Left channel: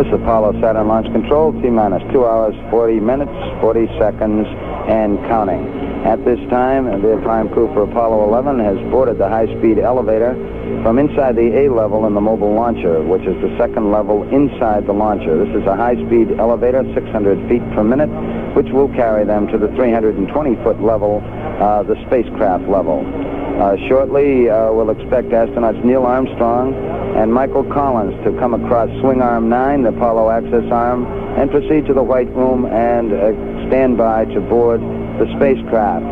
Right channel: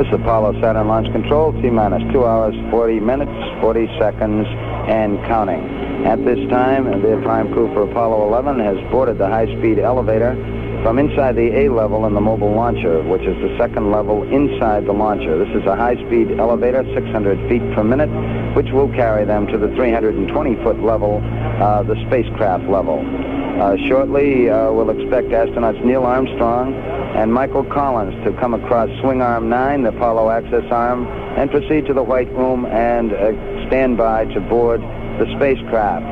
This is Apollo Saturn Launch Control, T-minus 2 hours, 40 minutes, 40 seconds, and counting. At this time, the prime crew for Apollo 11 has boarded the high-speed elevator from inside the A level in the mobile launcher, which is the second level inside the launcher. This is a high-speed elevator, 600 feet per minute, which will carry them to the 320-foot level, the spacecraft level. Shortly, we'll expect astronauts Neil Armstrong and Michael Collins to come across Swing Arm 9, the Apollo Access Arm, and proceed to the White Room and stand by to board the spacecraft.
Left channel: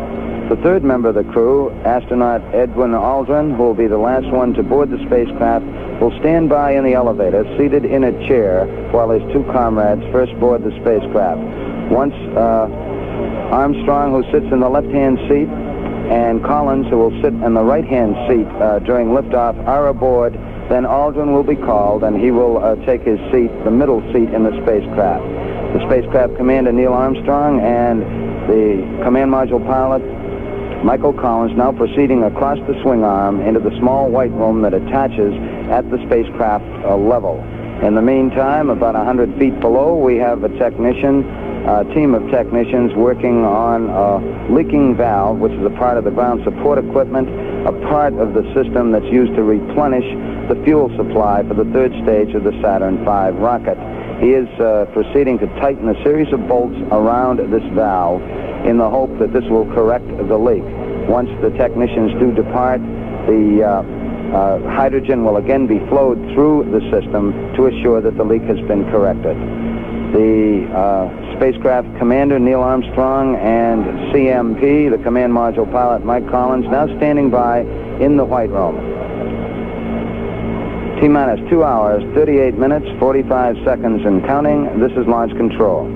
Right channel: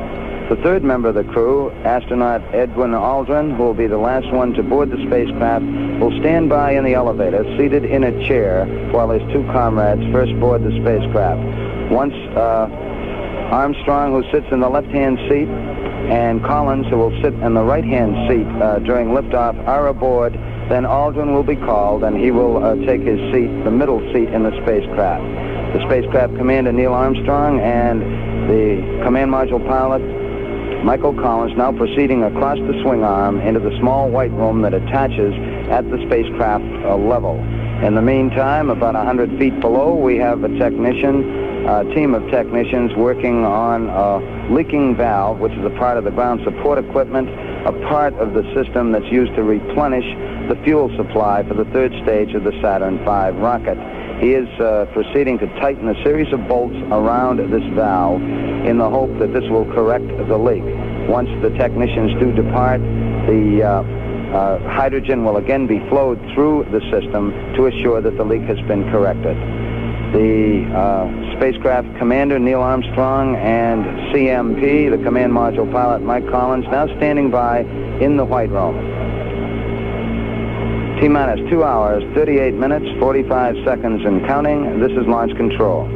The third member of the crew, astronaut Edwin Aldrin, who will be the last one to board the spacecraft, will stand by in the elevator, seated in a chair, while his two comrades first board the spacecraft. Once Armstrong, who sits in the left-hand seat, and Collins, who will sit in the right-hand seat during liftoff, are aboard, then Aldrin will be called, and he will take his seat, the middle seat in the spacecraft. The spacecraft commander, Neil Armstrong, and the command module pilot, Michael Collins, now proceeding across the swing arm into the small White Room that attaches at the spacecraft level. In the meantime, about 100 feet below, we have a team of technicians working on a leaking valve, which is a part of the ground support equipment, a part of the system that's used to replenish the fuel supply for the third stage of the Saturn V rocket. He is proceeding to tighten a series of bolts around this valve in the hope that this will correct the leak. Once the technicians do depart, the hydrogen will again be flowed through the system to assure that the leak has been corrected. The spacecraft commander, Neil Armstrong, and CMP, the command module pilot, Mike Collins, now standing by in the White Room. T-minus 2 hours, 38 minutes, 45 seconds and counting. This is Launch Control.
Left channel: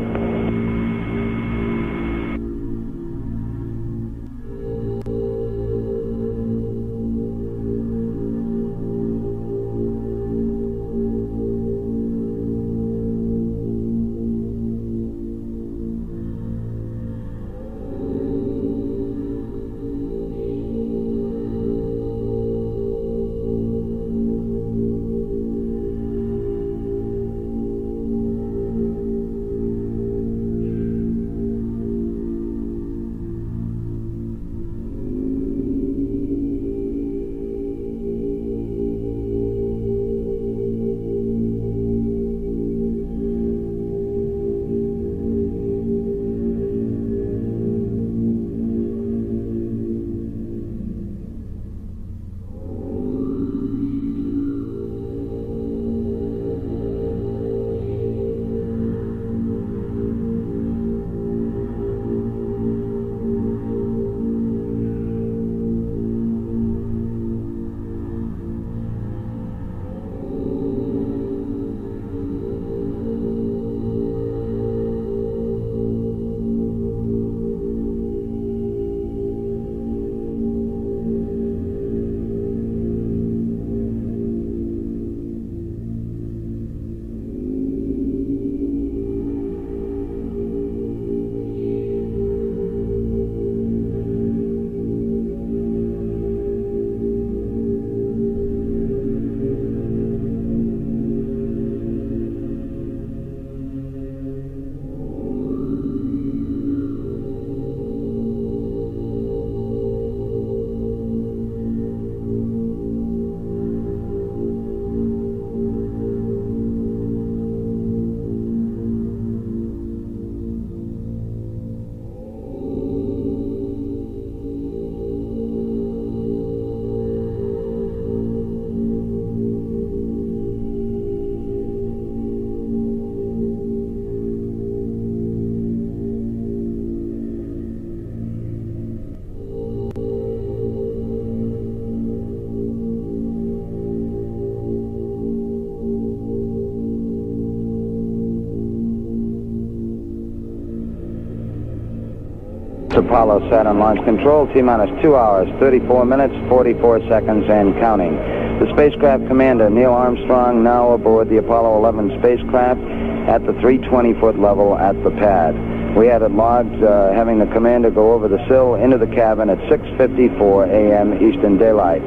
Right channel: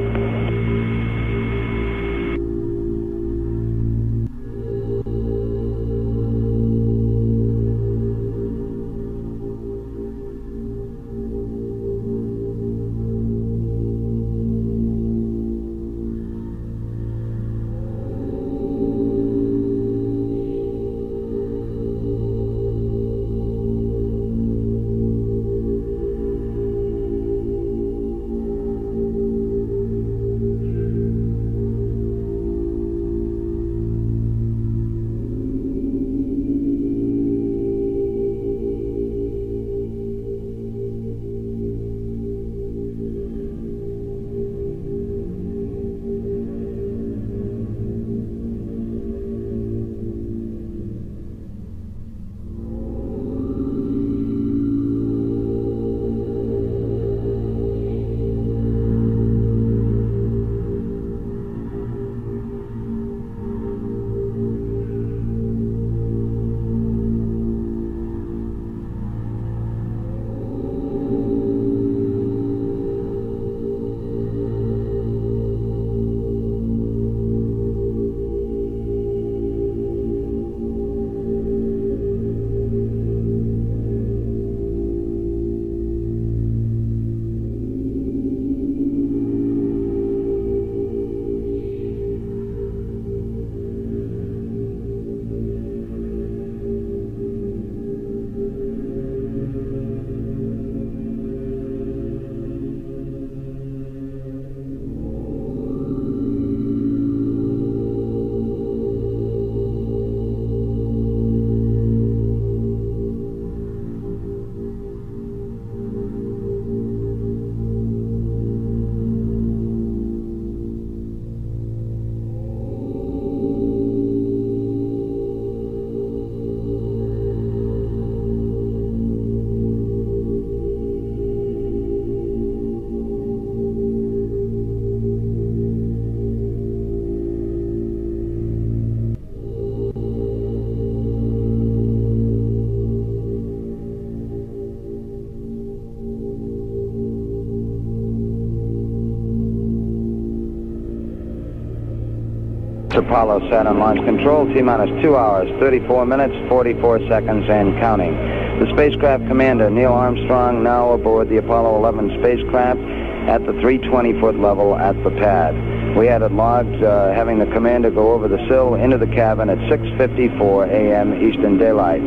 Apollo Saturn Launch Control, T-minus 2 hours, 34 minutes, 44 seconds, and counting. The spacecraft commander, Neil Armstrong, now aboard the Apollo 11 spacecraft at the 320-foot level at the pad. We had it logged having the commander go over the sill into the cabin at 6:54 a.m. Eastern Daylight.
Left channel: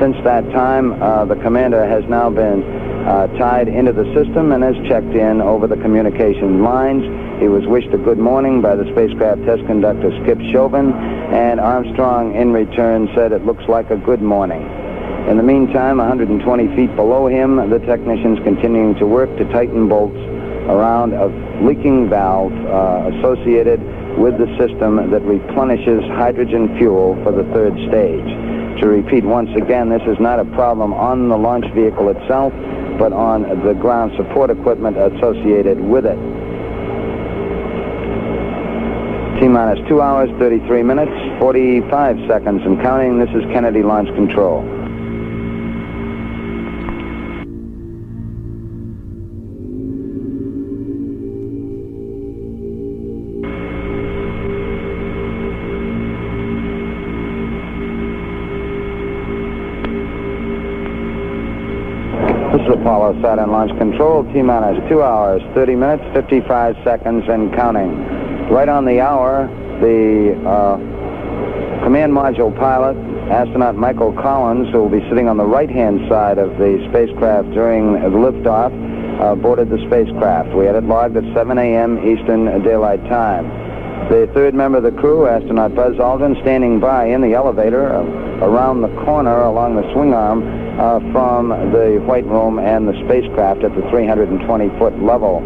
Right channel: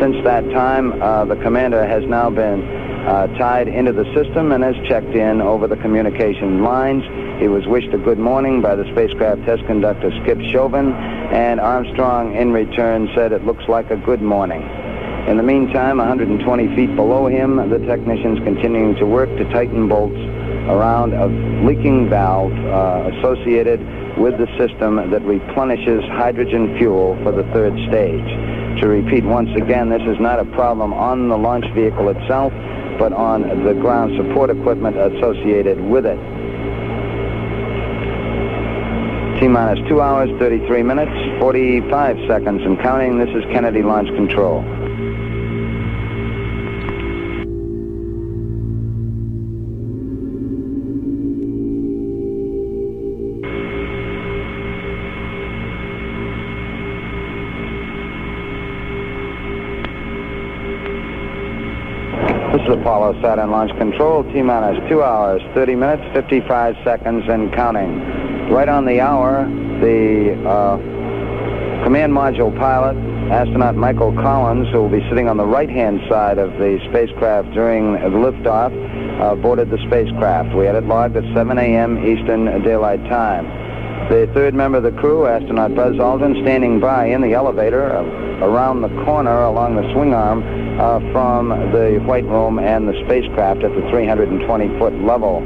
Since that time, the commander has now been tied into the system and has checked in over the communication lines. He was wished a good morning by the spacecraft test conductor, Skip Chauvin, and Armstrong in return said it looks like a good morning. In the meantime, 120 feet below him, the technicians continuing to work to tighten bolts around a leaking valve associated with the system that replenishes hydrogen fuel for the third stage. To repeat once again, this is not a problem on the launch vehicle itself, but on the ground support equipment associated with it. T-minus 2 hours, 33 minutes, 45 seconds and counting. This is Kennedy Launch Control. This is Apollo Saturn Launch Control, T-minus 2 hours, 30 minutes, 55 seconds and counting. Right on the hour, the command module pilot, astronaut Michael Collins, who will be sitting on the right-hand side of the spacecraft during the liftoff, boarded the spacecraft. We had it logged at 7 a.m. Eastern Daylight Time. The third member of the crew, astronaut Buzz Aldrin, standing by in the elevator around the corner along the swing arm from the White Room and the spacecraft at the 320-foot level.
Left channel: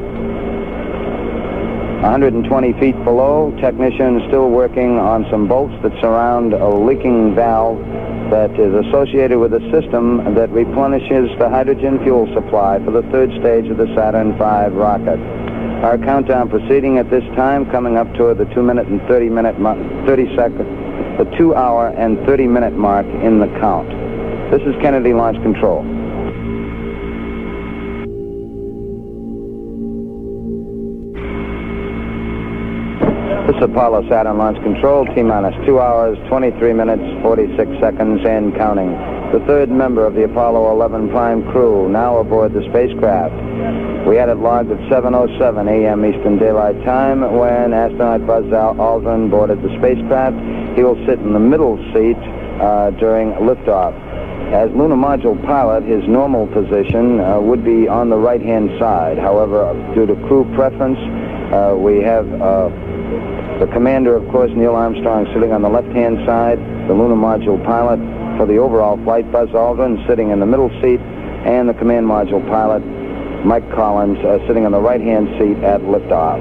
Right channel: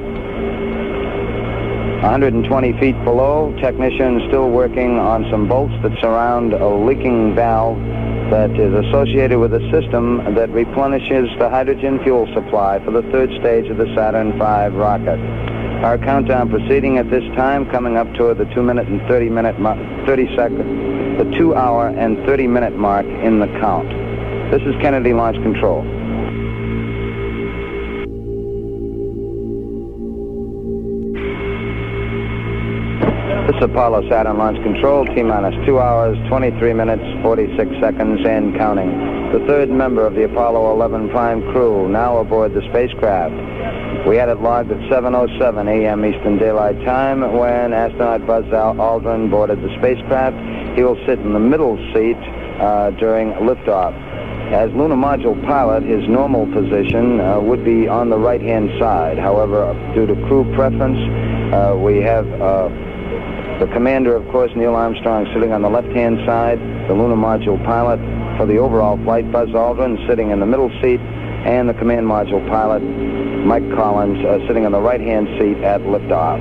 120 feet below, technicians still working on some bolts that surround a leaking valve that is associated with a system that replenishes the hydrogen fuel supply for the third stage of the Saturn V rocket. Our countdown proceeding at this time, coming up toward the 2 hour and 30 minute mark in the count. This is Kennedy Launch Control. This is Apollo Saturn Launch Control, T-minus 2 hours, 23 minutes, 46 seconds and counting. The third member of the Apollo 11 prime crew now aboard the spacecraft. We had it logged at 7:07 a.m. Eastern Daylight Time when astronaut Buzz Aldrin boarded the spacecraft. He will sit in the middle seat during liftoff. As lunar module pilot, his normal position would be on the right-hand side. However, due to crew preference, we have the commander, of course, Neil Armstrong, sitting on the left-hand side, the lunar module pilot for the overall flight, Buzz Aldrin, sitting in the middle seat, and the command module pilot, Mike Collins, sitting on the right-hand seat at liftoff.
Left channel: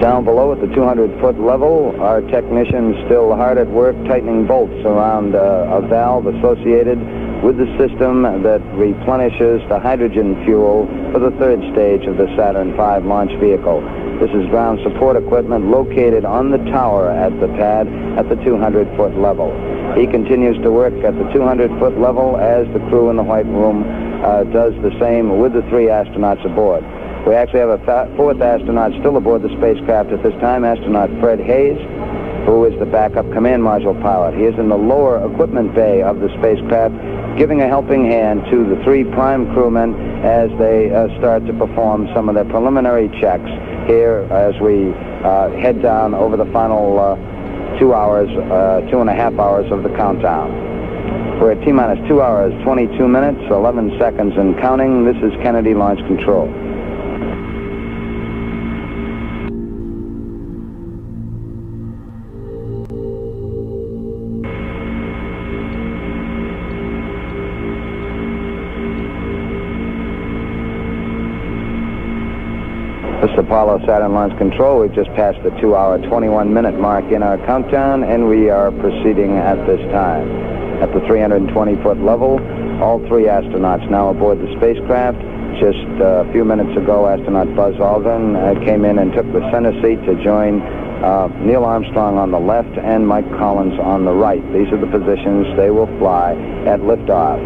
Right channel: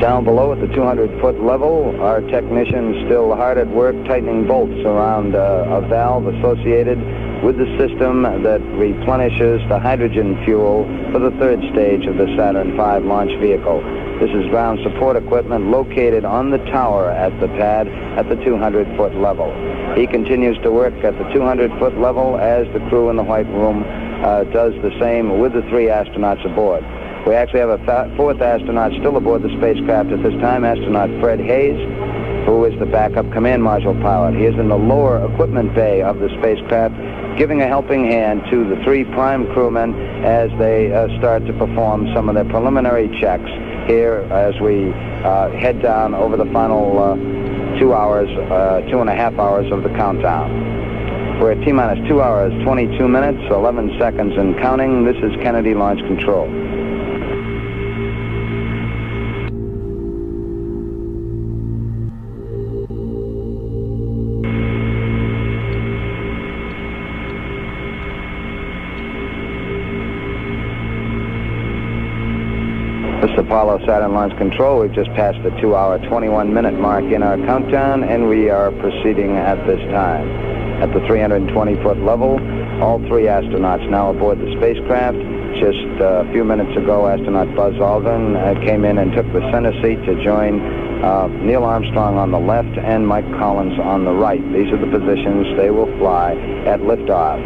Down below at the 200-foot level, our technicians still hard at work tightening bolts around a valve associated with the system that replenishes the hydrogen fuel for the third stage of the Saturn V launch vehicle. This is ground support equipment located on the tower at the pad at the 200-foot level. He continues to work at the 200-foot level as the crew in the White Room does the same with the three astronauts aboard. We actually have a fourth astronaut still aboard the spacecraft at this time, astronaut Fred Hayes, who is the backup command module pilot. He is in the lower equipment bay of the spacecraft, giving a helping hand to the three prime crewmen as they start to perform some of their preliminary checks here as we head down over the final 2 hours, 2.5 hours of the countdown. We're at T-minus 2 hours, 22 minutes, 11 seconds and counting. This is Kennedy Launch Control. This is Apollo Saturn Launch Control. We've just passed the 2 hour, 21 minute mark in our countdown, and we are proceeding at this time. At the 320-foot level, all three astronauts now aboard the spacecraft. Just a few minutes ago, astronaut Buzz Aldrin came in and took the center seat to join Neil Armstrong on the left and Mike Collins on the right. These are the positions they will fly at liftoff.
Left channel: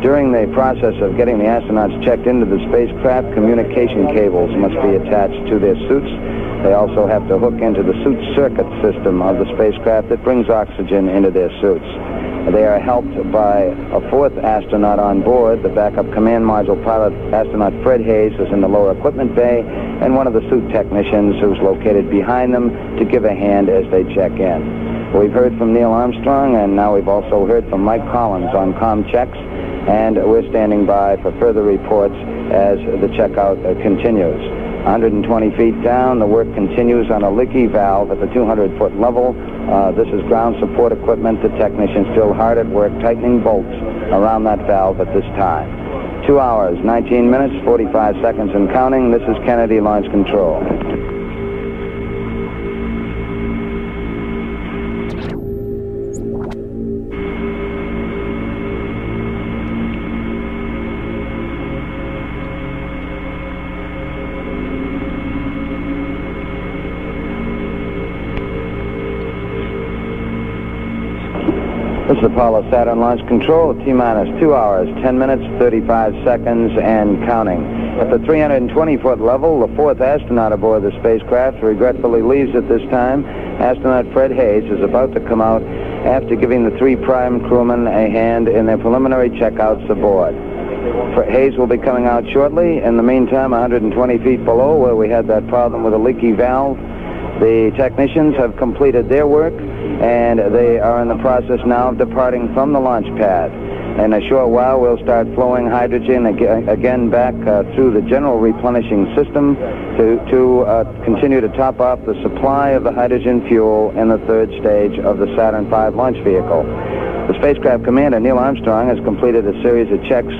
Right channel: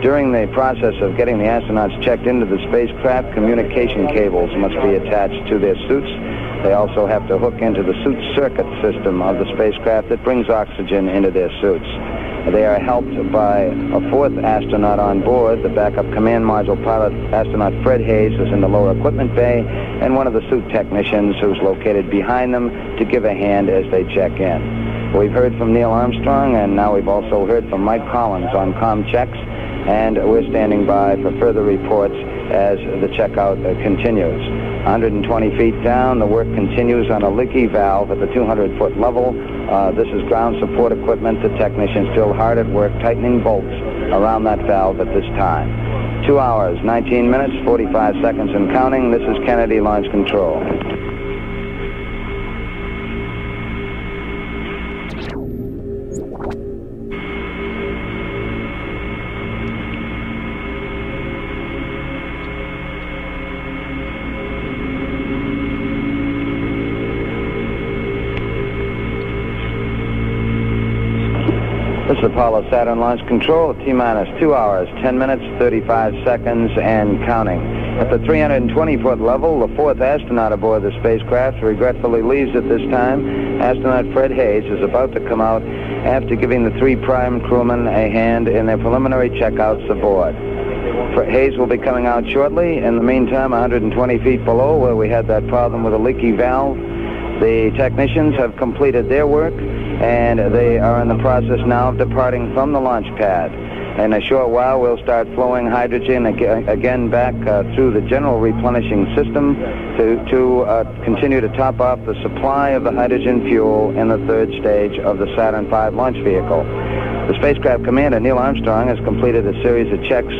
During the process of getting the astronauts checked into the spacecraft, communication cables must be attached to their suits. They also have to hook into the suit circuit system of the spacecraft that brings oxygen into their suits. They are helped by a fourth astronaut on board. The backup command module pilot, astronaut Fred Hayes, is in the lower equipment bay, and one of the suit technicians who's located behind them to give a hand as they check in. We've heard from Neil Armstrong, and now we've also heard from Mike Collins on comm checks. and we're standing by for further reports as the checkout continues. 120 feet down, the work continues on a leaky valve at the 200-foot level. This is ground support equipment. The technicians still hard at work tightening bolts around that valve at this time. 2 hours, 19 minutes, 45 seconds and counting. This is Kennedy Launch Control. This is Apollo Saturn Launch Control at T-minus 2 hours, 10 minutes, 35 seconds, and counting. At the 320-foot level, the fourth astronaut aboard the spacecraft regretfully leaves at this time. Astronaut Fred Haise is about to come out after giving the three prime crewmen a hand in their preliminary checkouts aboard. Haise will be coming out shortly. In the meantime, 120 feet below, where we had that problem with a leaky valve, the technicians have completed their work, and they are in the process now of departing from the launch pad. In a short while, we'll start flowing hydrogen again back through the general replenishing system to continue to top off the supply of the hydrogen fuel in the third stage of the Saturn V launch vehicle. The spacecraft commander, Neil Armstrong, has completed a series of checks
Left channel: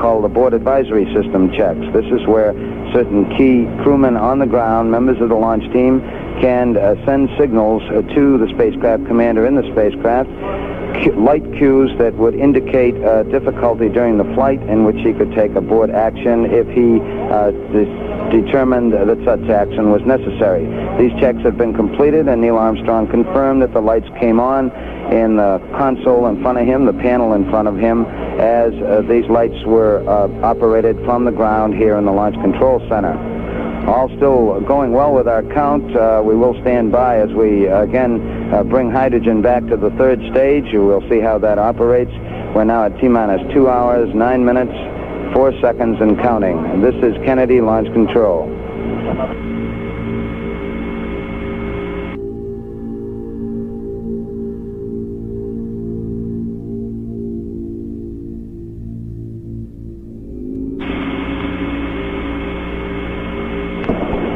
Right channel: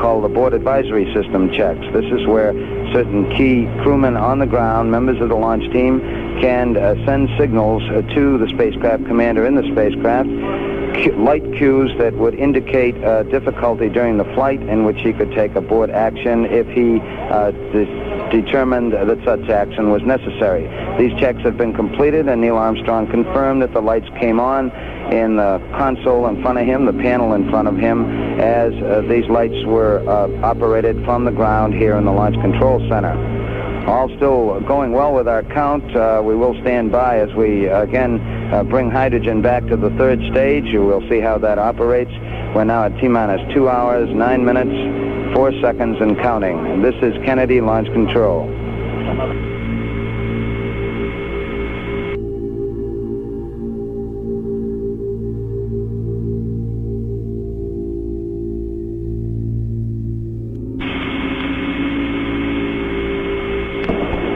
called the Board Advisory System checks. This is where certain key crewmen on the ground, members of the launch team, can send signals to the spacecraft commander in the spacecraft, light cues that would indicate difficulty during the flight in which he could take abort action if he determined that such action was necessary. These checks have been completed, and Neil Armstrong confirmed that the lights came on in the console in front of him, the panel in front of him, as these lights were operated from the ground here in the Launch Control Center. All still going well with our count. We will stand by as we again bring hydrogen back to the third stage. We'll see how that operates. We're now at T-minus 2 hours, 9 minutes, 4 seconds and counting. And this is Kennedy Launch Control.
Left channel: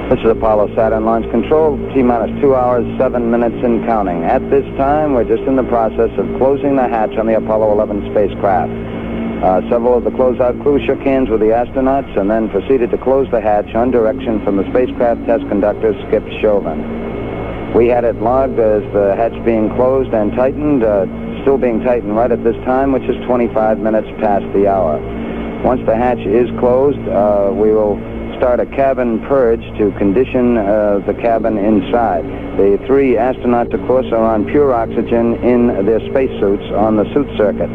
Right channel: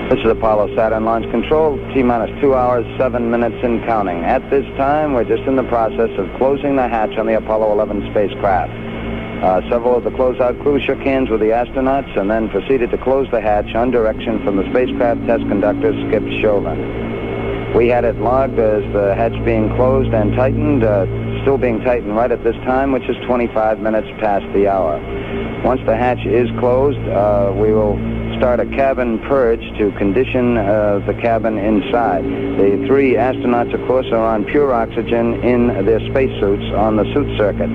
This is Apollo Saturn Launch Control, T-minus 2 hours, 7 minutes and counting. At this time, we're just in the process of closing the hatch on the Apollo 11 spacecraft. Several of the closeout crew shook hands with the astronauts and then proceeded to close the hatch on direction from the spacecraft test conductor, Skip Chauvin. We had it logged as the hatch being closed and tightened, still being tightened right at this time, which is 25 minutes past the hour. Once the hatch is closed, we will start a cabin purge to condition the cabin inside. The three astronauts, of course, are on pure oxygen in their spacesuits on the suit circuit.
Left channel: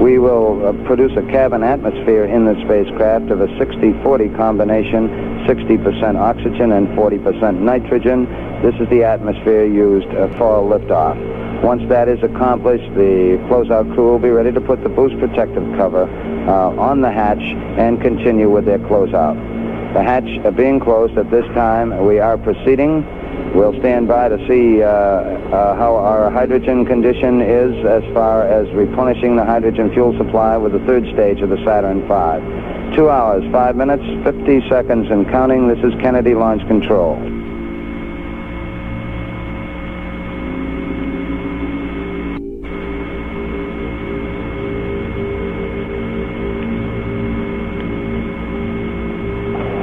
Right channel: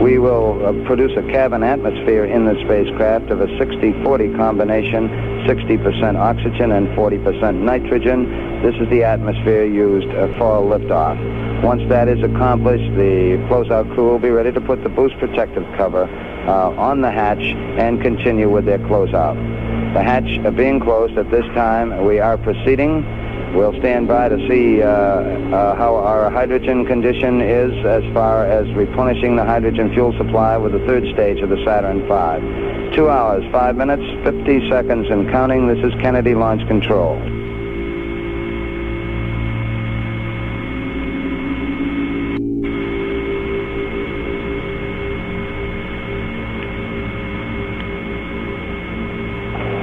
We will produce a cabin atmosphere in the spacecraft of a 60-40 combination, 60% oxygen and 40% nitrogen. This is the atmosphere used for liftoff. Once that is accomplished, the closeout crew will be ready to put the boost protective cover on the hatch and continue with their closeout. The hatch being closed at this time, we are proceeding. We'll stand by to see how our hydrogen condition is as far as replenishing the hydrogen fuel supply with the third stage of the Saturn V. 2 hours, 5 minutes, 50 seconds and counting. This is Kennedy Launch Control.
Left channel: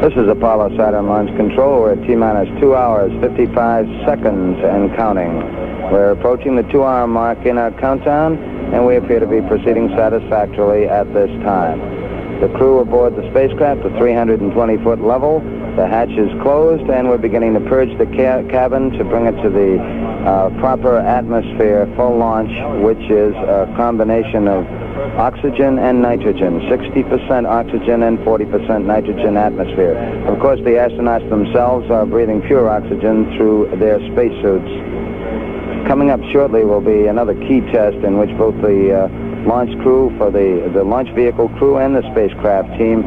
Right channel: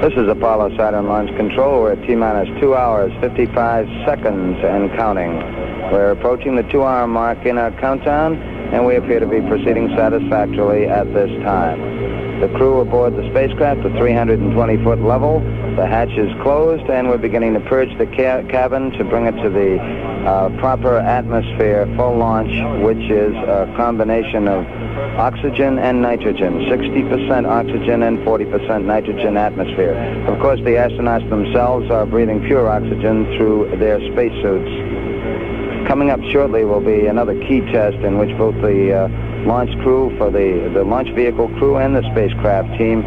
This is Apollo Saturn Launch Control. We're at T-minus 2 hours, 55 seconds and counting. We're approaching the 2-hour mark in our countdown, and we appear to be proceeding satisfactorily at this time. The crew aboard the spacecraft at 320-foot level. The hatch is closed, and we're beginning to purge the cabin to bring it to the proper atmosphere for launch, which is a combination of oxygen and nitrogen, 60% oxygen and 40% nitrogen atmosphere. Of course, the astronauts themselves are breathing pure oxygen through their spacesuits. Coming up shortly will be another key test in which both the launch crew for the launch vehicle crew and the spacecraft team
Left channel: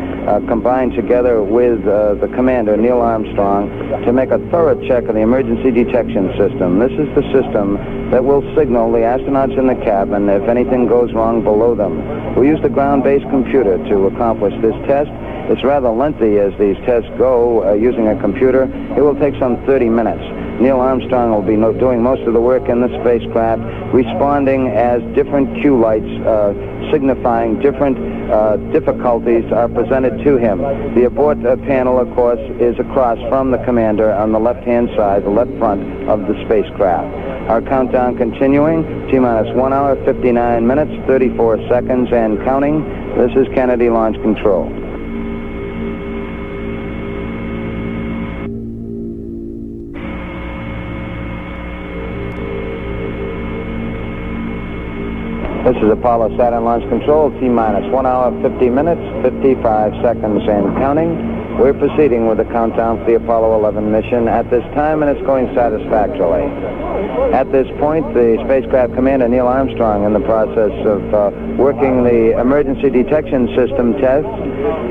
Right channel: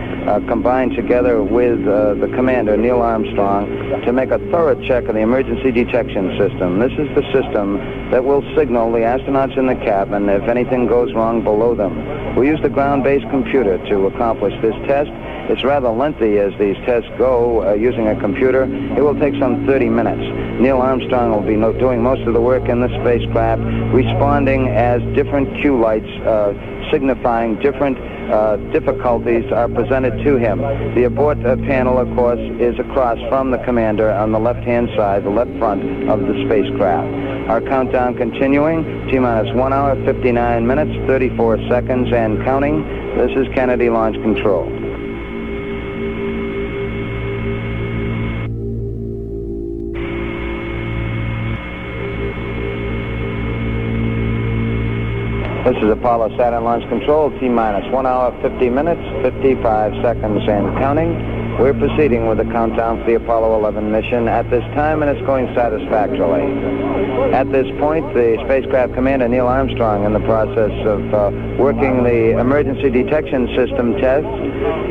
combine together with the commander, Neil Armstrong, to make a thorough check of the emergency detection system. This is the system that will signal the astronauts in the cabin if anything goes wrong below them. We use the ground-based computer to accomplish this test. It's rather lengthy as these tests go using a computer. It will take some 30 minutes. Neil Armstrong will be doing most of the work in the spacecraft, responding as different cue lights signifying different difficulties are presented to him. The abort panel, of course, is across from the commander on the left-hand side, the left front of the spacecraft. Our countdown continuing, T-minus 1 hour, 59 minutes, 34 seconds, and counting. This is Kennedy Launch Control. This is Apollo Saturn Launch Control, T-minus 1 hour, 50 minutes, 55 seconds, and counting. We're proceeding with the countdown for the Apollo 11 mission at this time, and it's going satisfactorily. At this point, the spacecraft commander, Neil Armstrong, in the process of working the emergency detection system test.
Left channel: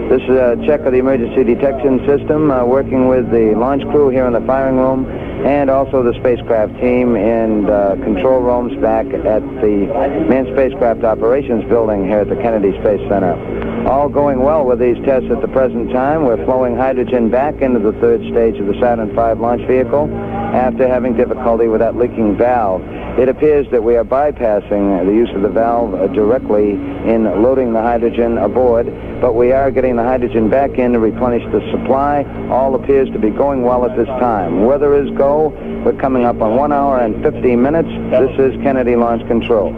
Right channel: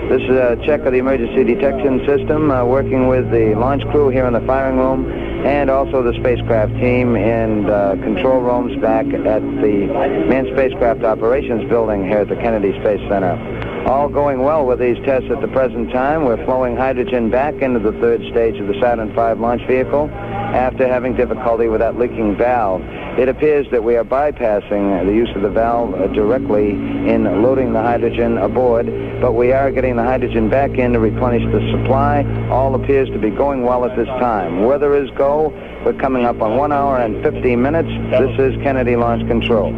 This is a check of the emergency detection system, working with the launch crew here in the firing room, and also the spacecraft team in control rooms back at the Manned Spacecraft Operations building here at the Kennedy Space Center. All going well with these tests at the present time. We're flowing hydrogen back into the third stage of the Saturn V launch vehicle after having difficulty with that leaking valve. It appears that we are bypassing the use of the valve directly in loading the hydrogen aboard, but we are getting the hydrogen back in to replenish the supply. All appears to be going well at this time. Weather is go. We're coming up on 1 hour and 50 minutes. This is Kennedy Launch Control.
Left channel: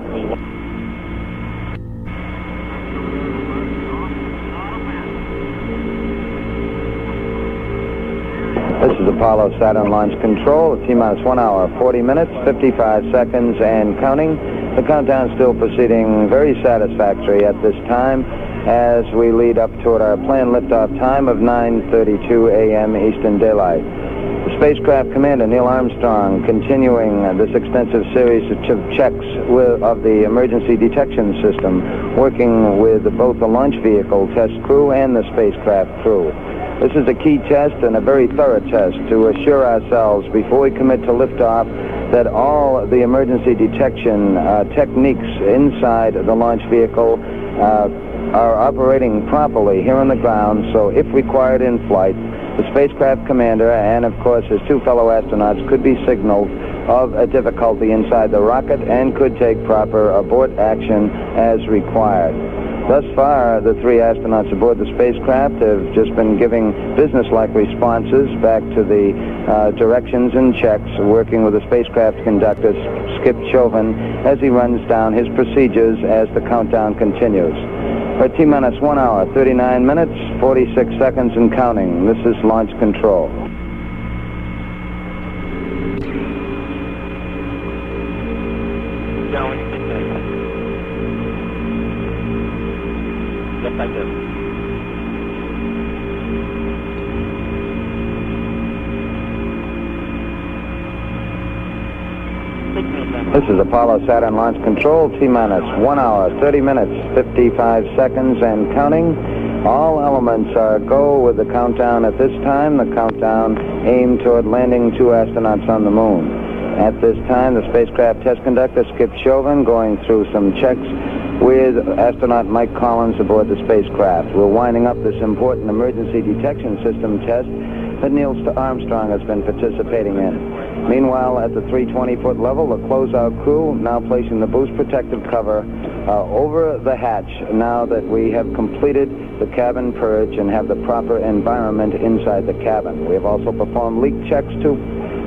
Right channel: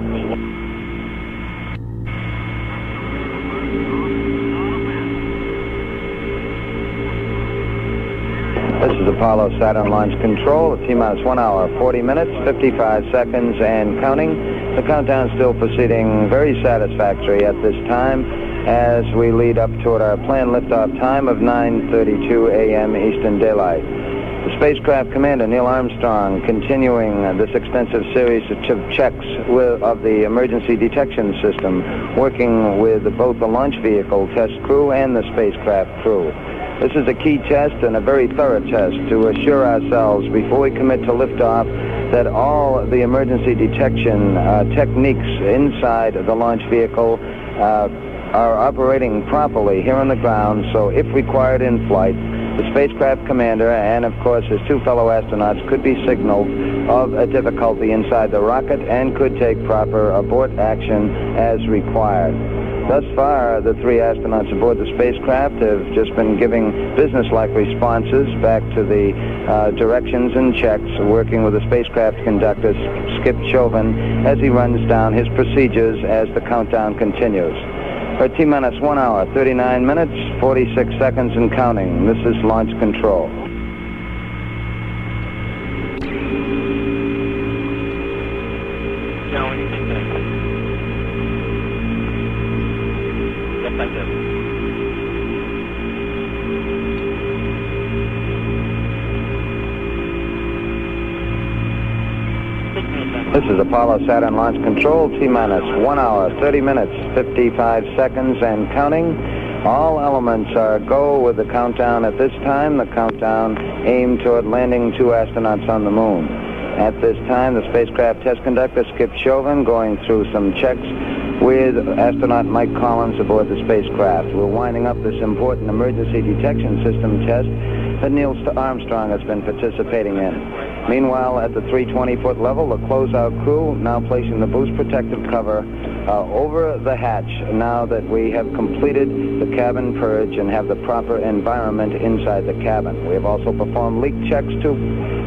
This is Apollo Saturn Launch Control, T-minus 1 hour, 40 minutes, 55 seconds, and counting. The countdown is still proceeding very satisfactory at this time as we lead up toward our planned liftoff time of 9:32 a.m. Eastern Daylight. The spacecraft commander, Neil Armstrong, continuing this extensive series of checks of the emergency detection system, working with both the launch vehicle test crew and the spacecraft crew. This is a key test and a very thorough test to assure ourselves before we commit to liftoff that all the emergency detection techniques inside the launch vehicle are operating properly here on the ground, so if required in flight, the spacecraft commander and, of course, his two fellow astronauts could be signaled of a difficulty inside the rocket and could take proper abort action as required. Thus far, the three astronauts aboard the spacecraft have just been giving business-like responses back to the directions and checks, working with the spacecraft conductor, Skip Chauvin, as he runs down his procedures as the countdown continues. For T-minus 1 hour, 39 minutes, 46 seconds, and counting. This is Launch Control. This is Apollo Saturn Launch Control, T-minus 1 hour, 30 minutes, 55 seconds, and counting. All elements are go with the countdown at this time. The countdown aimed toward landing two astronauts on the moon. At this time, the spacecraft test conductor, Skip Chauvin, going through some checks with astronaut Mike Collins aboard the spacecraft. We're winding up this important emergency detection system test that Neil Armstrong has been participating in. Meanwhile, at the 320-foot level, the closeout crew now placing the boost protective cover over the hatch now that we have completed the cabin purge and have the proper environment inside the cabin. We have also performed leak checks to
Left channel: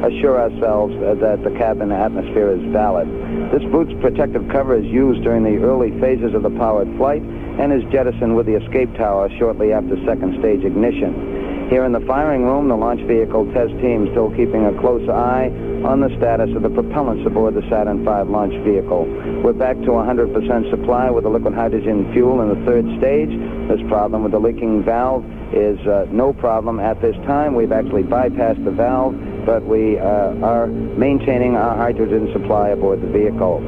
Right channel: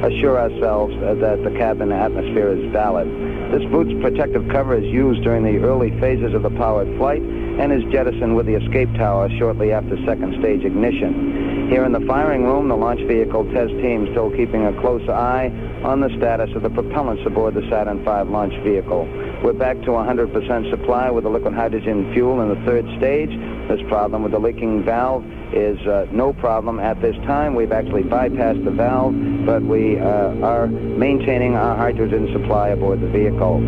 assure ourselves that the cabin atmosphere is valid. This boost protective cover is used during the early phases of the powered flight and is jettisoned with the escape tower shortly after second stage ignition. Here in the firing room, the launch vehicle test team still keeping a close eye on the status of the propellants aboard the Saturn V launch vehicle. We're back to 100% supply with the liquid hydrogen fuel in the third stage. This problem with the leaking valve is no problem at this time. We've actually bypassed the valve, but we are maintaining our hydrogen supply aboard the vehicle.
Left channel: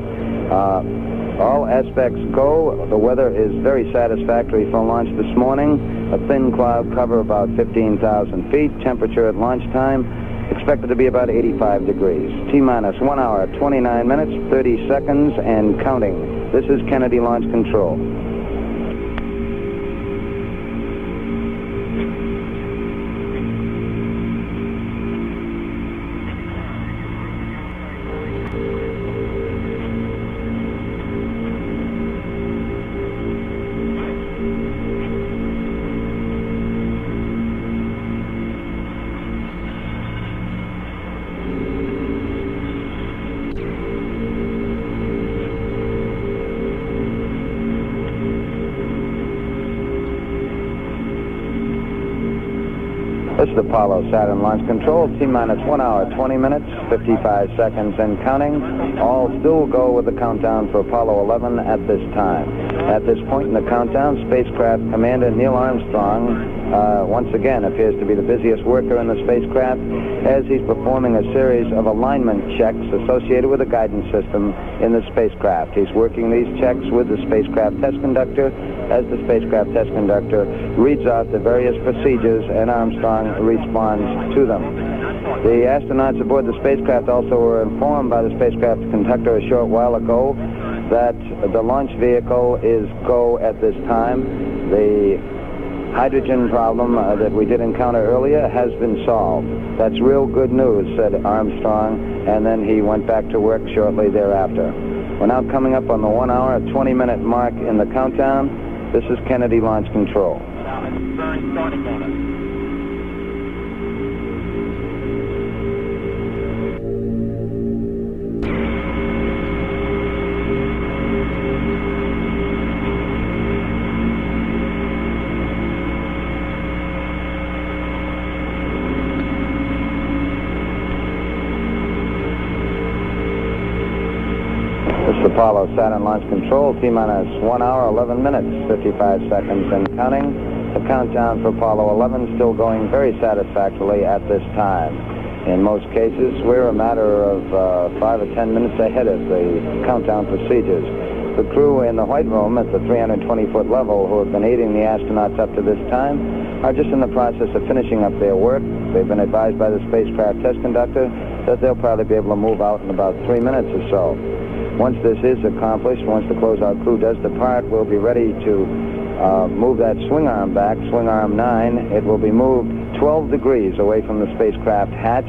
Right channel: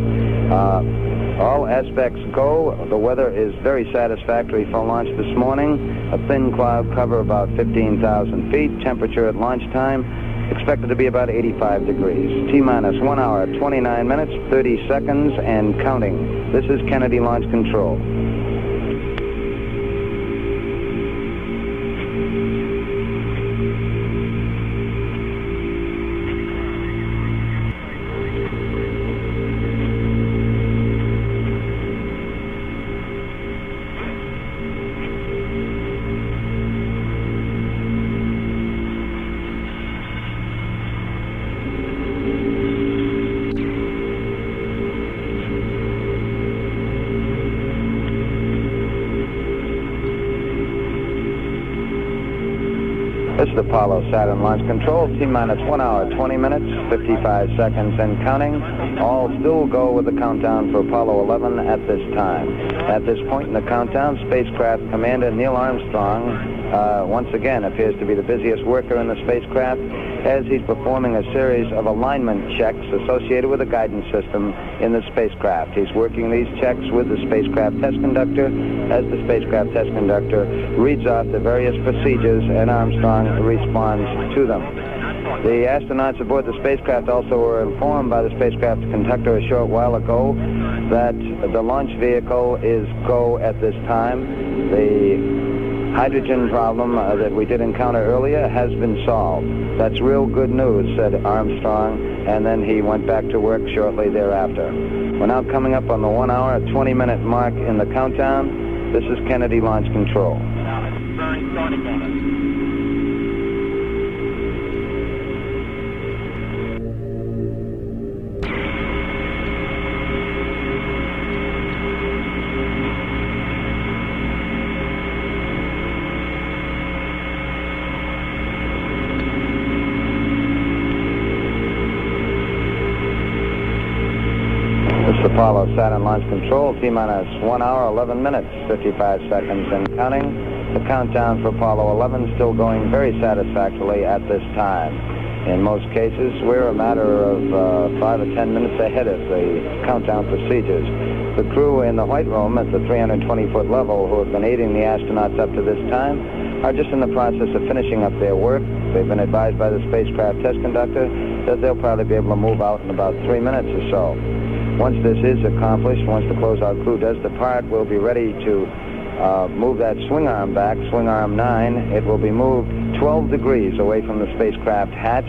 All aspects go. The weather is very satisfactory for launch this morning. A thin cloud cover about 15,000 feet. Temperature at launch time Expected to be about 85 degrees. T-minus 1 hour, 29 minutes, 30 seconds, and counting. This is Kennedy Launch Control. This is Apollo Saturn Launch Control, T-minus 1 hour, 20 minutes, 55 seconds and counting. All still go with the countdown for Apollo 11 at this time. At this point in the countdown, spacecraft Commander Neil Armstrong once again appears to be the busiest worker in the spacecraft as he's performing a series of alignment checks associated with the guidance system in the spacecraft. He's working these checks with the spacecraft test conductor as the spacecraft test conductor reads out the various procedures and Armstrong responds to them. The astronauts aboard the spacecraft also were informed by the spacecraft conductor a short while ago that the launch vehicle is go at this time. The hydrogen problem that we did encounter earlier has been solved. That's real good news, said Armstrong, and then he went back to work shortly thereafter. We're now coming up on the 1 hour, 20-minute mark in the countdown. This is Kennedy Launch Control. This is Apollo Saturn Launch Control, T-minus 1 hour, 11 minutes, 55 seconds and counting. The countdown for Apollo 11 still going very satisfactorily at this time. In most cases, we're a matter of 5 or 10 minutes ahead of the countdown procedures. The crew in the White Room at the 320-foot level who have been aiding the astronauts up to this time are just in the process of finishing up their work. They've been advised by the spacecraft test conductor that they'll probably be able to move out in about 3 minutes or so. Once this is accomplished, once the closeout crew does depart, we'll be ready to move that swing arm back, swing arm 9. It will be moved 12 degrees away from the spacecraft hatch.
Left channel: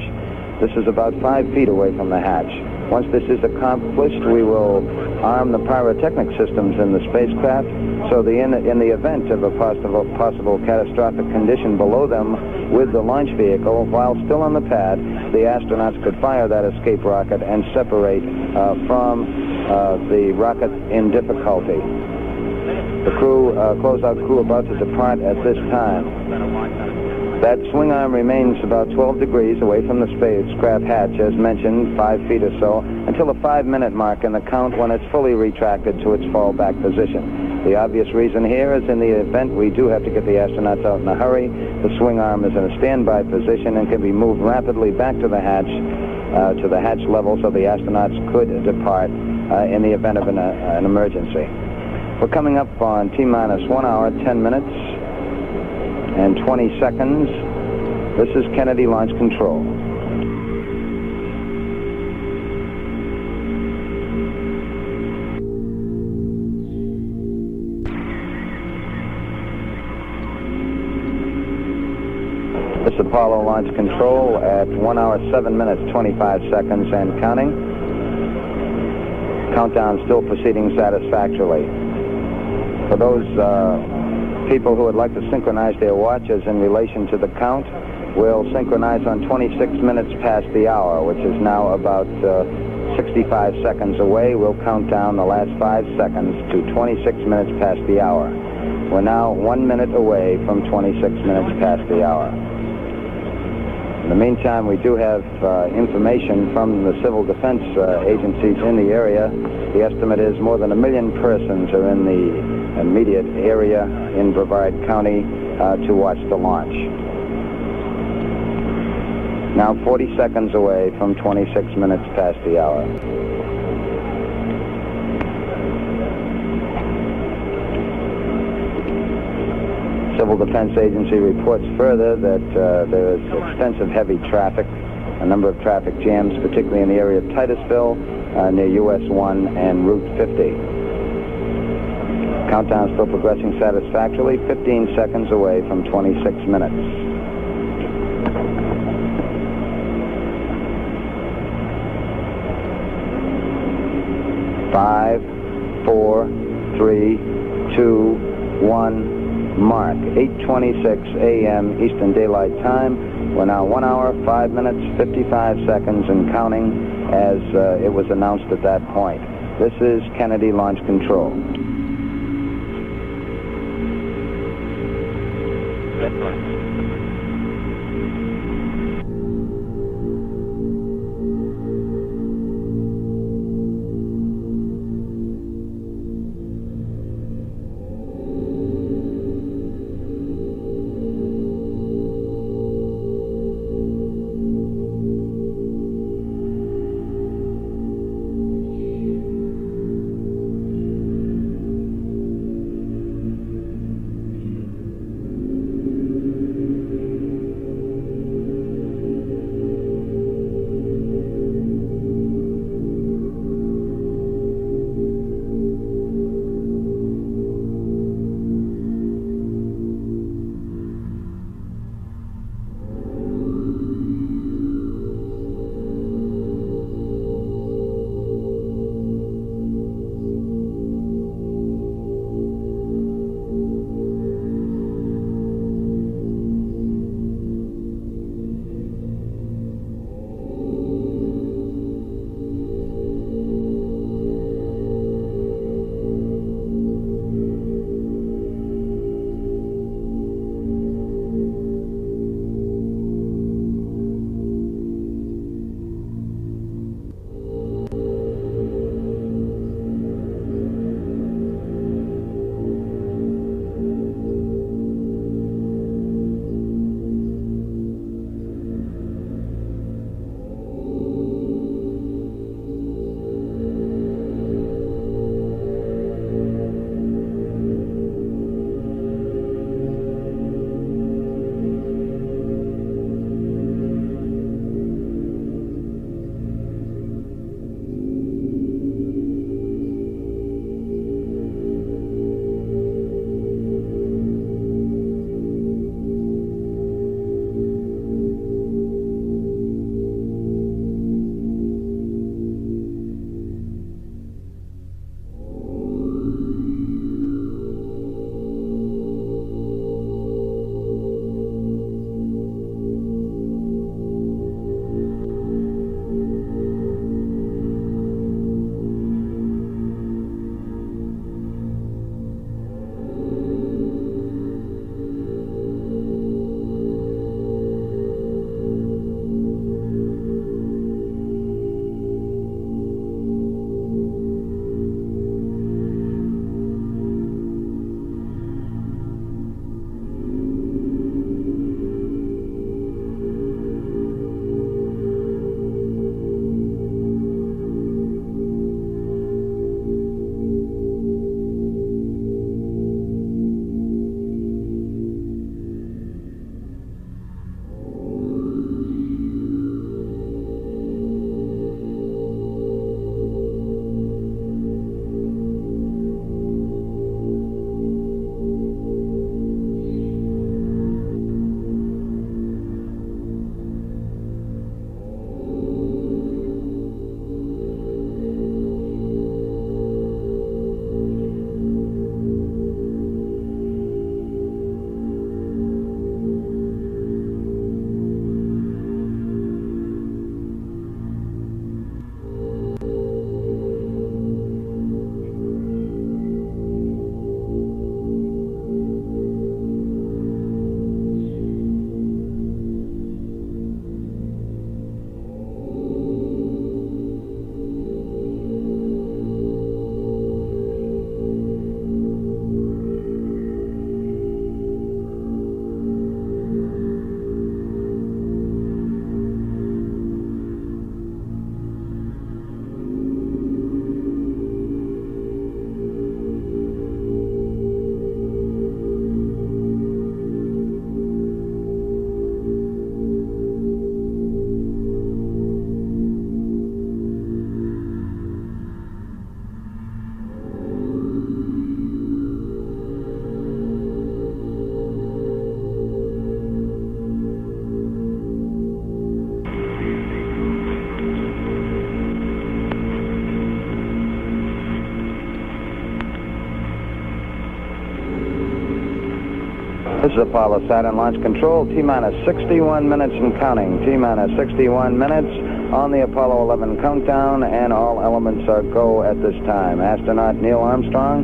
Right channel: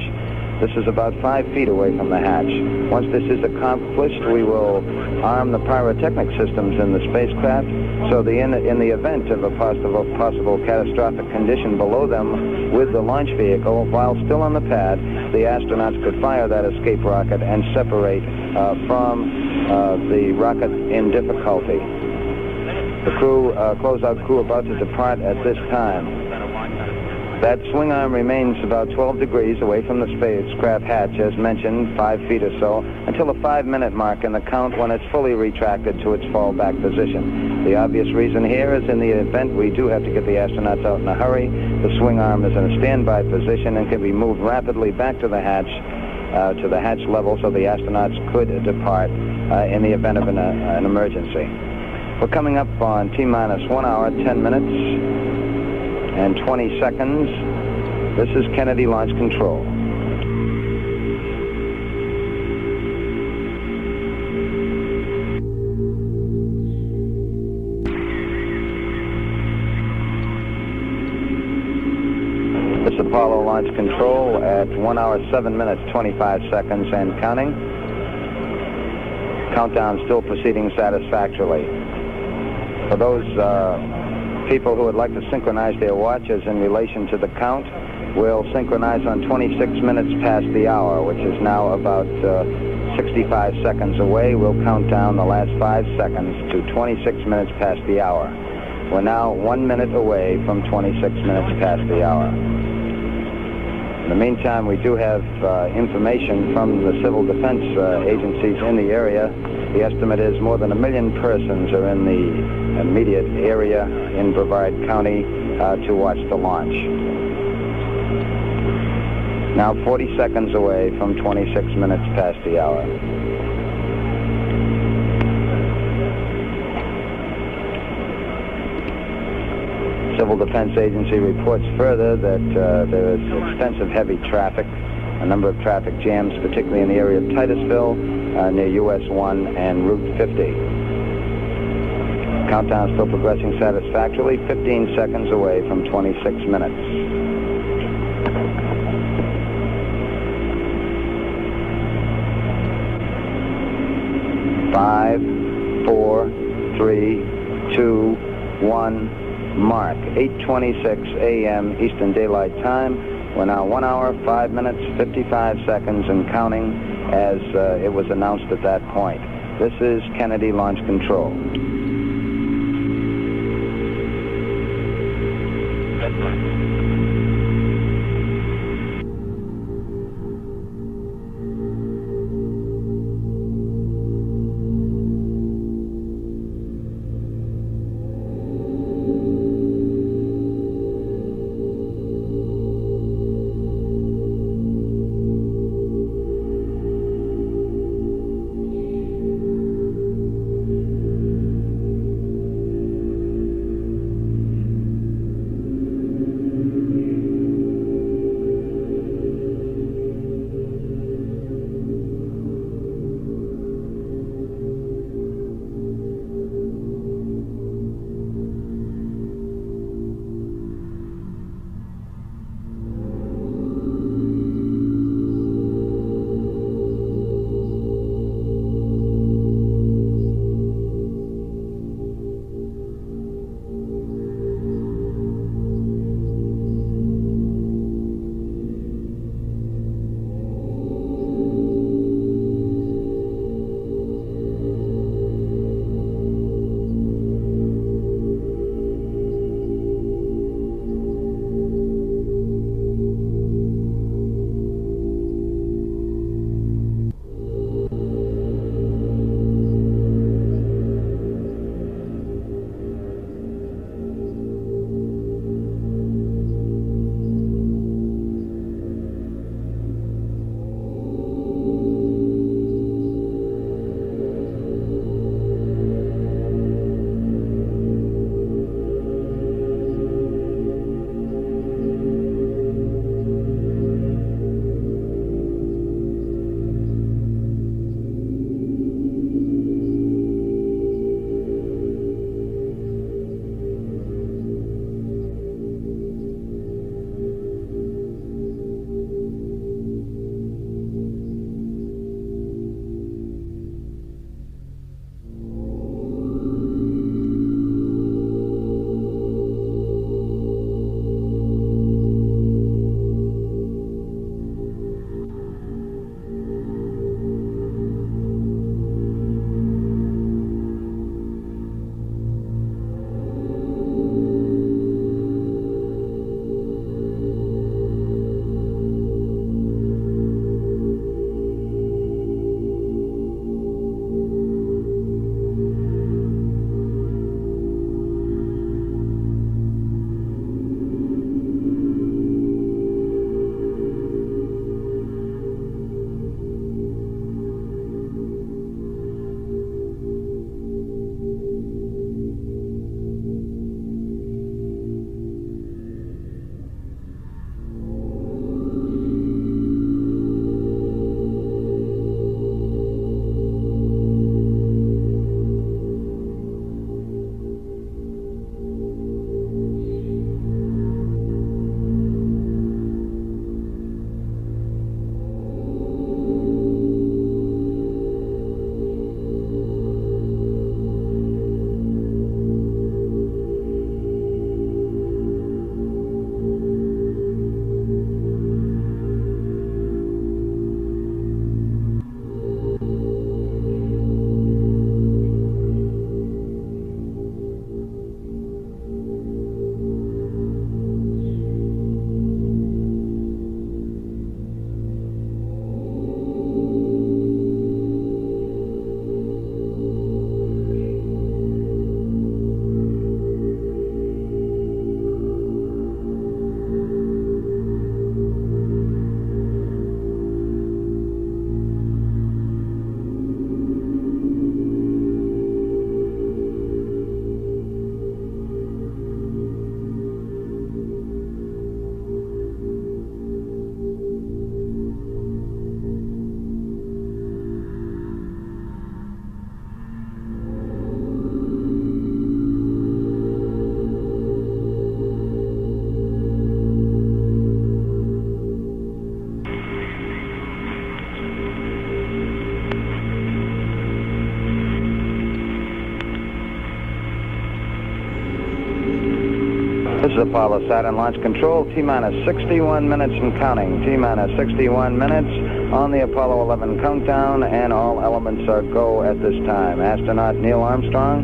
This is about 5 feet away from the hatch. Once this is accomplished, we will arm the pyrotechnic systems in the spacecraft so in the event of a possible catastrophic condition below them with the launch vehicle, while still on the pad, the astronauts could fire that escape rocket and separate from the rocket in difficulty. The crew, closeout crew about to depart at this time. That swing arm remains about 12 degrees away from the spacecraft hatch, as mentioned, 5 feet or so, until the 5-minute mark in the count when it's fully retracted to its fallback position. The obvious reason here is in the event we do have to get the astronauts out in a hurry, the swing arm is in a standby position and can be moved rapidly back to the hatch level so the astronauts could depart in the event of an emergency. We're coming up on T-minus 1 hour, 10 minutes and 20 seconds. This is Kennedy Launch Control. This is Apollo Launch Control at 1 hour, 7 minutes, 25 seconds and counting. Countdown still proceeding satisfactorily. For those people who would like to synchronize their watches in relation to the count, we'll synchronize on 26 minutes past the hour, which is now about 65 seconds away. We'll count down the last 5 seconds to 26 minutes past the hour. We're now 1 minute away from 26 minutes past the hour. In the meantime, we do have information from the civil defense agencies in the area. The estimate is more than 1 million persons are in the immediate area in Brevard County to watch the launch. Now 40 seconds away from 26 minutes past the hour. Civil Defense Agency reports further that there is extensive heavy traffic a number of traffic jams, particularly in the area of Titusville, near US 1 and Route 50. Countdown still progressing satisfactorily, 15 seconds away from 26 minutes. Five, 4, 3, 2, 1, mark. 8:26 a.m. Eastern Daylight Time. We're now 1 hour, 5 minutes, 55 seconds and counting as it was announced at that point. This is Kennedy Launch Control. This is Apollo Saturn Launch Control, T-minus 61 minutes and counting. T-minus 61 minutes on the Apollo 11 countdown, and all elements are go at this time. Astronaut Neil Armstrong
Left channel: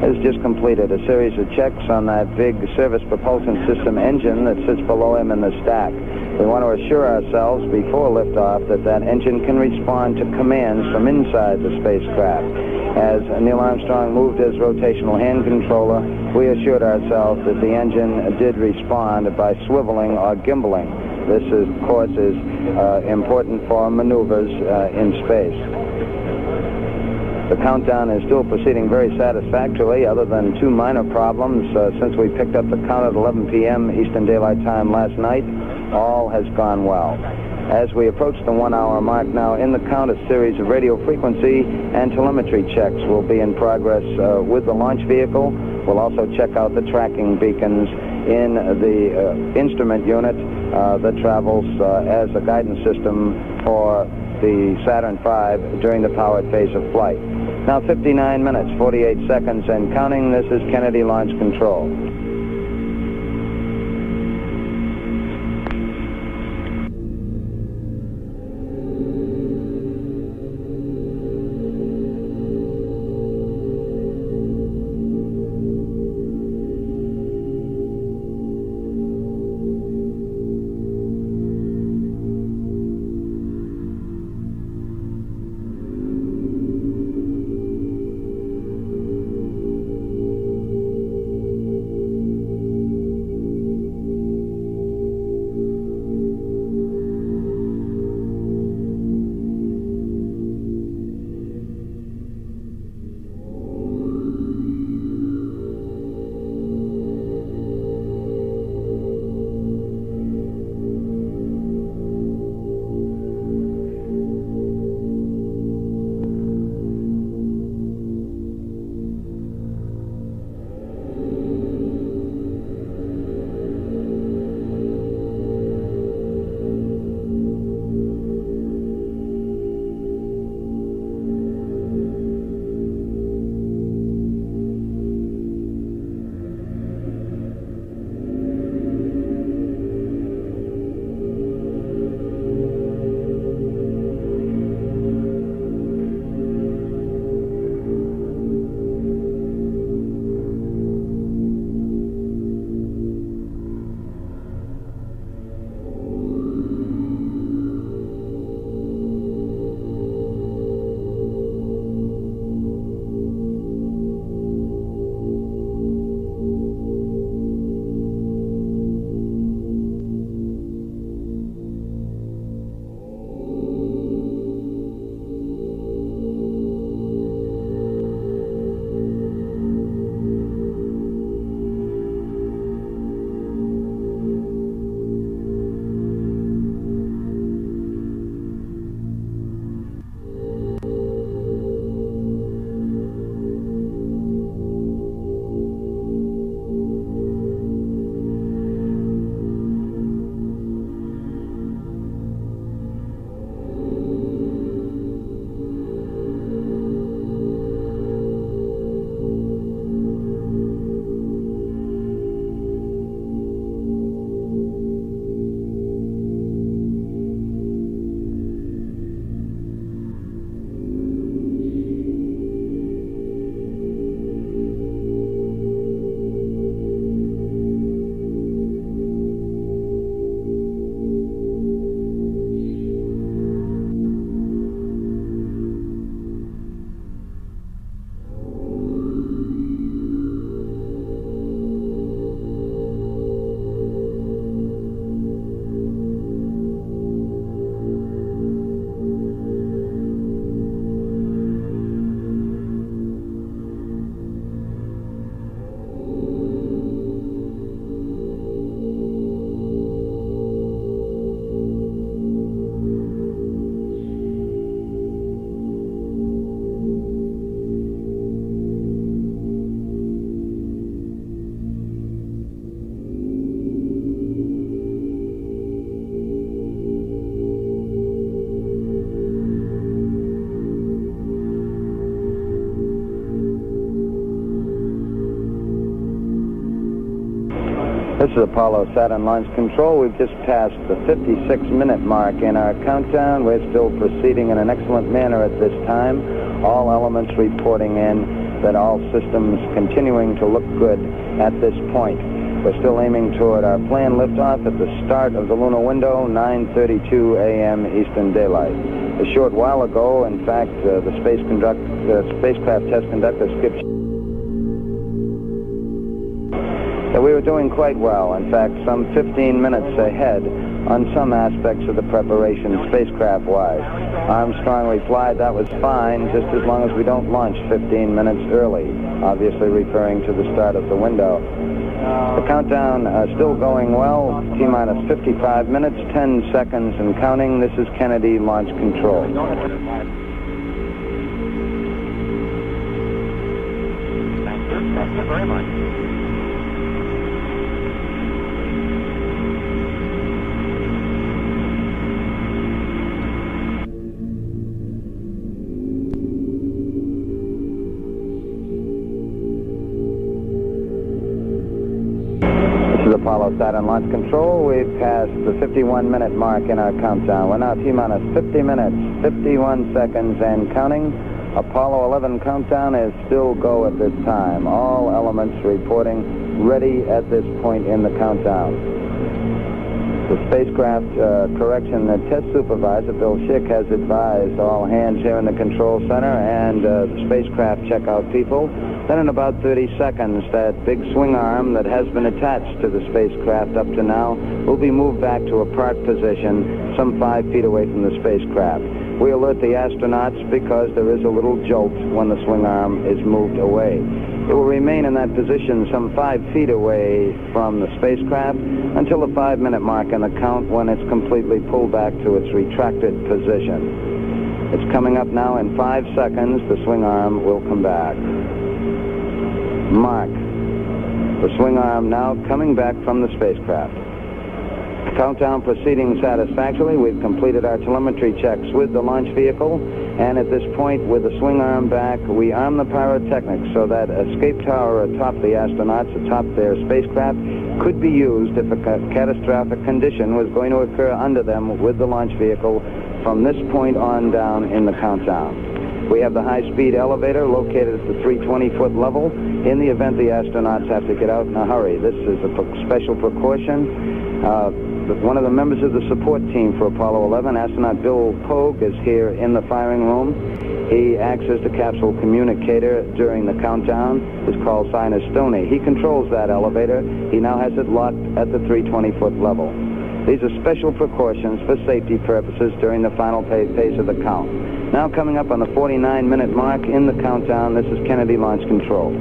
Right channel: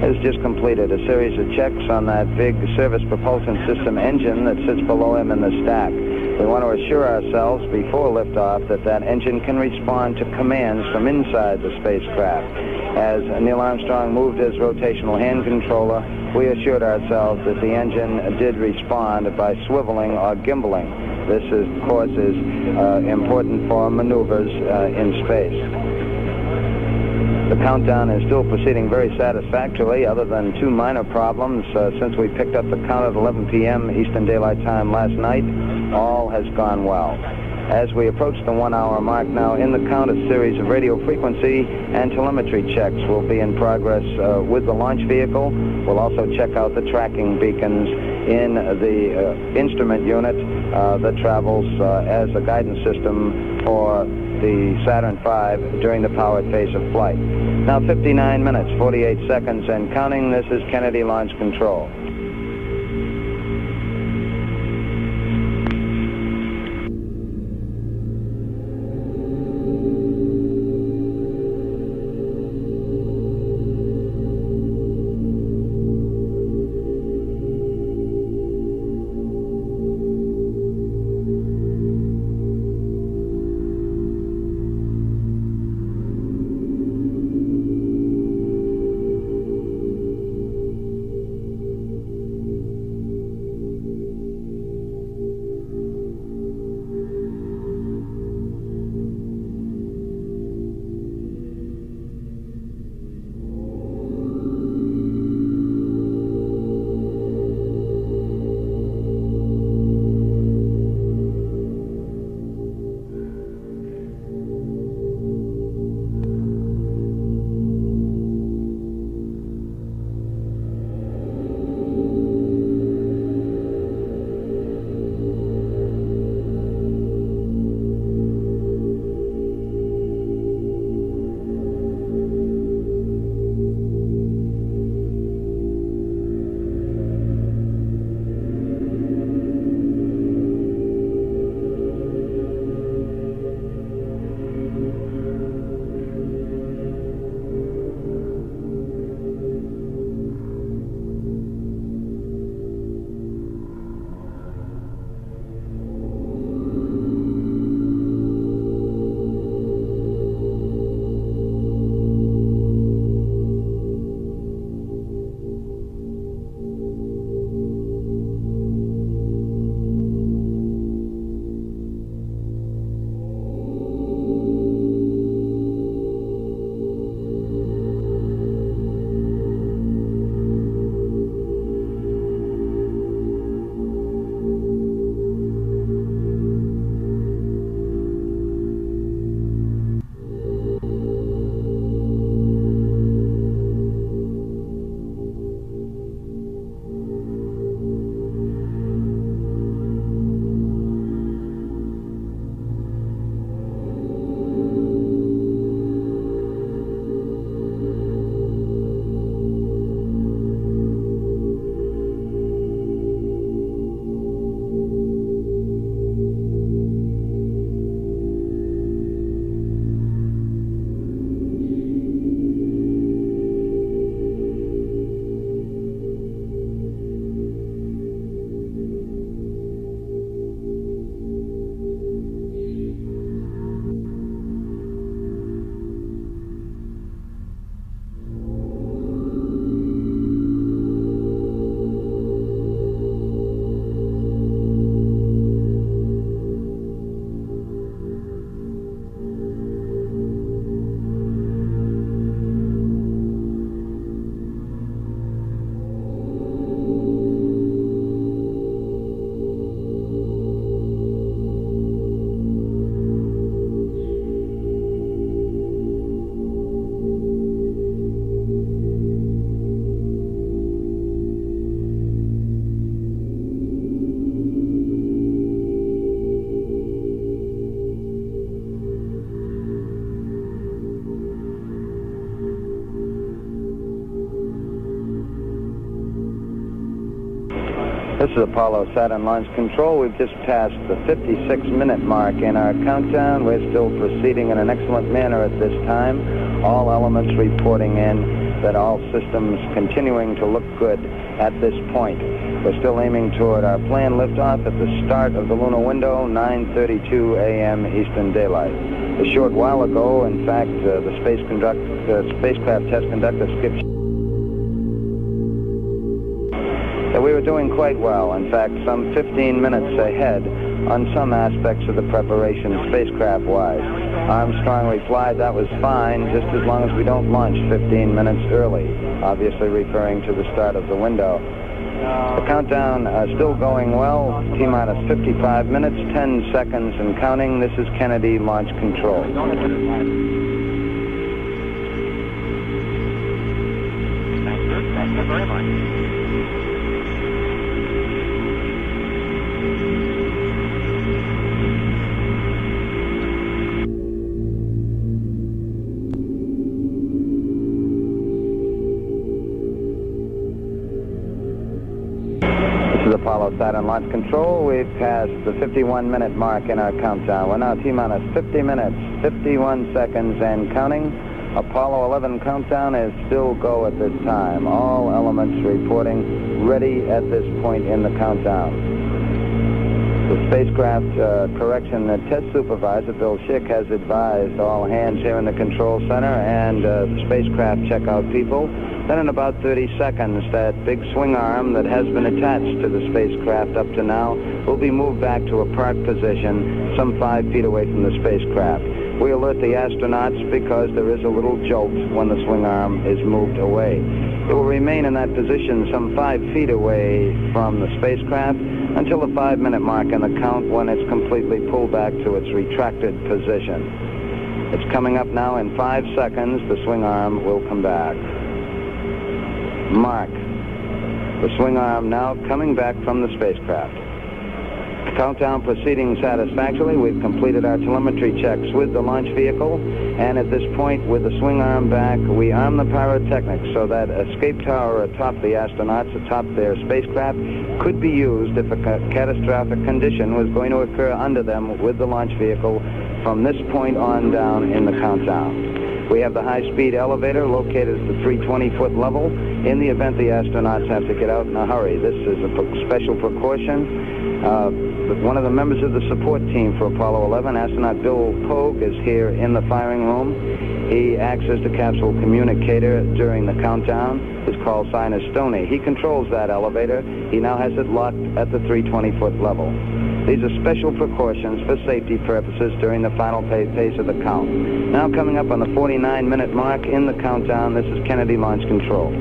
has just completed a series of checks on that big service propulsion system engine that sits below him in the stack. We want to assure ourselves before liftoff that that engine can respond to commands from inside the spacecraft. As Neil Armstrong moved his rotational hand controller, we assured ourselves that the engine did respond by swiveling or gimbaling. This, of course, is important for maneuvers in space. The countdown is still proceeding very satisfactorily, other than two minor problems. Since we picked up the count at 11 p.m. Eastern Daylight Time last night, all has gone well. As we approach the 1 hour mark now in the count, a series of radio frequency and telemetry checks will be in progress with the launch vehicle. We'll also check out the tracking beacons in the instrument unit that travels as a guidance system for the Saturn V during the powered phase of flight. Now 59 minutes, 48 seconds and counting. This is Kennedy Launch Control. This is Apollo Saturn Launch Control. We've just passed the 56-minute mark in our countdown. We're still proceeding in an excellent manner at this time. All elements reporting in that all systems continuing to look good at this point. We're still aiming toward our planned liftoff at the start of the lunar window, 9:32 a.m. Eastern Daylight. A short while ago, in fact, the spacecraft test conductor, Skip, that we were doing quite well. In fact, some 15 minutes ahead on some aspects of the preparation spacecraft-wise. Armstrong replied that was fine, just as long as we don't launch 15 minutes early, obviously referring to the start of the window. The countdown still going well, T-minus 55 minutes, 10 seconds and counting. This is Kennedy Launch Control. Thank you very much. This is Apollo Saturn Launch Control. We've passed the 51-minute mark in our countdown. We're now T-minus 50 minutes, 51 seconds and counting. Apollo 11 countdown is still go at this time. All elements reporting ready at this point in the countdown. The spacecraft correction test supervisor, Bill Schick, has advised all hands here in the control center and the spacecraft checkout people that in about 30 seconds, that big swing arm that has been attached to the spacecraft up to now will be moved back to a park position some 5 feet away from the spacecraft. We alert the astronauts because there is a little jolt when the swing arm is moved away. It will remain in that position some 5 feet away from the spacecraft until the 5-minute mark in the count, when it's completely pulled back to its retracted position. It's coming up now. In 5 seconds, the swing arm will come back. Mark. The swing arm now coming back from the spacecraft. Countdown proceeding satisfactorily. We've completed our telemetry checks with the launch vehicle, and at this point, with the swing arm back, we arm the pyrotechnics so that escape tower atop the astronauts, atop their spacecraft, could be used if a catastrophic condition was going to occur under them with the launch vehicle from this point on down in the countdown. We have the high-speed elevator located at the 320-foot level in the event the astronauts have to get out in a hurry. This is a special precaution. One of the members of the support team for Apollo 11, astronaut Bill Pogue, is here in the firing room. He acts as the capsule communicator during the countdown. His call sign is Stoney. He controls that elevator. He now has it locked at the 320-foot level. These are special precautions for safety purposes during the final phase of the count. Now coming up on the 49-minute mark in the countdown, this is Kennedy Launch Control.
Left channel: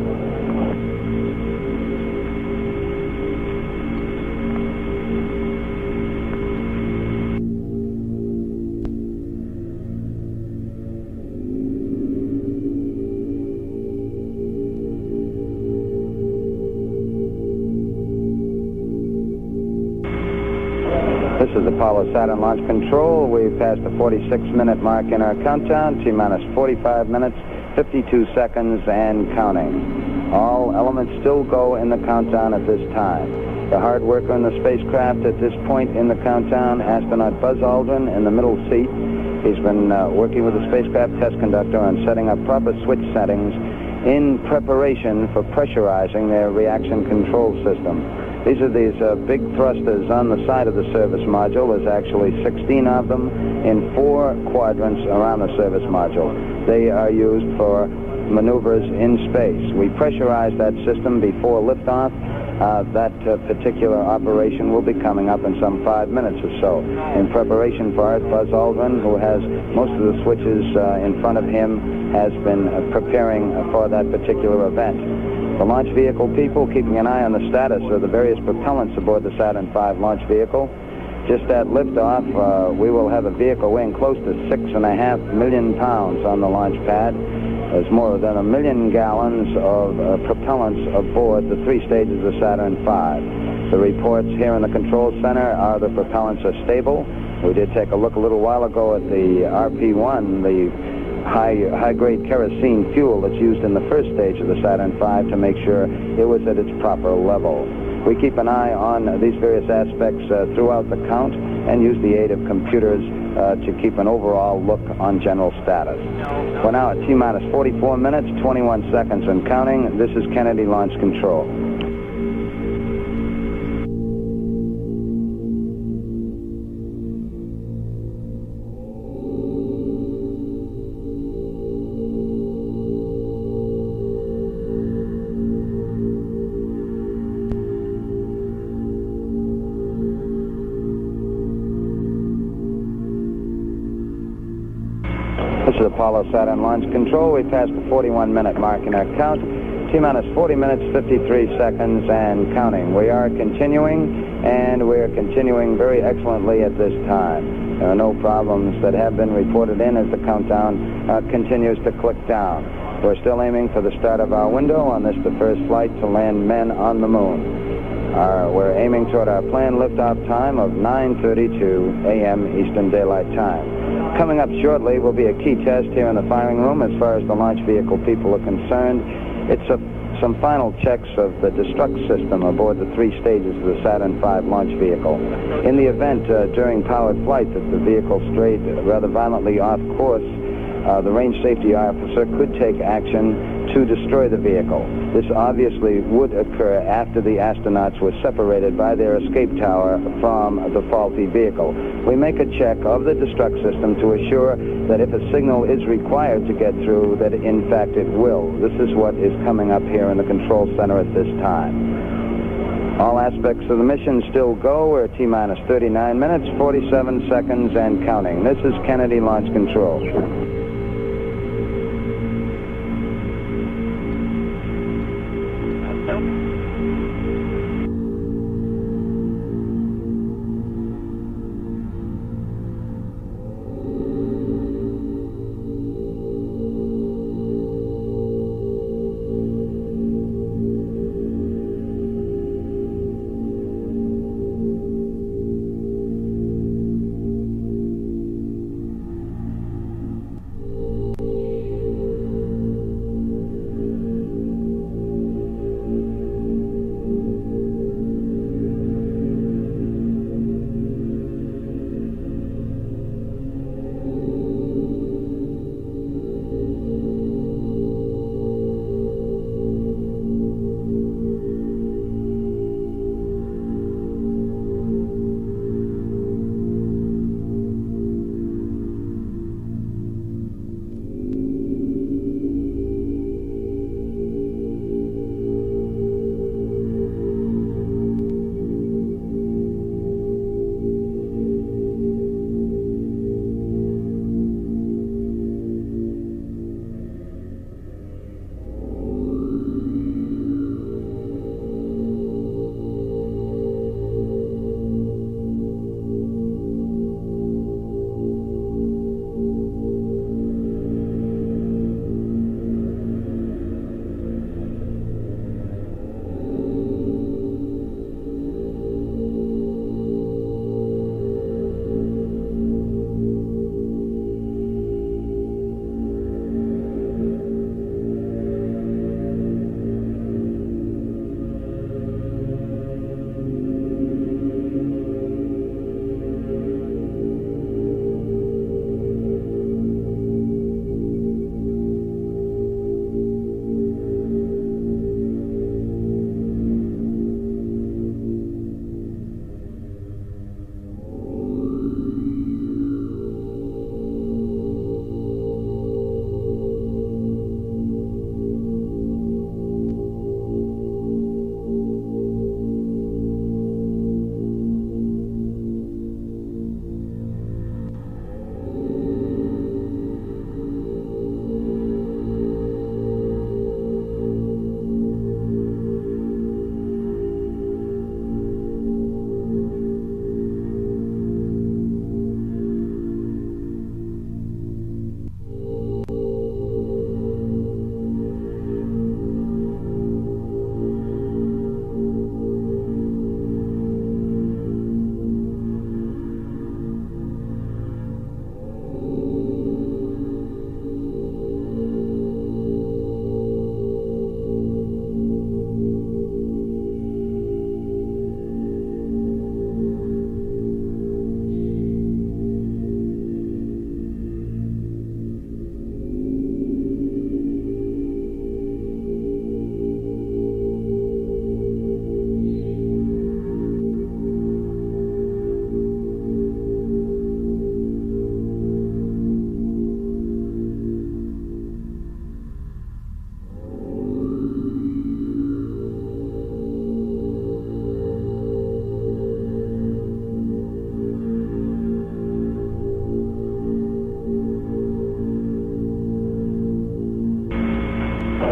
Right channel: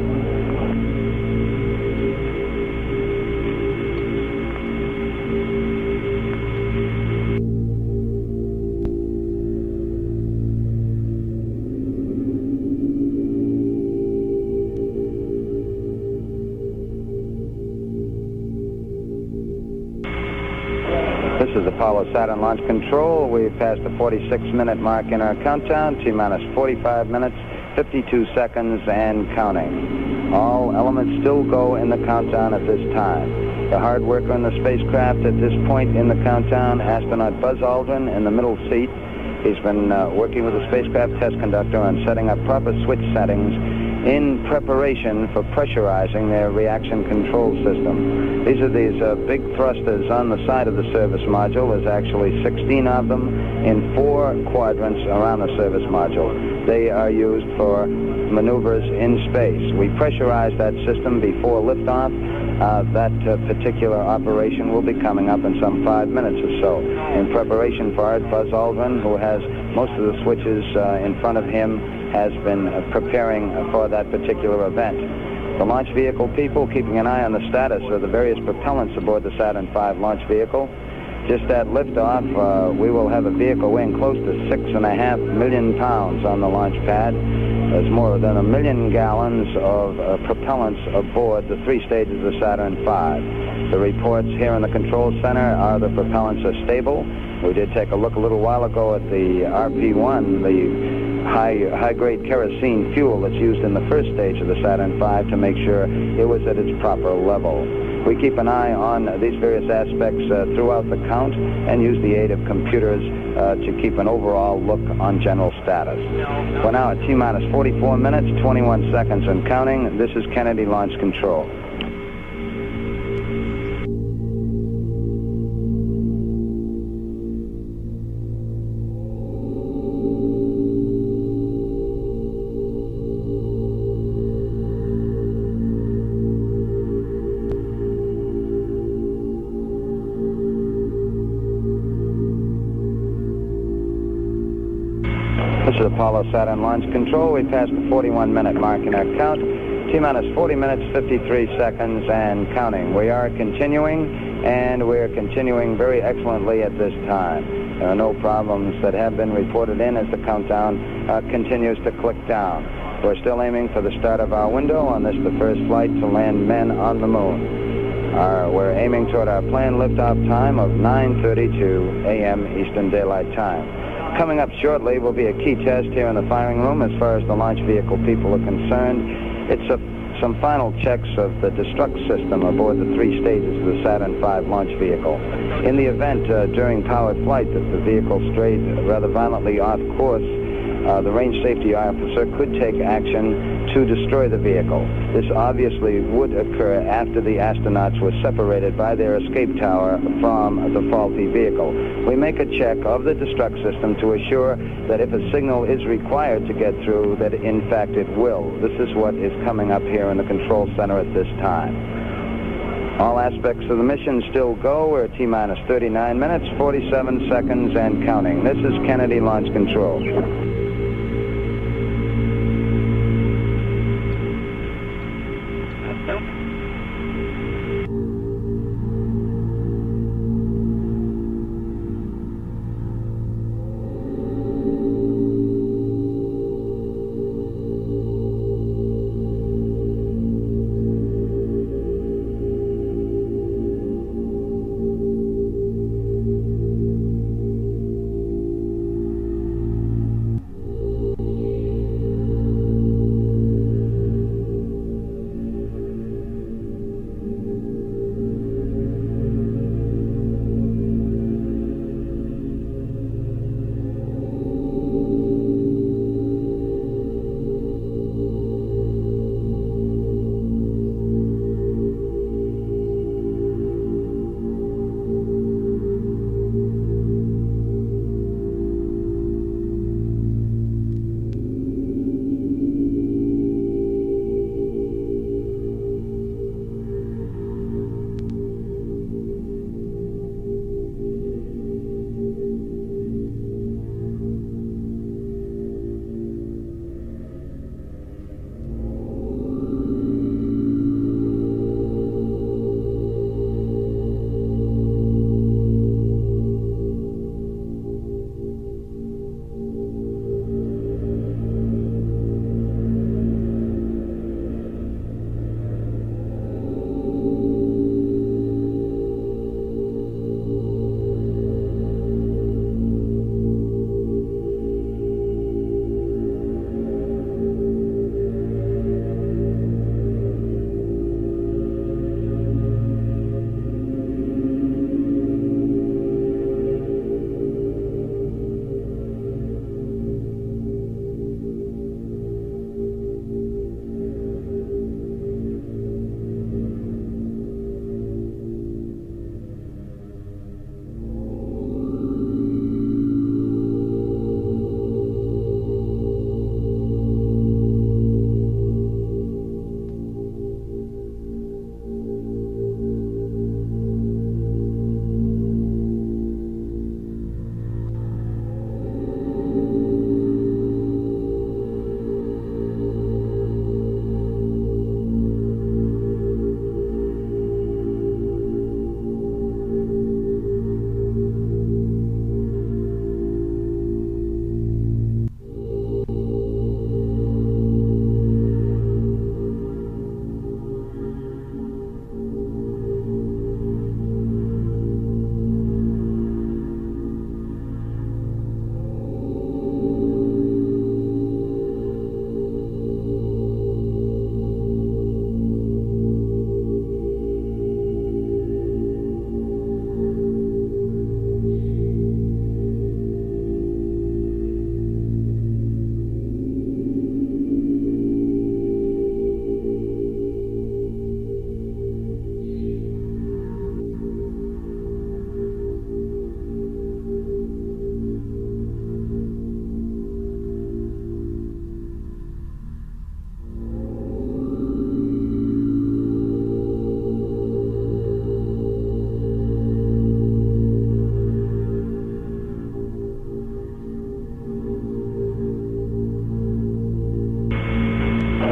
This is Apollo Saturn Launch Control. We've passed the 46-minute mark in our countdown, T-minus 45 minutes, 52 seconds and counting. All elements still go in the countdown at this time. The hard worker in the spacecraft at this point in the countdown, astronaut Buzz Aldrin in the middle seat. He's been working with the spacecraft test conductor on setting up proper switch settings in preparation for pressurizing their reaction control system. These are these big thrusters on the side of the service module. There's actually 16 of them in 4 quadrants around the service module. They are used for maneuvers in space. We pressurize that system before liftoff. That particular operation will be coming up in some 5 minutes or so. In preparation for it, Buzz Aldrin, who has most of the switches in front of him, has been preparing for that particular event. The launch vehicle people keeping an eye on the status of the various propellants aboard the Saturn V launch vehicle. Just at liftoff, we will have a vehicle weighing close to 6.5 million pounds on the launch pad. There's more than 1 million gallons of propellants aboard the 3 stages of Saturn V. The reports here in the control center are the propellants are stable. We did take a look a little while ago at the RP1, the high-grade kerosene fuel that's used in the first stage of the Saturn V, to make sure it was at its proper level. We keep an eye on these various aspects throughout the count and use the aid of computers to keep an overall look on general status. We're now at T-minus 44 minutes, 21 seconds and counting. This is Kennedy Launch Control. This is Apollo Saturn Launch Control. We passed the 41-minute mark in our count. T-minus 40 minutes, 53 seconds, and counting. We are continuing, and we're continuing very excellently at this time. There are no problems that have been reported in as the countdown continues to click down. We're still aiming for the start of our window on this, the first flight to land men on the moon. We're aiming toward our planned liftoff time of 9:32 a.m. Eastern Daylight Time. Coming up shortly will be a key test here in the firing room as far as the launch vehicle people are concerned. It's some final checks of the destruct system aboard the 3 stages of the Saturn V launch vehicle. In the event during powered flight that the vehicle strayed rather violently off course, the range safety officer could take action to destroy the vehicle. This obviously would occur after the astronauts were separated by their escape tower from the faulty vehicle. We make a check of the destruct system to assure that if a signal is required to get through, that in fact it will. This is what is coming up here in the control center at this time. All aspects of the mission still go. We're at T-minus 39 minutes, 47 seconds, and counting. This is Kennedy Launch Control.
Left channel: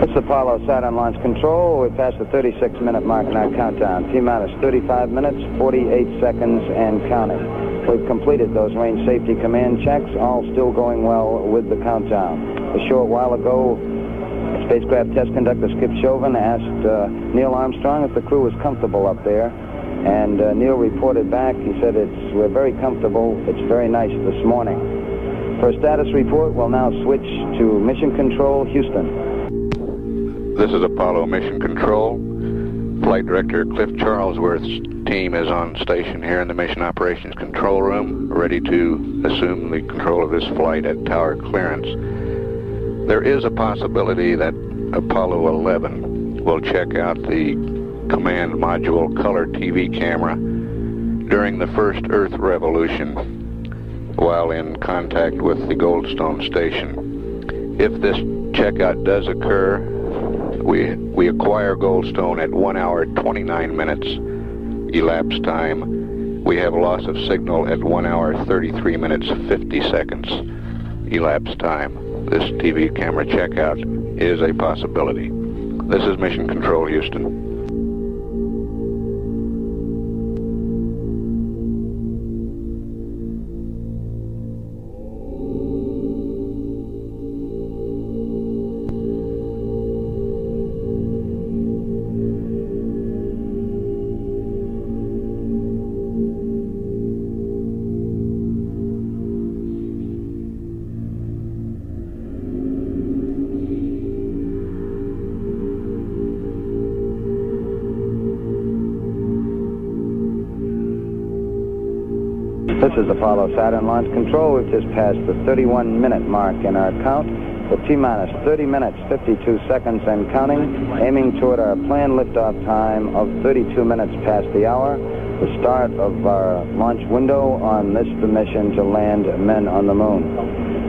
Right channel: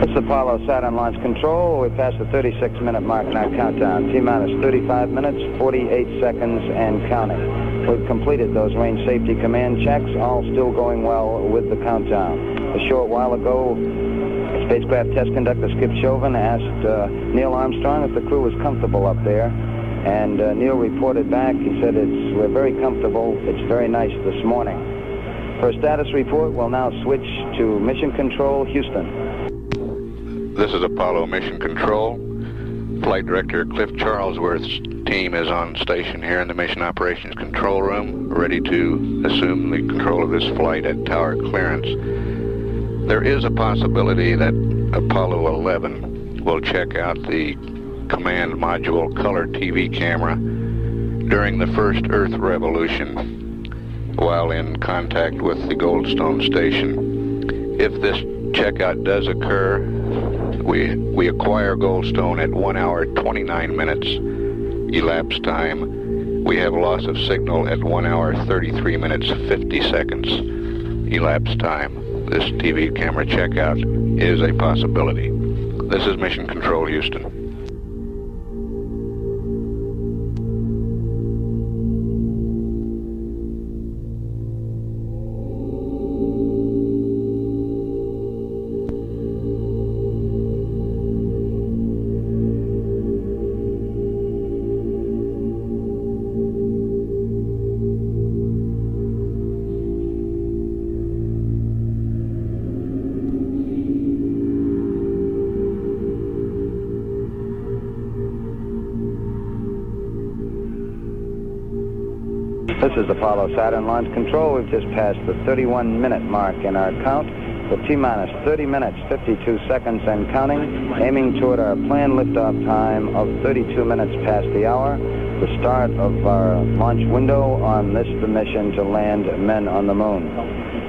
This is Apollo Saturn Launch Control. We passed the 36-minute mark in our countdown. T-minus 35 minutes, 48 seconds, and counting. We've completed those range safety command checks, all still going well with the countdown. A short while ago, spacecraft test conductor Skip Chauvin asked Neil Armstrong if the crew was comfortable up there. And Neil reported back. He said, we're very comfortable. It's very nice this morning. For a status report, we'll now switch to Mission Control, Houston. This is Apollo Mission Control. Flight Director Cliff Charlesworth's team is on station here in the Mission Operations Control Room, ready to assume the control of this flight at tower clearance. There is a possibility that Apollo 11 will check out the command module color TV camera during the first Earth revolution while in contact with the Goldstone station. If this checkout does occur, we acquire Goldstone at 1 hour 29 minutes elapsed time. We have loss of signal at 1 hour 33 minutes 50 seconds elapsed time. This TV camera checkout is a possibility. This is Mission Control, Houston. This is Apollo Saturn Launch Control. We've just passed the 31-minute mark in our count. With T-minus 30 minutes, 52 seconds and counting, aiming toward our planned liftoff time of 32 minutes past the hour, the start of our launch window on this mission to land men on the moon.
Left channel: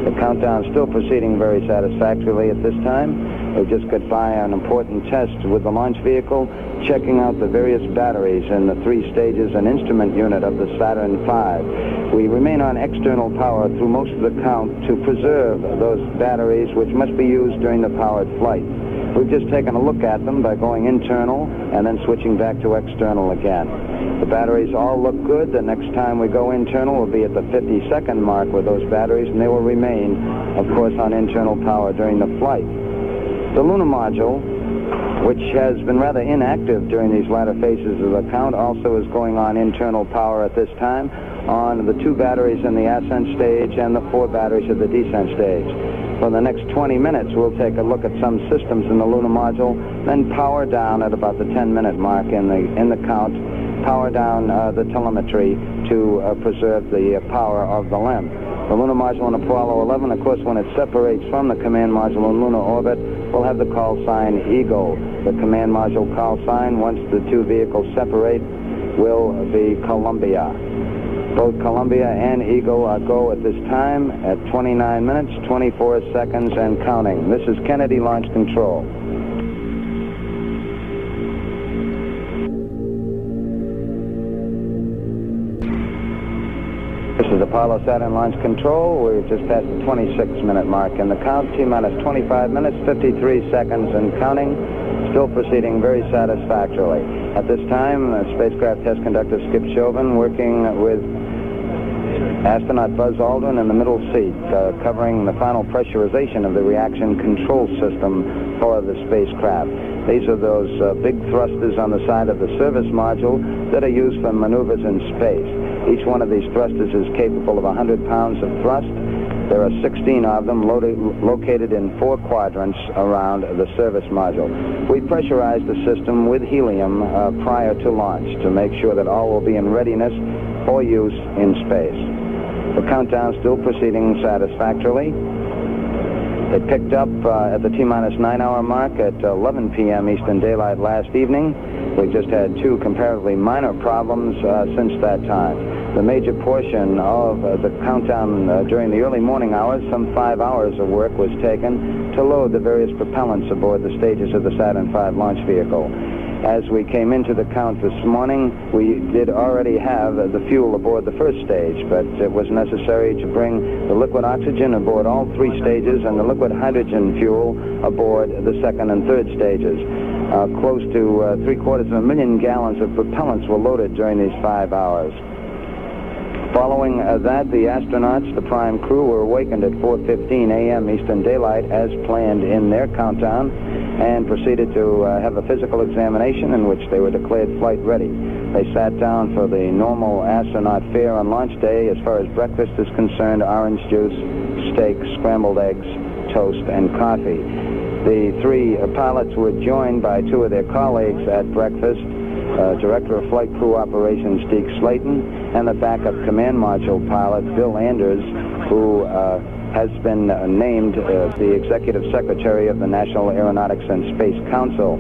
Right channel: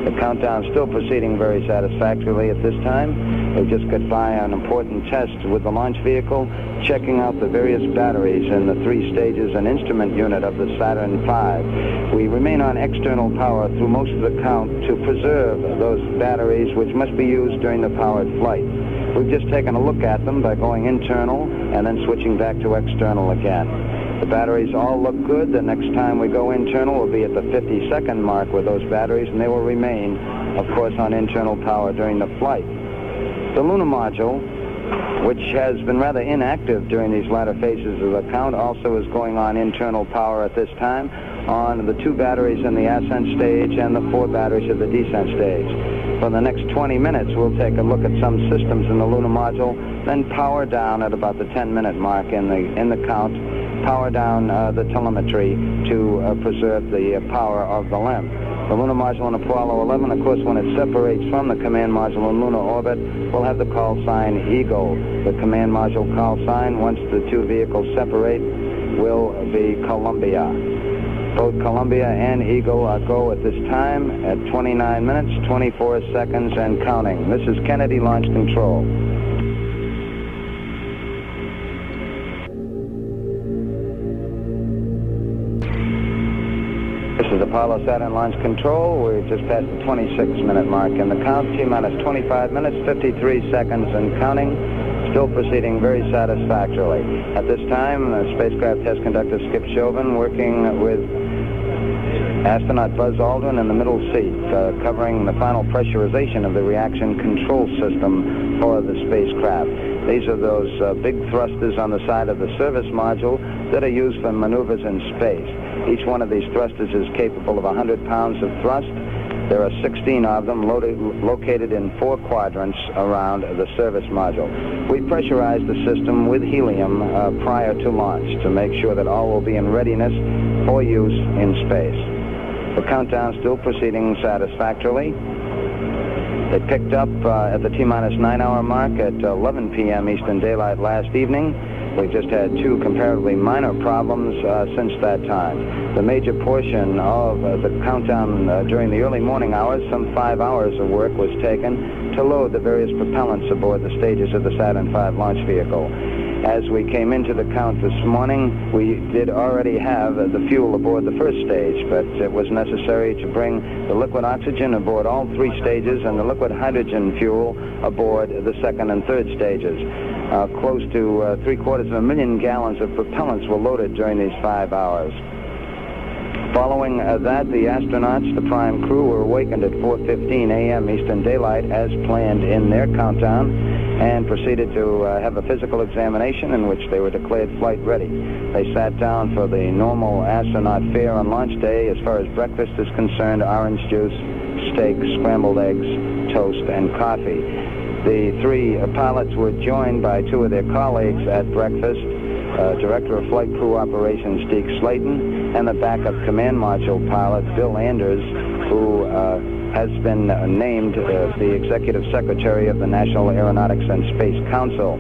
The countdown is still proceeding very satisfactorily at this time. We just got by an important test with the launch vehicle, checking out the various batteries in the 3 stages and instrument unit of the Saturn V. We remain on external power through most of the count to preserve those batteries which must be used during the powered flight. We've just taken a look at them by going internal and then switching back to external again. The batteries all look good. The next time we go internal will be at the 50-second mark with those batteries, and they will remain, of course, on internal power during the flight. The lunar module, which has been rather inactive during these latter phases of the count, also is going on internal power at this time on the 2 batteries in the ascent stage and the 4 batteries at the descent stage. For the next 20 minutes, we'll take a look at some systems in the lunar module, then power down at about the 10-minute mark in the count, power down the telemetry to preserve the power of the LEM. The lunar module in Apollo 11, of course, when it separates from the command module in lunar orbit, will have the call sign Eagle. The command module call sign, once the 2 vehicles separate, will be Columbia. Both Columbia and Eagle are go at this time at 29 minutes, 24 seconds, and counting. This is Kennedy Launch Control. This is Apollo Saturn Launch Control. We've just passed the 26-minute mark in the count. T-minus 25 minutes, 53 seconds, and counting. Still proceeding very satisfactorily. At this time, spacecraft test conductor Skip Chauvin working with astronaut Buzz Aldrin in the middle seat, covering the final pressurization of the reaction control system for the spacecraft. These are those big thrusters on the side of the service module that are used for maneuvers in space. Each one of these thrusters is capable of 100 pounds of thrust. There are 16 of them located in 4 quadrants around the service module. We pressurize the system with helium prior to launch to make sure that all will be in readiness for use in space. The countdown is still proceeding satisfactorily. It picked up at the T-minus 9-hour mark at 11 p.m. Eastern Daylight last evening. We've just had 2 comparatively minor problems since that time. The major portion of the countdown during the early morning hours, some 5 hours of work was taken to load the various propellants aboard the stages of the Saturn V launch vehicle. As we came into the count this morning, we did already have the fuel aboard the first stage, but it was necessary to bring the liquid oxygen aboard all three stages and the liquid hydrogen fuel aboard the second and third stages. Close to 750,000 gallons of propellants were loaded during these 5 hours. Following that, the astronauts, the prime crew, were awakened at 4:15 a.m. Eastern Daylight as planned in their countdown, and proceeded to have a physical examination in which they were declared flight ready. They sat down for the normal astronaut fare on launch day. As far as breakfast is concerned, orange juice, steak, scrambled eggs, toast, and coffee. The three pilots were joined by two of their colleagues at breakfast, Director of Flight Crew Operations Deke Slayton, and the backup command module pilot Bill Anders, who has been named the Executive Secretary of the National Aeronautics and Space Council.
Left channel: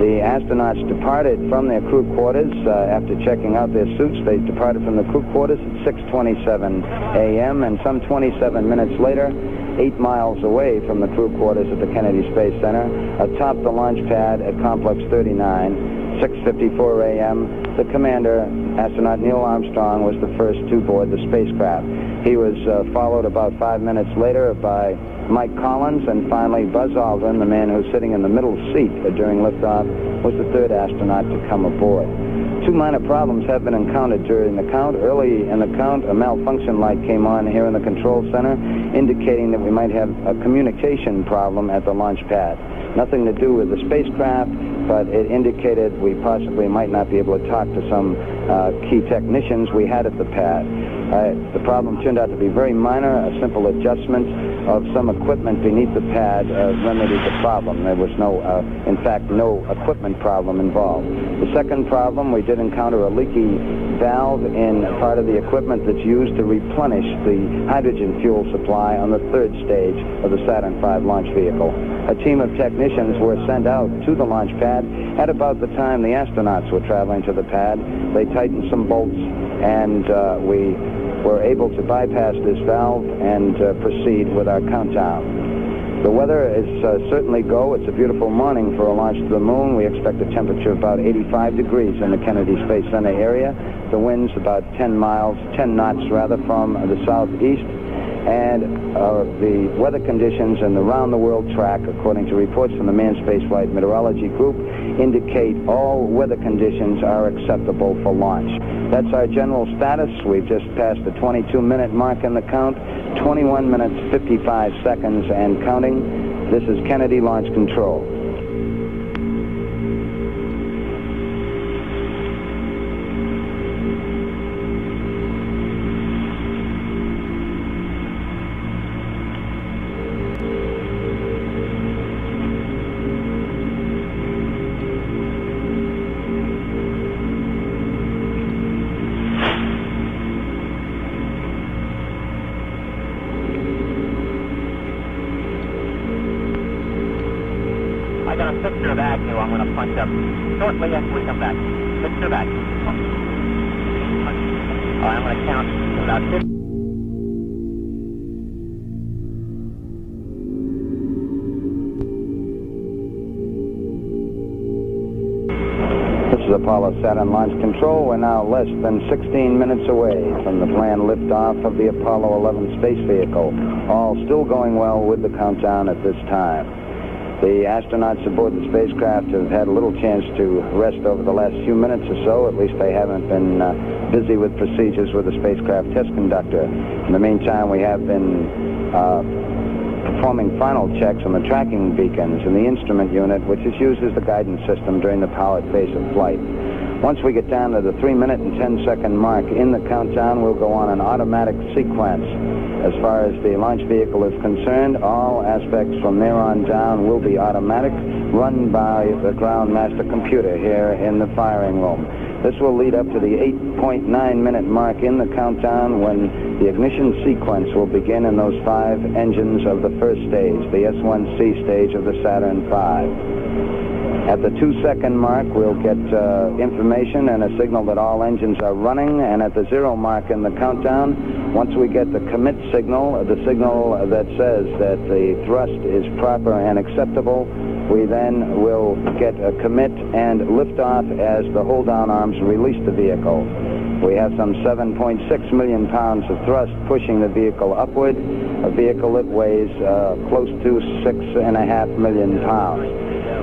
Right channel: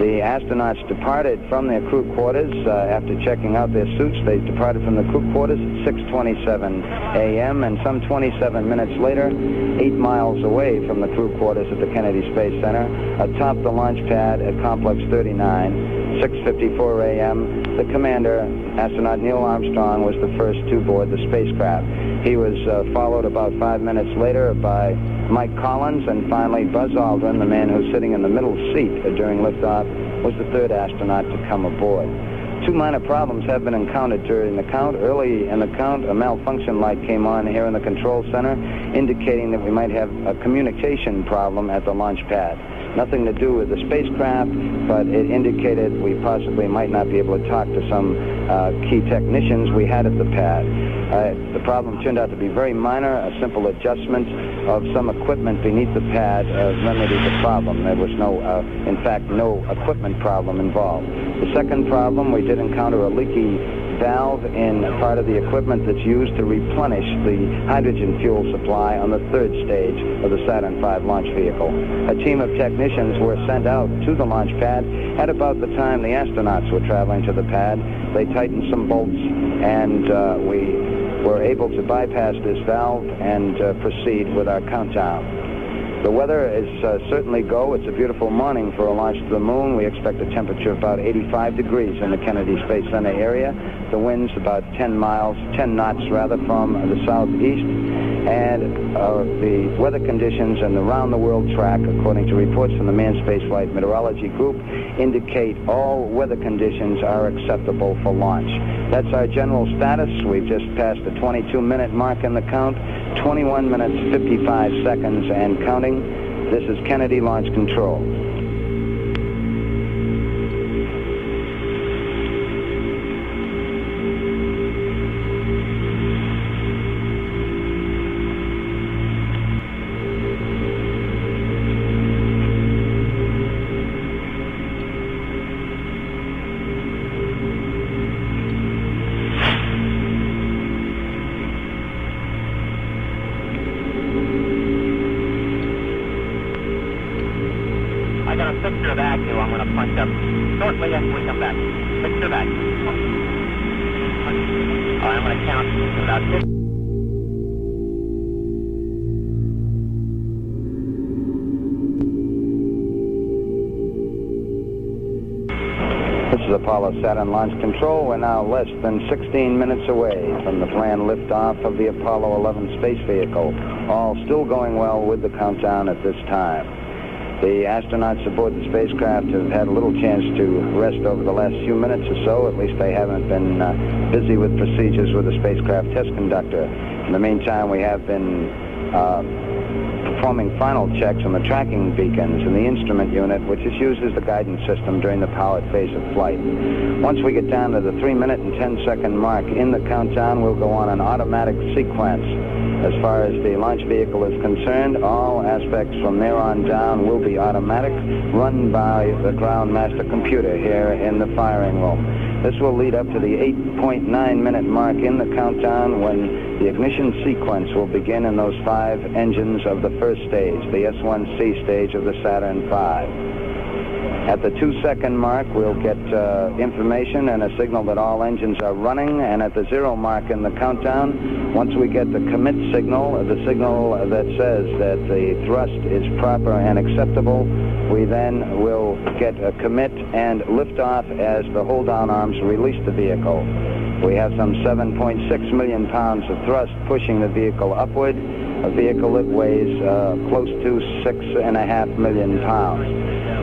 The astronauts departed from their crew quarters after checking out their suits. They departed from the crew quarters at 6:27 a.m. and some 27 minutes later, 8 miles away from the crew quarters at the Kennedy Space Center, atop the launch pad at Complex 39, 6:54 a.m., the commander, astronaut Neil Armstrong, was the first to board the spacecraft. He was followed about 5 minutes later by Mike Collins, and finally Buzz Aldrin, the man who's sitting in the middle seat during liftoff, was the third astronaut to come aboard. Two minor problems have been encountered during the count. Early in the count, a malfunction light came on here in the control center, indicating that we might have a communication problem at the launch pad. Nothing to do with the spacecraft, but it indicated we possibly might not be able to talk to some key technicians we had at the pad. The problem turned out to be very minor. A simple adjustment of some equipment beneath the pad remedied the problem. There was in fact, no equipment problem involved. The second problem, we did encounter a leaky valve in part of the equipment that's used to replenish the hydrogen fuel supply on the third stage of the Saturn V launch vehicle. A team of technicians were sent out to the launch pad at about the time the astronauts were traveling to the pad. They tightened some bolts, and we were able to bypass this valve and proceed with our countdown. The weather is certainly go. It's a beautiful morning for a launch to the moon. We expect a temperature of about 85 degrees in the Kennedy Space Center area. The wind's about 10 knots from the southeast. And the weather conditions and the round-the-world track, according to reports from the Manned Spaceflight Meteorology Group, indicate all weather conditions are acceptable for launch. That's our general status. We've just passed the 22-minute mark in the count, 21 minutes, 55 seconds, and counting. This is Kennedy Launch Control. I got a fixture of Agnew I'm going to punch up shortly after we come back. Fixture of Agnew. All right, I'm going to count about 50. This is Apollo Saturn Launch Control. We're now less than 16 minutes away from the planned liftoff of the Apollo 11 space vehicle. All still going well with the countdown at this time. The astronauts aboard the spacecraft have had a little chance to rest over the last few minutes or so. At least they haven't been busy with procedures with the spacecraft test conductor. In the meantime, we have been performing final checks on the tracking beacons in the instrument unit, which is used as the guidance system during the powered phase of flight. Once we get down to the 3-minute and 10-second mark in the countdown, we'll go on an automatic sequence. As far as the launch vehicle is concerned, all aspects from there on down will be automatic, run by the ground master computer here in the firing room. This will lead up to the 8.9-minute mark in the countdown when the ignition sequence will begin in those 5 engines of the first stage, the S1C stage of the Saturn V. At the 2-second mark, we'll get information and a signal that all engines are running, and at the 0 mark in the countdown, once we get the commit signal, the signal that says that the thrust is proper and acceptable, We then will get a commit and lift off as the hold-down arms release the vehicle. We have some 7.6 million pounds of thrust pushing the vehicle upward, a vehicle that weighs close to 6.5 million pounds.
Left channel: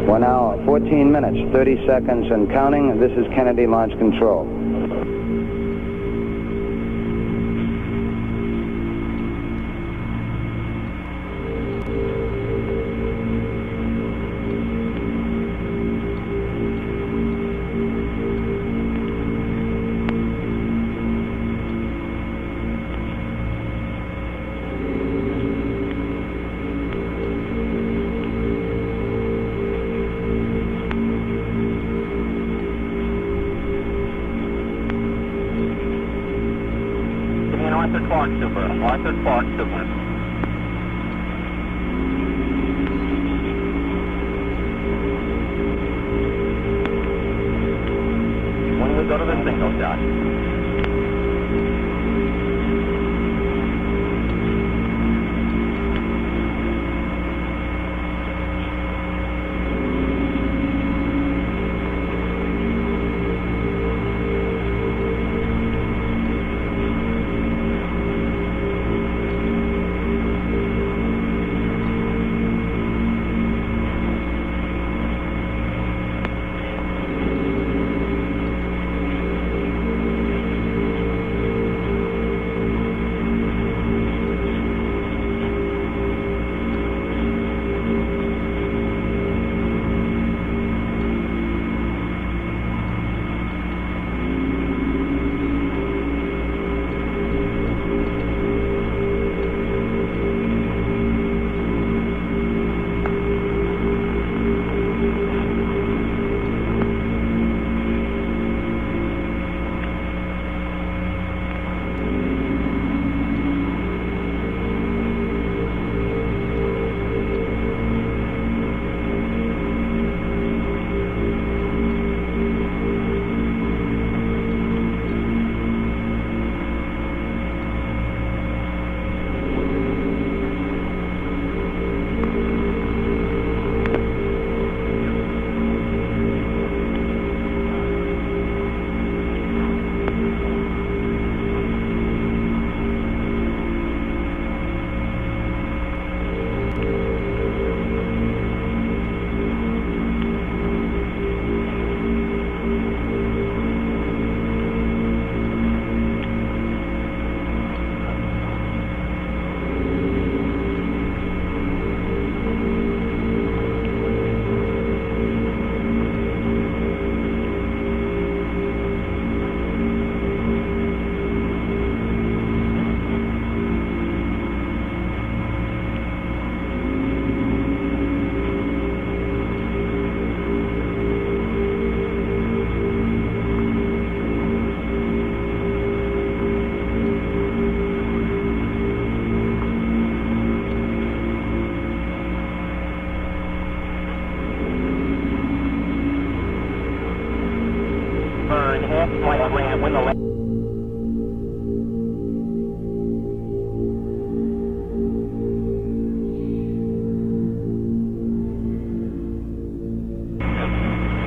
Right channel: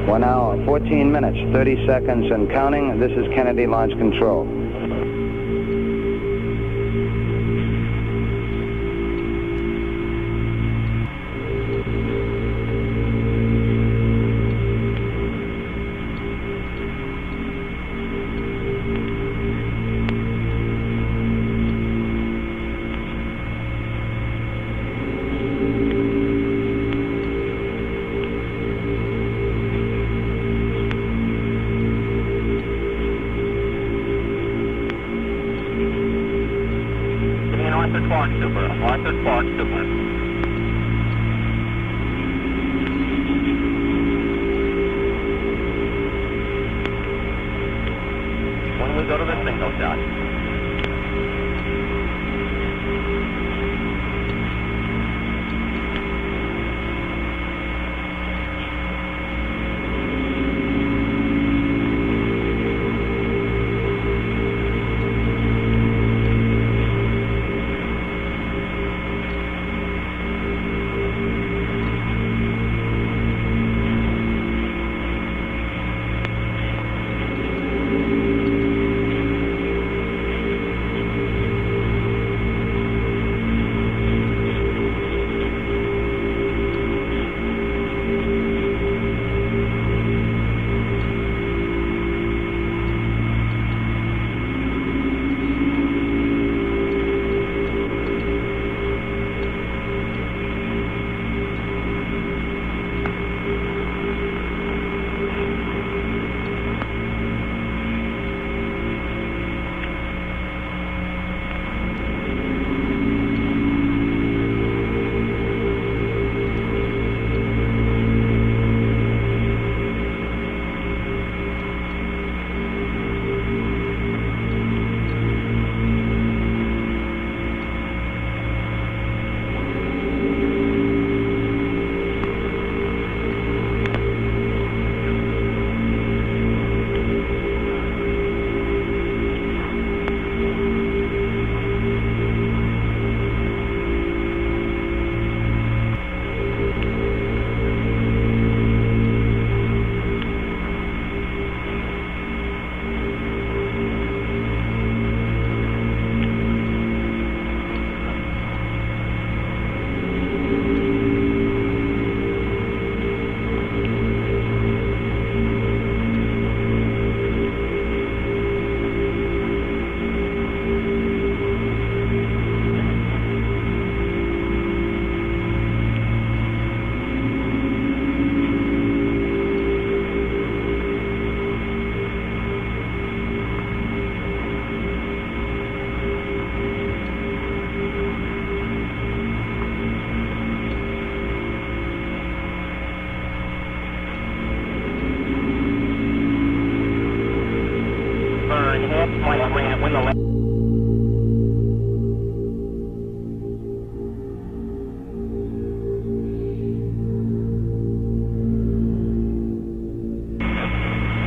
We're now 14 minutes, 30 seconds and counting. This is Kennedy Launch Control. Arthur Clark Super. Arthur Clark Super. When we go to the single shot.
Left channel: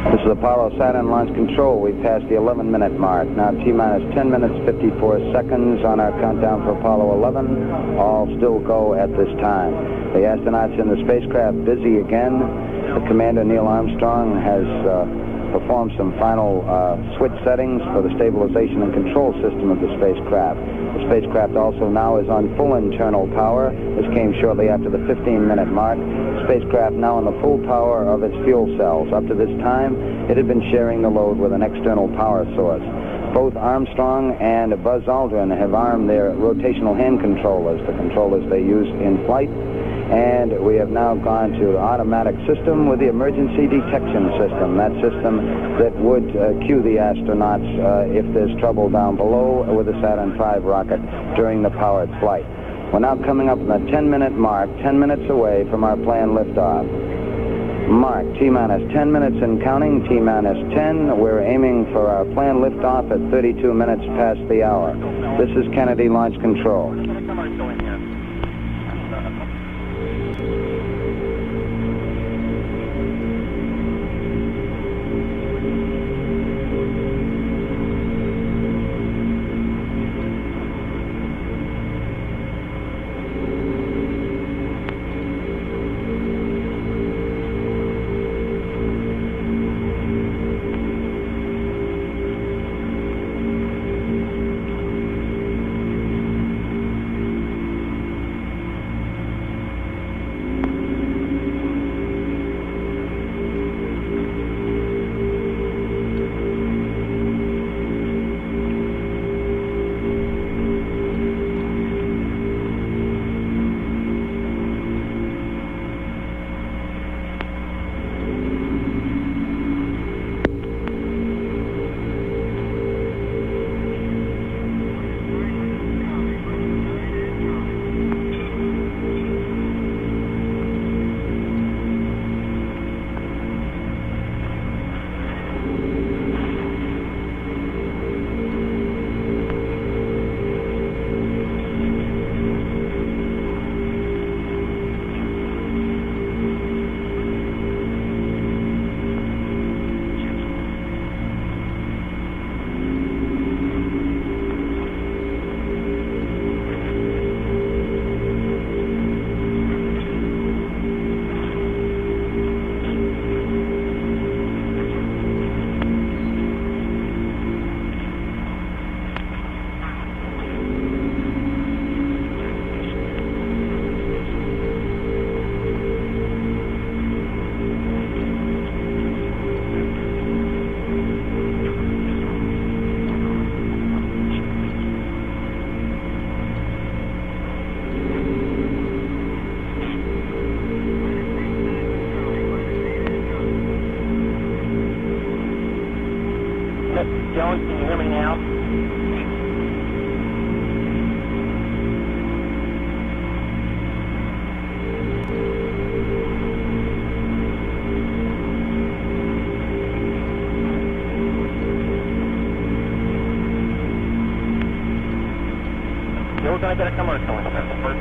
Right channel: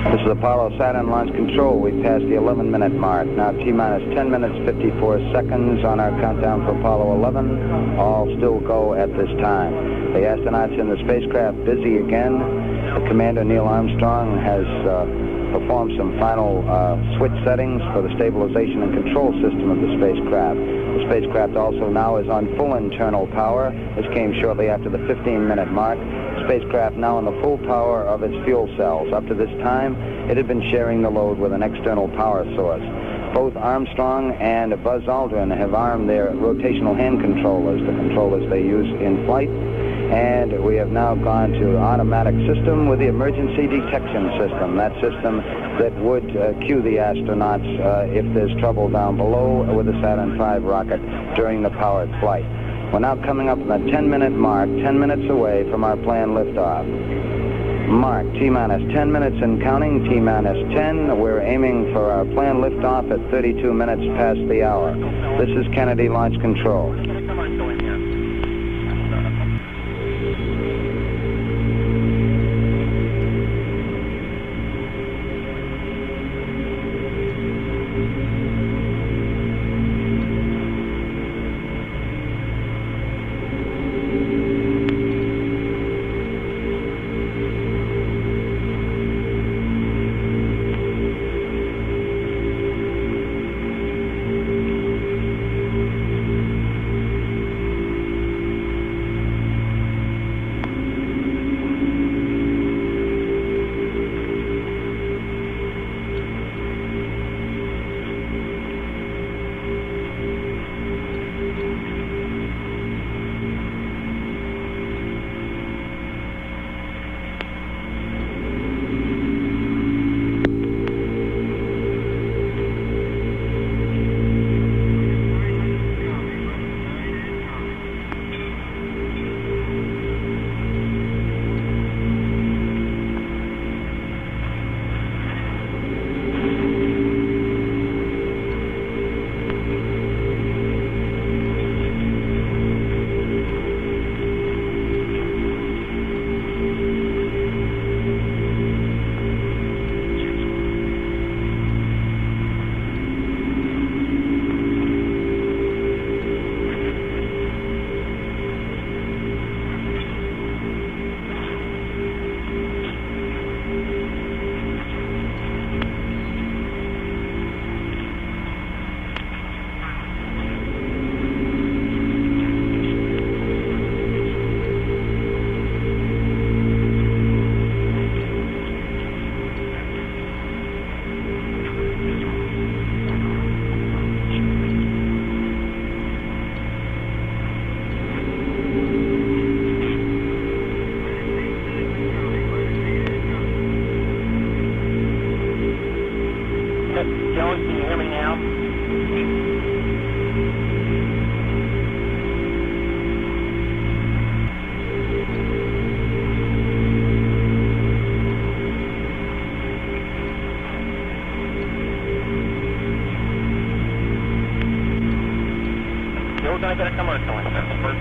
This is Apollo Saturn Launch Control. We've passed the 11-minute mark. Now T-minus 10 minutes, 54 seconds on our countdown for Apollo 11. All still go at this time. The astronauts in the spacecraft busy again. The commander, Neil Armstrong, has performed some final switch settings for the stabilization and control system of the spacecraft. The spacecraft also now is on full internal power. This came shortly after the 15-minute mark. Spacecraft now on the full power of its fuel cells. Up to this time, it had been sharing the load with an external power source. Both Armstrong and Buzz Aldrin have armed their rotational hand controllers, the controllers they use in flight. And we have now gone to the automatic system with the emergency detection system, that system that would cue the astronauts if there's trouble down below with the Saturn V rocket during the powered flight. We're now coming up on the 10-minute mark, 10 minutes away from our planned liftoff. Mark, T-minus 10 minutes and counting, T-minus 10. We're aiming for our planned liftoff at 32 minutes past the hour. This is Kennedy Launch Control. Jones, can you hear me now? We're going to get a commercial in here first.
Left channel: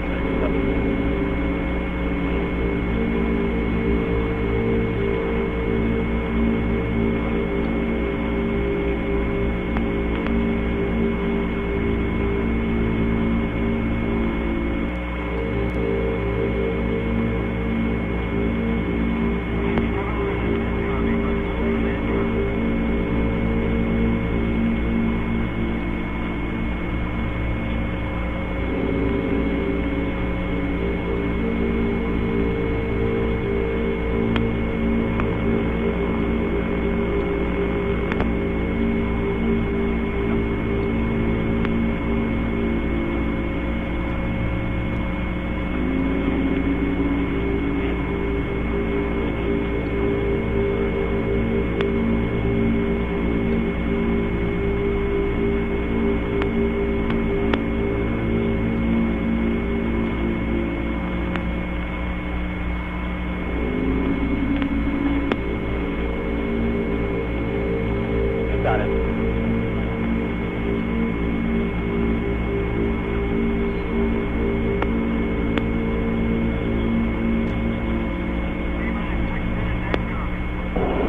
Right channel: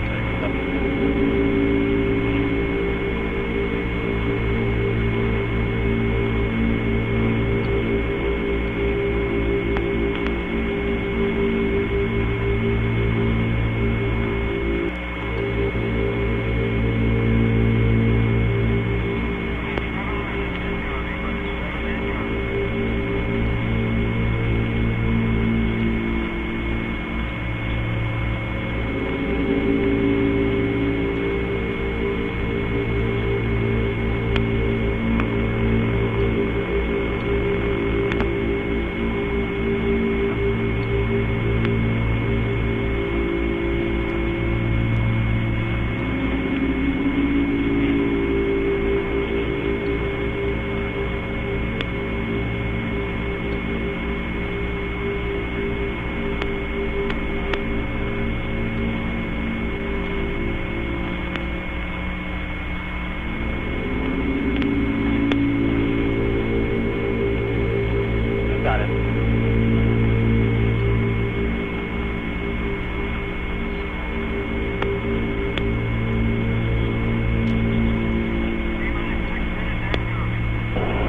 Got it.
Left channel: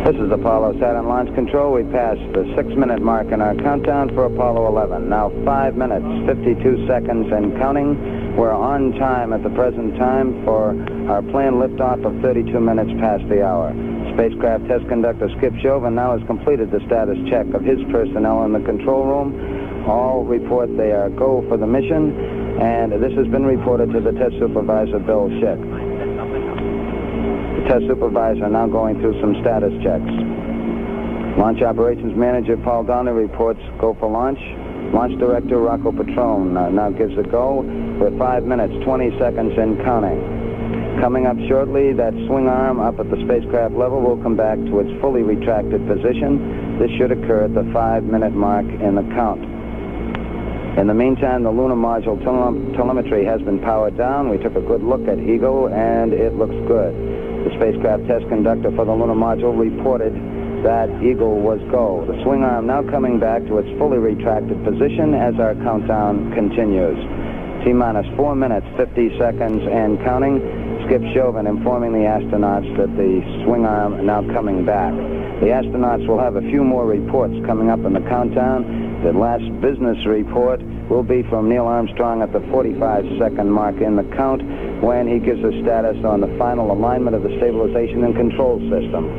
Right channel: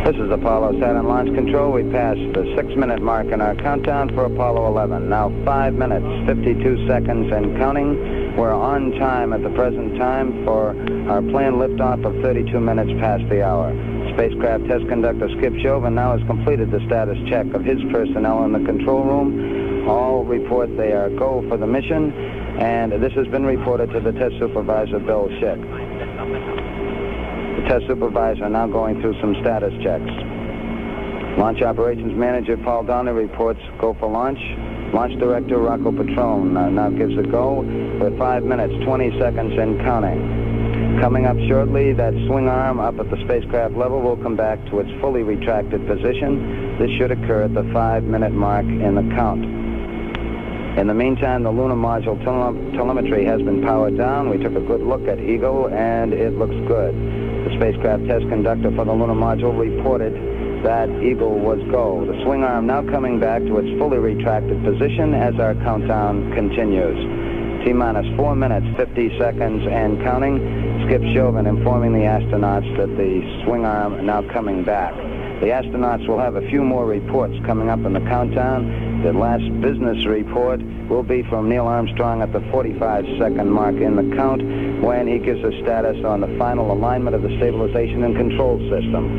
This is Apollo Saturn Launch Control. We passed the 6-minute mark in our countdown for Apollo 11. Now 5 minutes, 52 seconds and counting. We're on time at the present time for our planned liftoff of 32 minutes past the hour. Spacecraft Test Conductor Skip Chauvin now has completed the status check of his personnel in the control room. All report they are go for the mission, and this has been reported to the Test Supervisor, Bill Schick. The Test Supervisor now going through some status checks. Launch Operations Manager Paul Donnelly reports go for launch. Launch Director Rocco Petrone now gives a go with 5 minutes, 20 seconds and counting. Coming up shortly, that swing arm up at the spacecraft level will come back to its fully retracted position. This should occur at the 5-minute mark in the count. In the meantime, the lunar module telemetry has been powered down. We took a good look at Eagle, and it looks good. The spacecraft test conductor for the lunar module reported that Eagle was go. The swing arm now coming back to its fully retracted position as our countdown continues. T-minus 4 minutes, 50 seconds and counting. Skip Chauvin informing the astronauts that the swing arm now coming back. The astronauts will have a few more reports coming up in the countdown. The last business report will be from Neil Armstrong at the 45-second mark in the count when he gives a status on the final alignment of the stabilization and control system.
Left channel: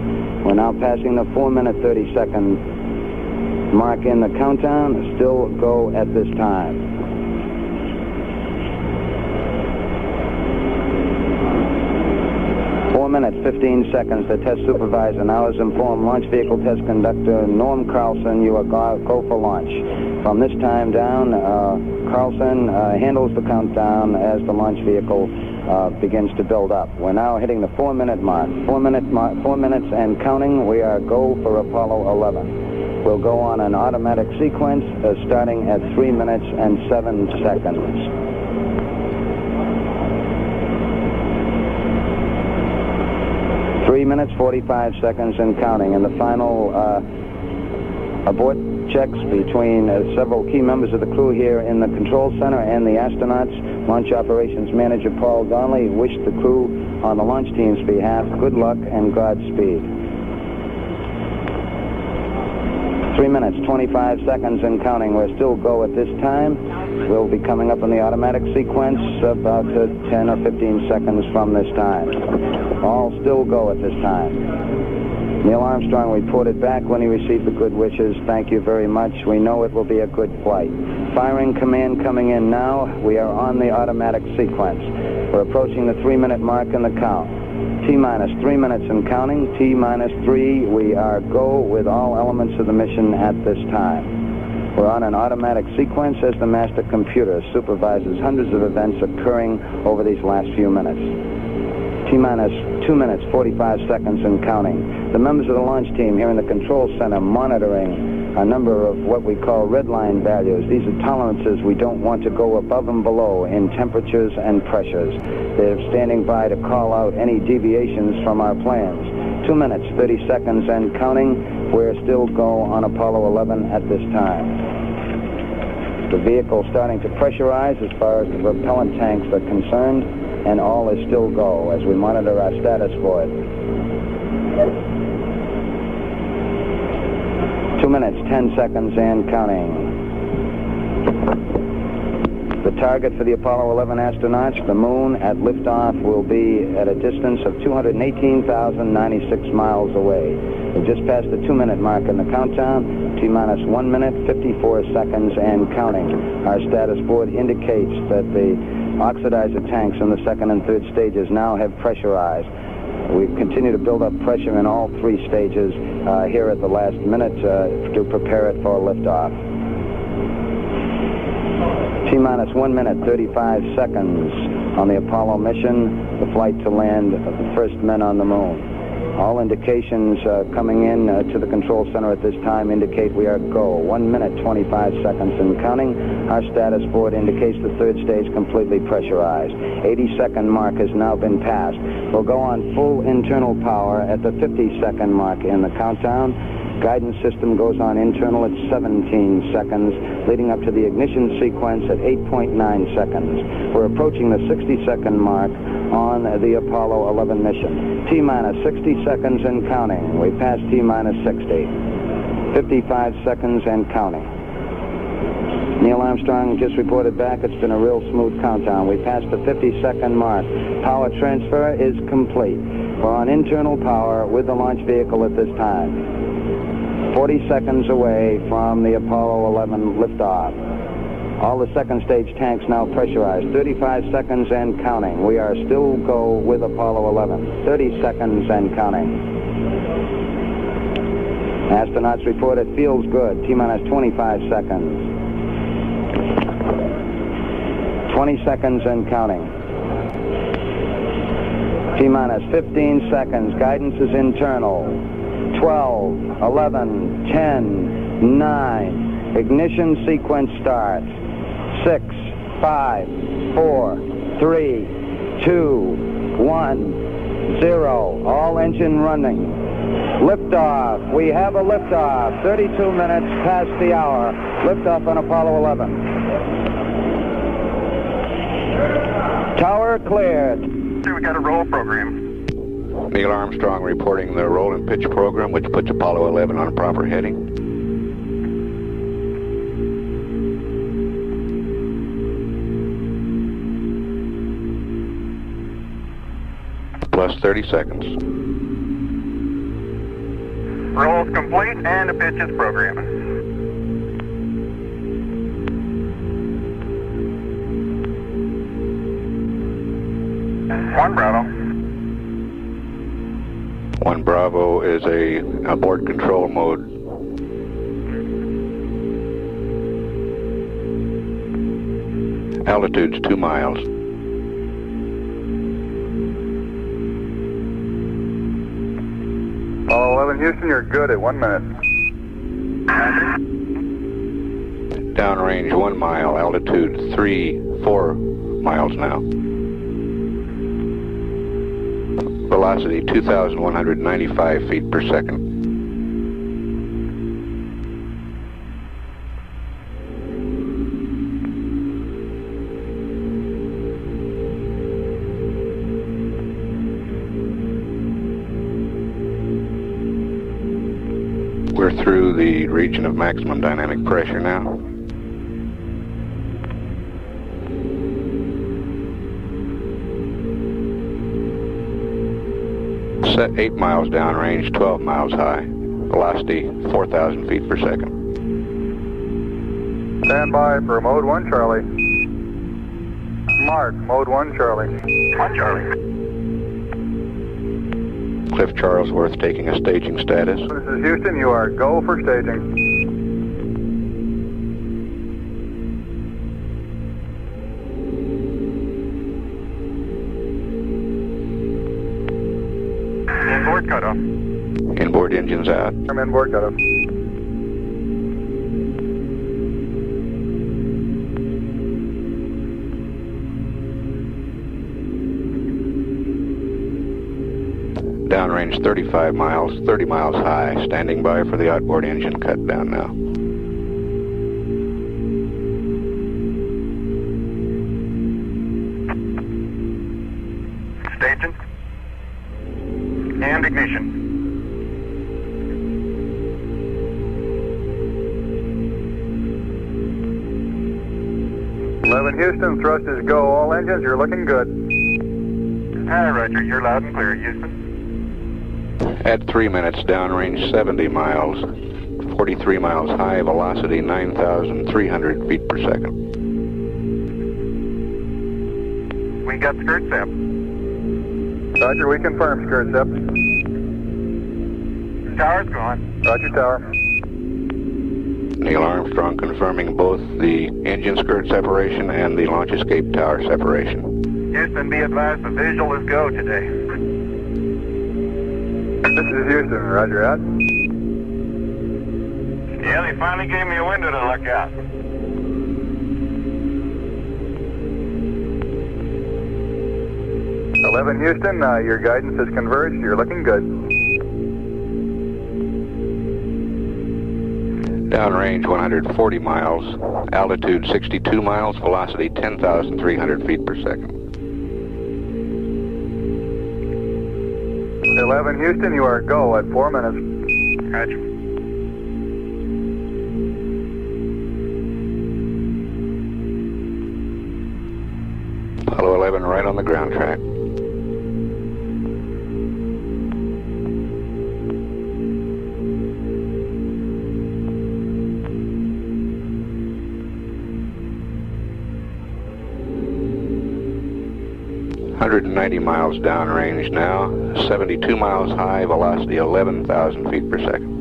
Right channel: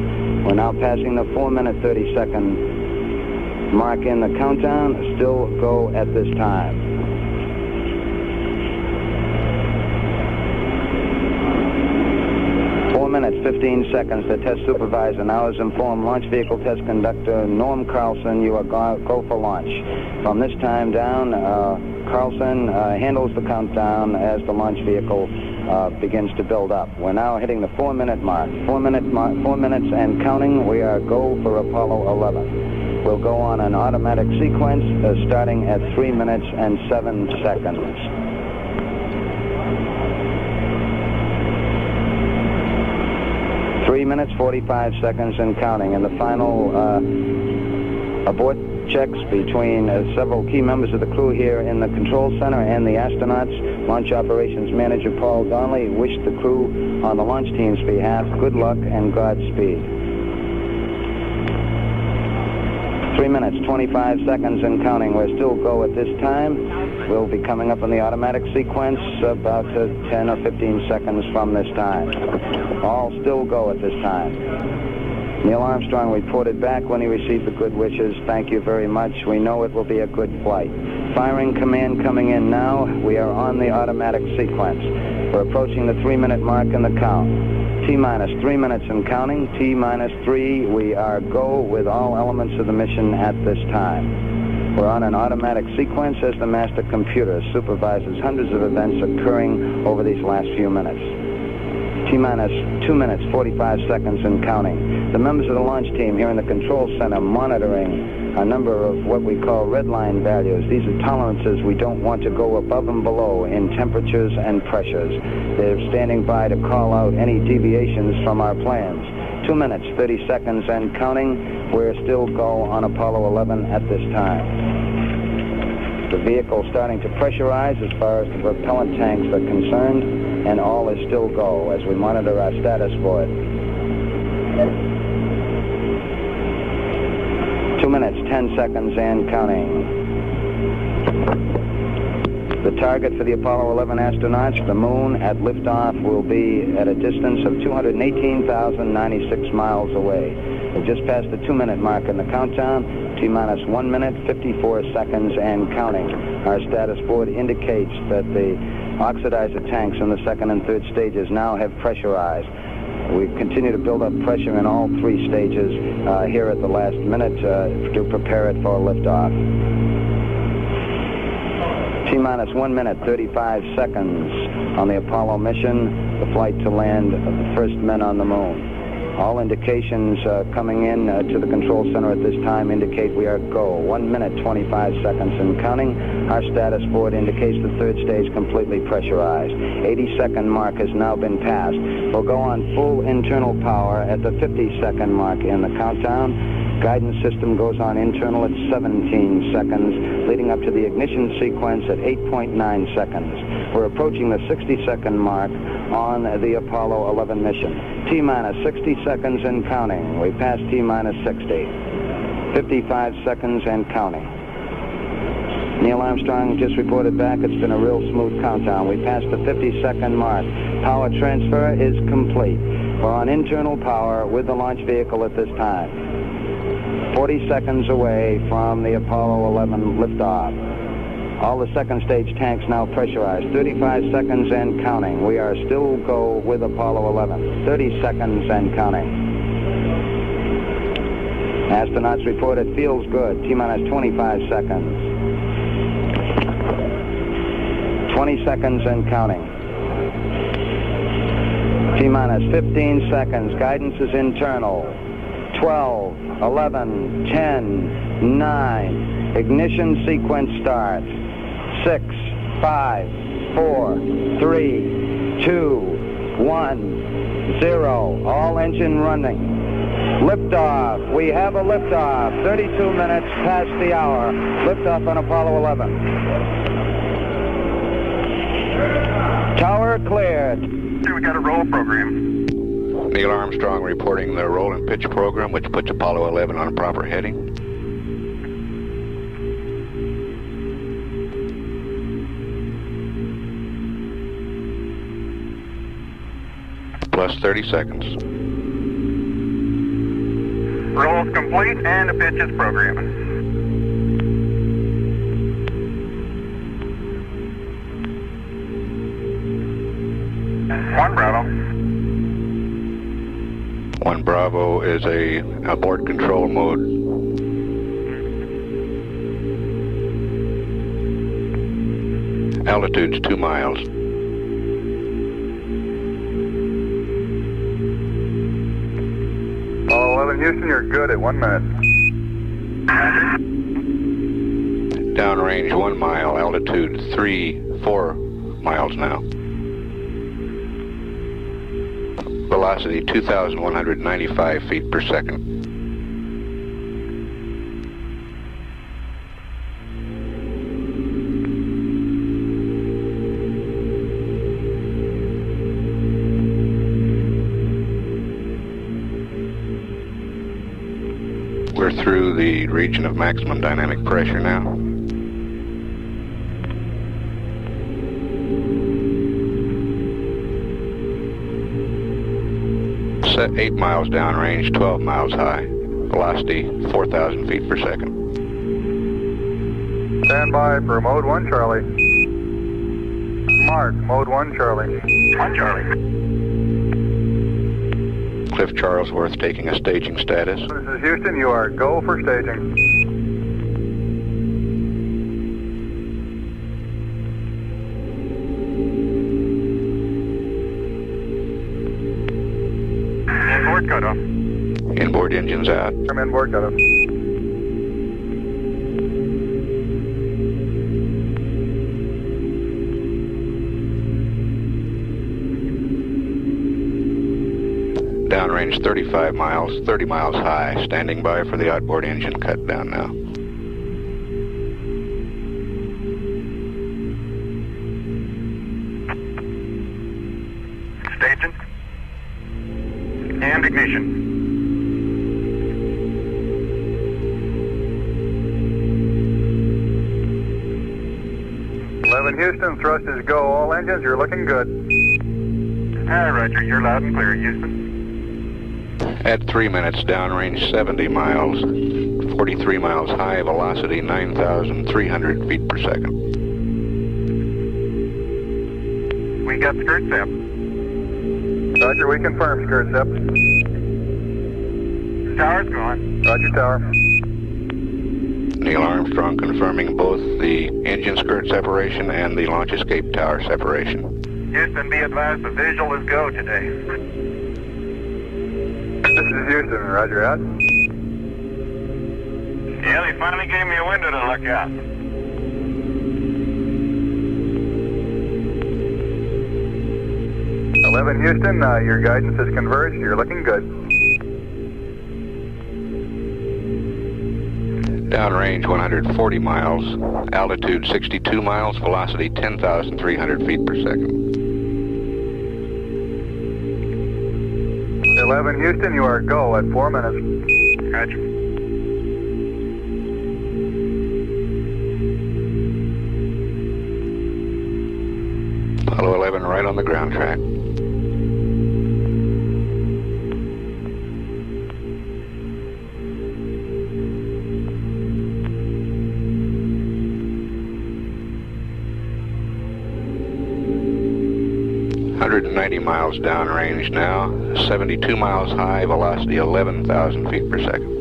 We're now passing the 4-minute, 30-second mark in the countdown. Still go at this time. 4 minutes, 15 seconds. The test supervisor now has informed Launch Vehicle Test Conductor Norm Carlson you are go for launch. From this time down, Carlson handles the countdown as the launch vehicle begins to build up. We're now hitting the 4-minute mark. 4 minutes and counting. We are go for Apollo 11. We'll go on an automatic sequence starting at 3 minutes and 7 seconds. 3 minutes, 45 seconds and counting. And the final abort checks between several key members of the crew here in the control center and the astronauts. Launch Operations Manager Paul Donnelly wished the crew on the launch team's behalf good luck and Godspeed. 3 minutes, 25 seconds and counting. We're still go at this time. We'll be coming up in the automatic sequence about 10 or 15 seconds from this time. All still go at this time. Neil Armstrong reported back when he received the good wishes. Thank you very much. We know it will be a good flight. Firing command coming in now. We are on the automatic sequence. We're approaching the 3-minute mark in the count. T-minus 3 minutes and counting. T-minus 3. We are go with all elements of the mission at this time. We're on an automatic sequence as the master computer supervises hundreds of events occurring over these last few minutes. T-minus 2 minutes, 45 seconds and counting. The members of the launch team here in the control center monitoring a number of what we call red line values. These are tolerances we don't want to go above and below in temperatures and pressures. They're standing by to call out any deviations from our plans. 2 minutes, 30 seconds and counting. We're still go on Apollo 11 at this time. The vehicle starting to pressurize as far as the propellant tanks are concerned, and all is still go as we monitor our status for it. 2 minutes, 10 seconds and counting. The target for the Apollo 11 astronauts, the moon at liftoff, will be at a distance of 218,096 miles away. We just passed the 2-minute mark in the countdown. T-minus 1 minute, 54 seconds and counting. Our status board indicates that the oxidizer tanks in the second and third stages now have pressurized. We continue to build up pressure in all 3 stages here at the last minute to prepare it for liftoff. T-minus 1 minute, 35 seconds on the Apollo mission, the flight to land of the first men on the moon. All indications coming in to the control center at this time indicate we are go. 1 minute, 25 seconds and counting. Our status board indicates the third stage completely pressurized. 80-second mark has now been passed. We'll go on full internal power at the 50-second mark in the countdown. Guidance system goes on internal at 17 seconds, leading up to the ignition sequence at 8.9 seconds. We're approaching the 60-second mark on the Apollo 11 mission. T-minus 60 seconds and counting. We passed T-minus 60. 55 seconds and counting. Neil Armstrong just reported back. It's been a real smooth countdown. We passed the 50-second mark. Power transfer is complete. We're on internal power with the launch vehicle at this time. 40 seconds away from the Apollo 11 liftoff. All the second stage tanks now pressurized. 35 seconds and counting. We are still go with Apollo 11. 30 seconds and counting. Astronauts report it feels good. T-minus 25 seconds. 20 seconds and counting. T-minus 15 seconds. Guidance is internal. 12, 11, 10, 9. Ignition sequence starts. 6, 5, 4, 3, 2, 1, 0. All engine running. Liftoff. We have a liftoff. 32 minutes past the hour. Liftoff on Apollo 11. Tower cleared. We got a roll program. Neil Armstrong reporting the roll and pitch program, which puts Apollo 11 on a proper heading. Plus 30 seconds. Roll's complete and the pitch is programming. One Bravo. 1 Bravo is a abort control mode. Altitude's 2 miles. Apollo 11 Houston, you're good at 1 minute. Downrange 1 mile, altitude 4 miles now. Velocity 2,195 feet per second. We're through the region of maximum dynamic pressure now. Set 8 miles downrange, 12 miles high. Velocity 4,000 feet per second. Stand by for mode 1 Charlie. Mark, mode 1 Charlie. 1 Charlie. Cliff Charlesworth taking a staging status. This is Houston, you are go for staging. Inboard cutoff. Inboard engines out. I'm inboard cutoff. Downrange 35 miles, 30 miles high. Standing by for the outboard engine cut down now. Staging. And ignition. 11 Houston, thrust is go. All engines, you're looking good. Hi, Roger. You're loud and clear, Houston. At 3 minutes, downrange 70 miles, 43 miles high, velocity 9,300 feet per second. We got skirt step. Roger, we confirm skirt step. Tower's gone. Roger, tower. Neil Armstrong confirming both the engine skirt separation and the launch escape tower separation. Houston, be advised the visual is go today. This is Houston, Roger out. Yeah, they finally gave me a window to look out. "11 Houston, your guidance has converged. You're looking good." Downrange 140 miles, altitude 62 miles, velocity 10,300 feet per second. 11 Houston, you are go at 4 minutes. Roger. Apollo 11 right on the ground track. .190 miles downrange now, 72 miles high, velocity 11,000 feet per second.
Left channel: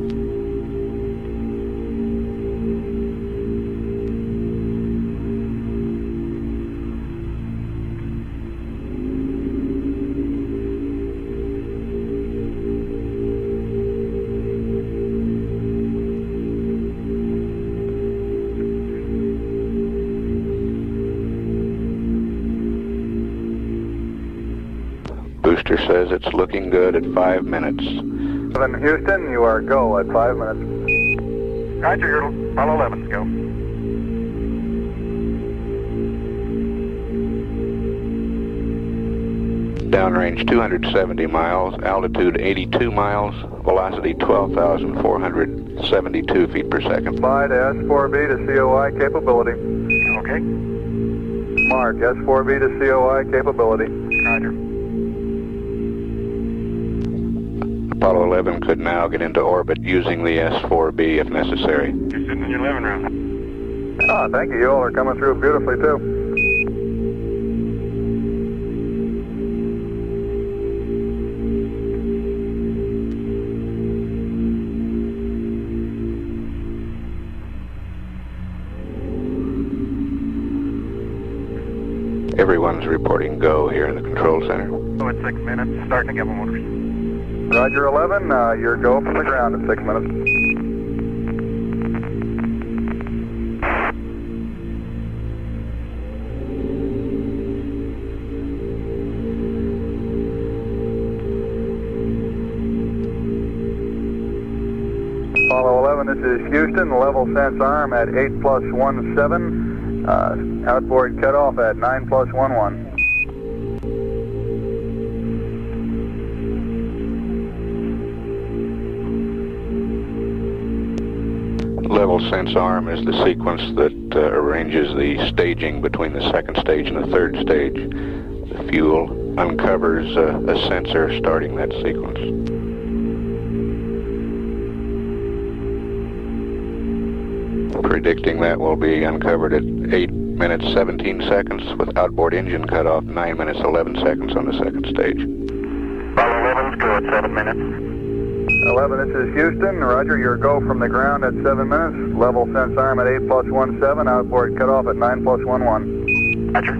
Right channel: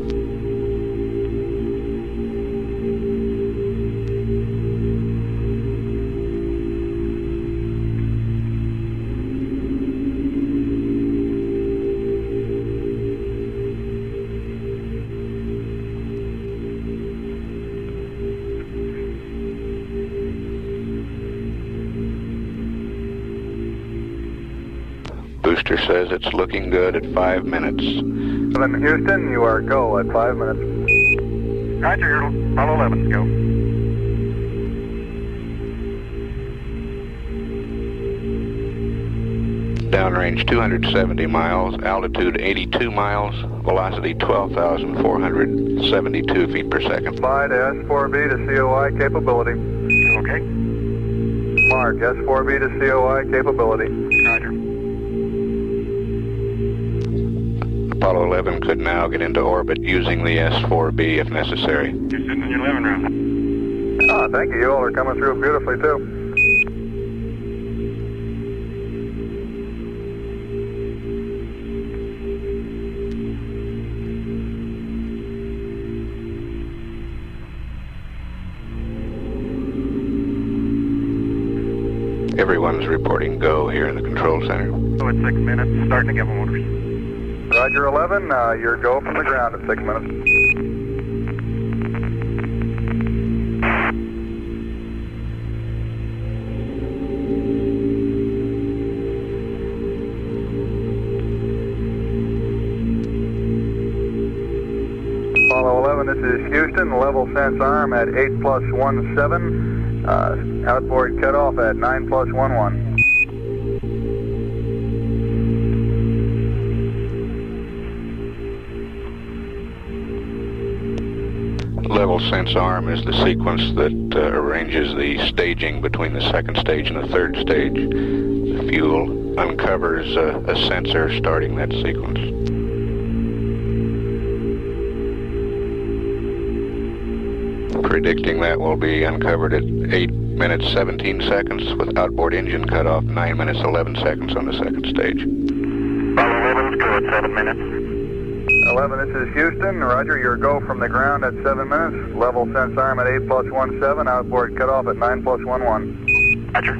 Booster says it's looking good at 5 minutes. 11 Houston, you are go at 5 minutes. Roger, you're Apollo 11, go. Downrange 270 miles, altitude 82 miles, velocity 12,472 feet per second. Fly to S4B to COI capability. Okay. Mark, S4B to COI capability. Roger. Apollo 11 could now get into orbit using the S4B if necessary. You're sitting in your living room. Ah, thank you. You all are coming through beautifully, too. Everyone's reporting go here in the control center. Oh, it's 6 minutes. Starting to get motors. Roger 11, you're go from the ground at 6 minutes. Apollo 11, this is Houston, level sense arm at 8+17, outboard cutoff at 9+11. Level sense arm is the sequence that arranges the staging between the second stage and the third stage. The fuel uncovers a sensor starting that sequence. Predicting that will be uncovered at 8 minutes 17 seconds with outboard engine cutoff 9 minutes 11 seconds on the second stage. Apollo 11's go at 7 minutes. 11, this is Houston. Roger, your go from the ground at 7 minutes. Level sense arm at 8+17, outboard cutoff at 9+11. Roger.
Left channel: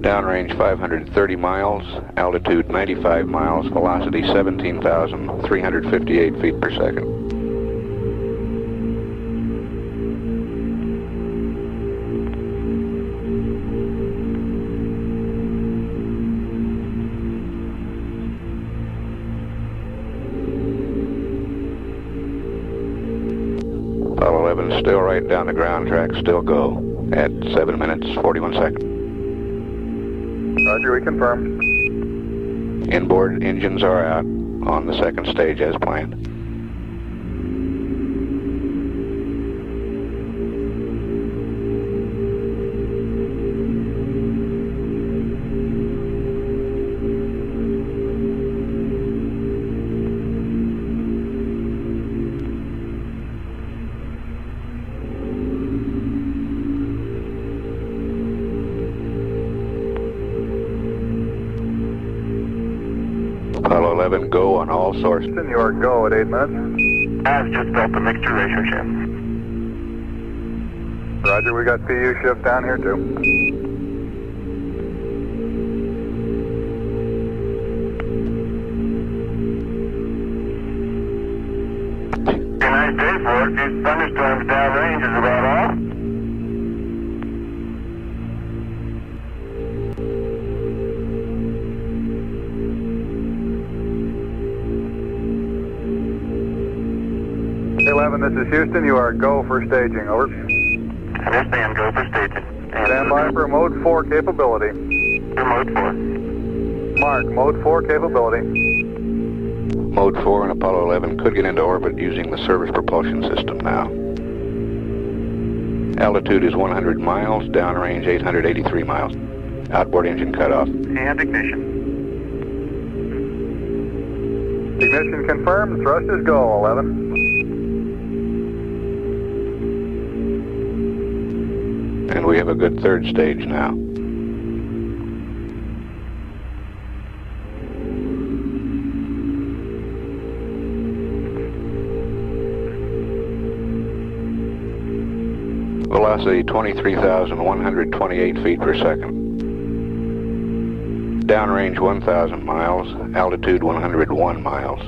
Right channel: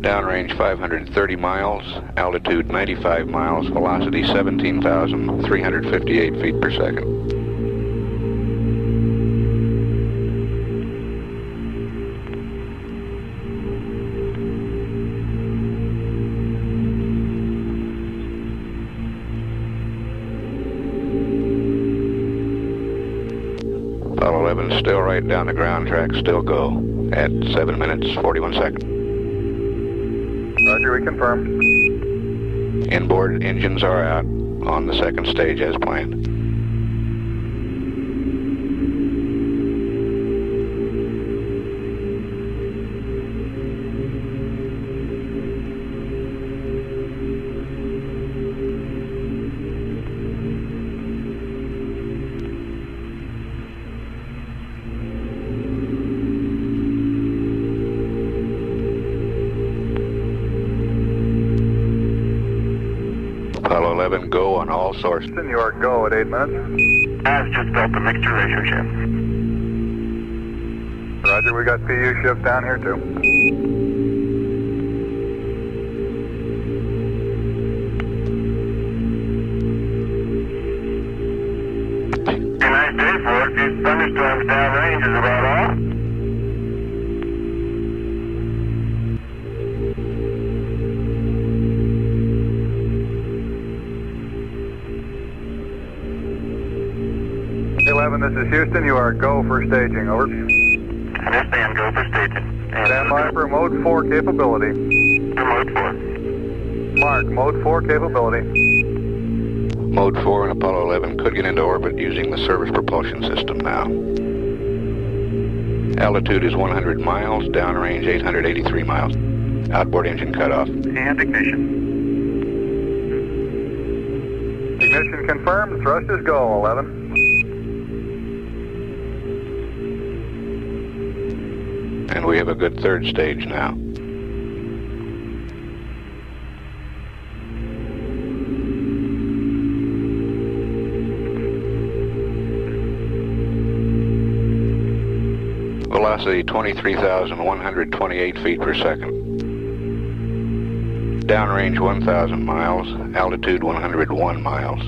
Downrange 530 miles, altitude 95 miles, velocity 17,358 feet per second. 11 still right down the ground track, still go at 7 minutes, 41 seconds. Roger, we confirm. Inboard engines are out on the second stage as planned. Apollo 11, go on all sources. New York, go at 8 minutes. I've just built the mixture ratio shift. Roger, we got PU shift down here too. Nice day for it. These thunderstorms downrange is about all. This is Houston. You are go for staging. Over. Yes, ma'am. Go for staging. Stand by for mode 4 capability. To mode 4. Mark, mode 4 capability. Mode 4 and Apollo 11 could get into orbit using the service propulsion system now. Altitude is 100 miles, downrange 883 miles. Outboard engine cutoff. And ignition. Ignition confirmed. Thrusters go, 11. And we have a good third stage now. Velocity 23,128 feet per second. Downrange 1,000 miles, altitude 101 miles.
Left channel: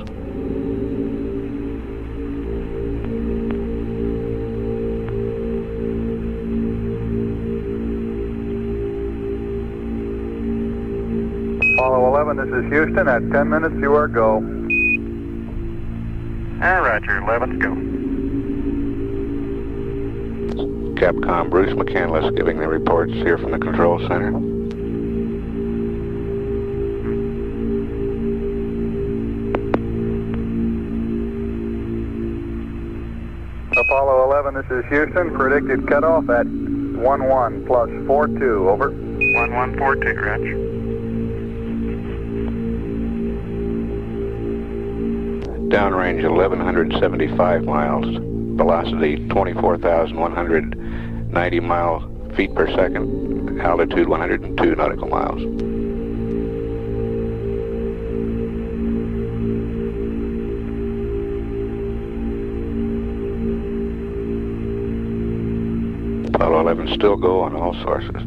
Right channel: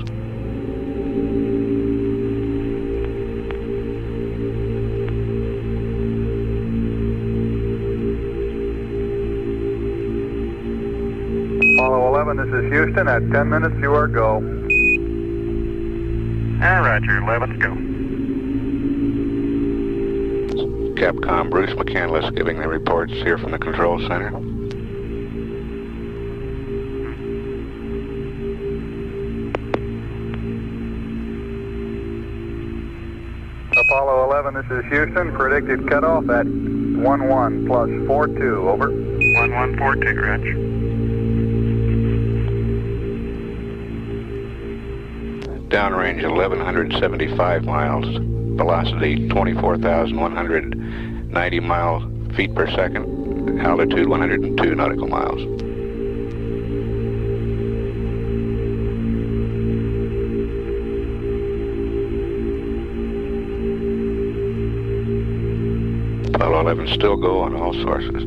Apollo 11, this is Houston. At 10 minutes, you are go. Roger, 11's go. Capcom Bruce McCandless giving the reports here from the control center. Apollo 11, this is Houston. Predicted cutoff at 11 plus 42. Over. 1142, Roger. Downrange 1,175 miles, velocity 24,190 feet per second, altitude 102 nautical miles. Apollo 11 still go on all sources.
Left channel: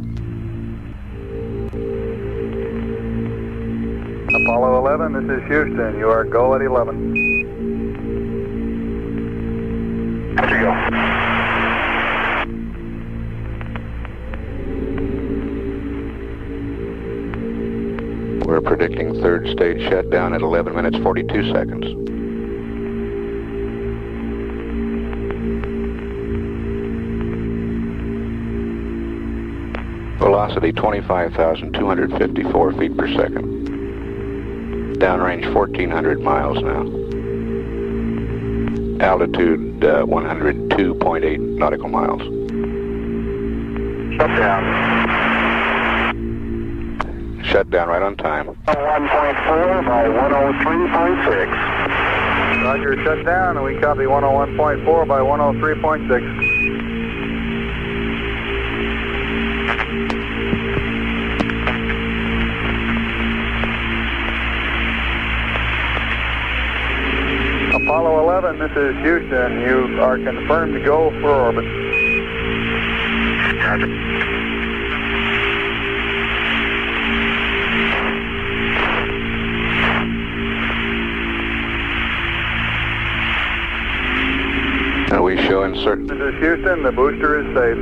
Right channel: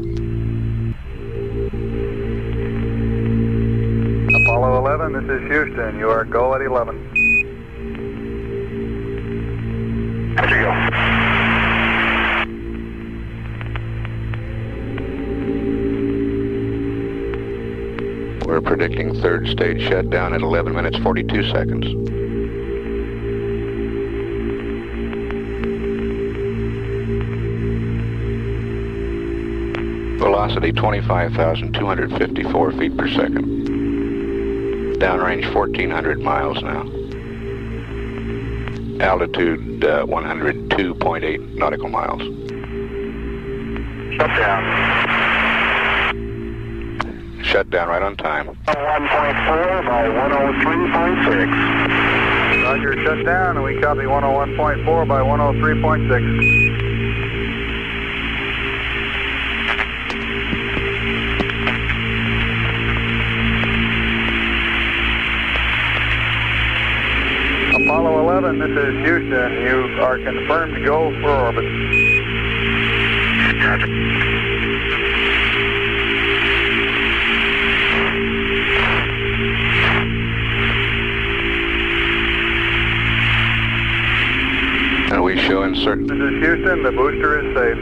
Apollo 11, this is Houston. You are go at 11. How'd you go? We're predicting third stage shutdown at 11 minutes 42 seconds. Velocity 25,254 feet per second. Downrange 1,400 miles now. Altitude 102.8 nautical miles. Shut down. Shut down right on time. 1.4 by 103.6. Roger, shut down, and we copy 101.4 by 103.6. Apollo 11, this is Houston. You are confirmed to go for orbit. Roger. And we show insert. This is Houston. The booster is safe.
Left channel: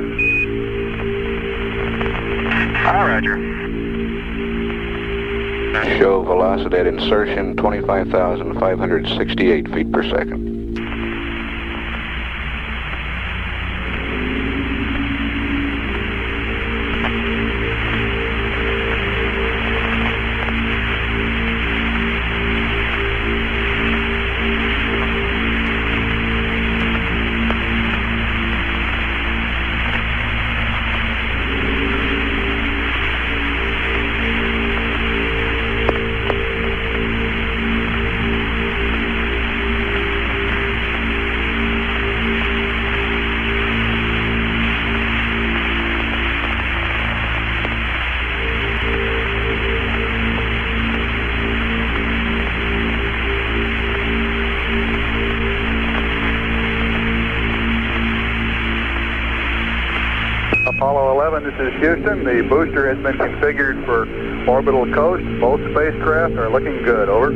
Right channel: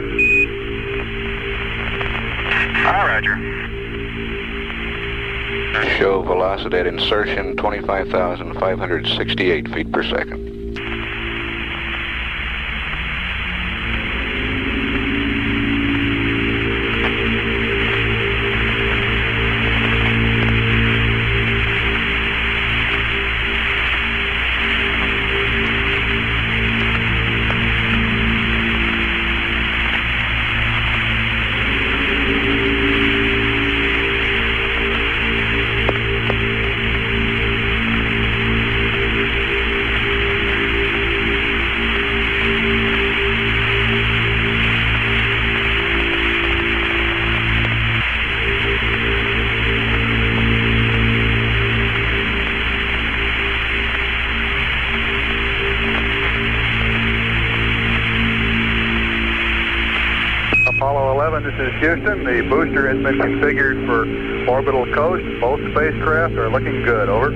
Roger. Show velocity at insertion 25,568 feet per second. Apollo 11, this is Houston. The booster has been configured for orbital coast. Both spacecraft are looking good. Over.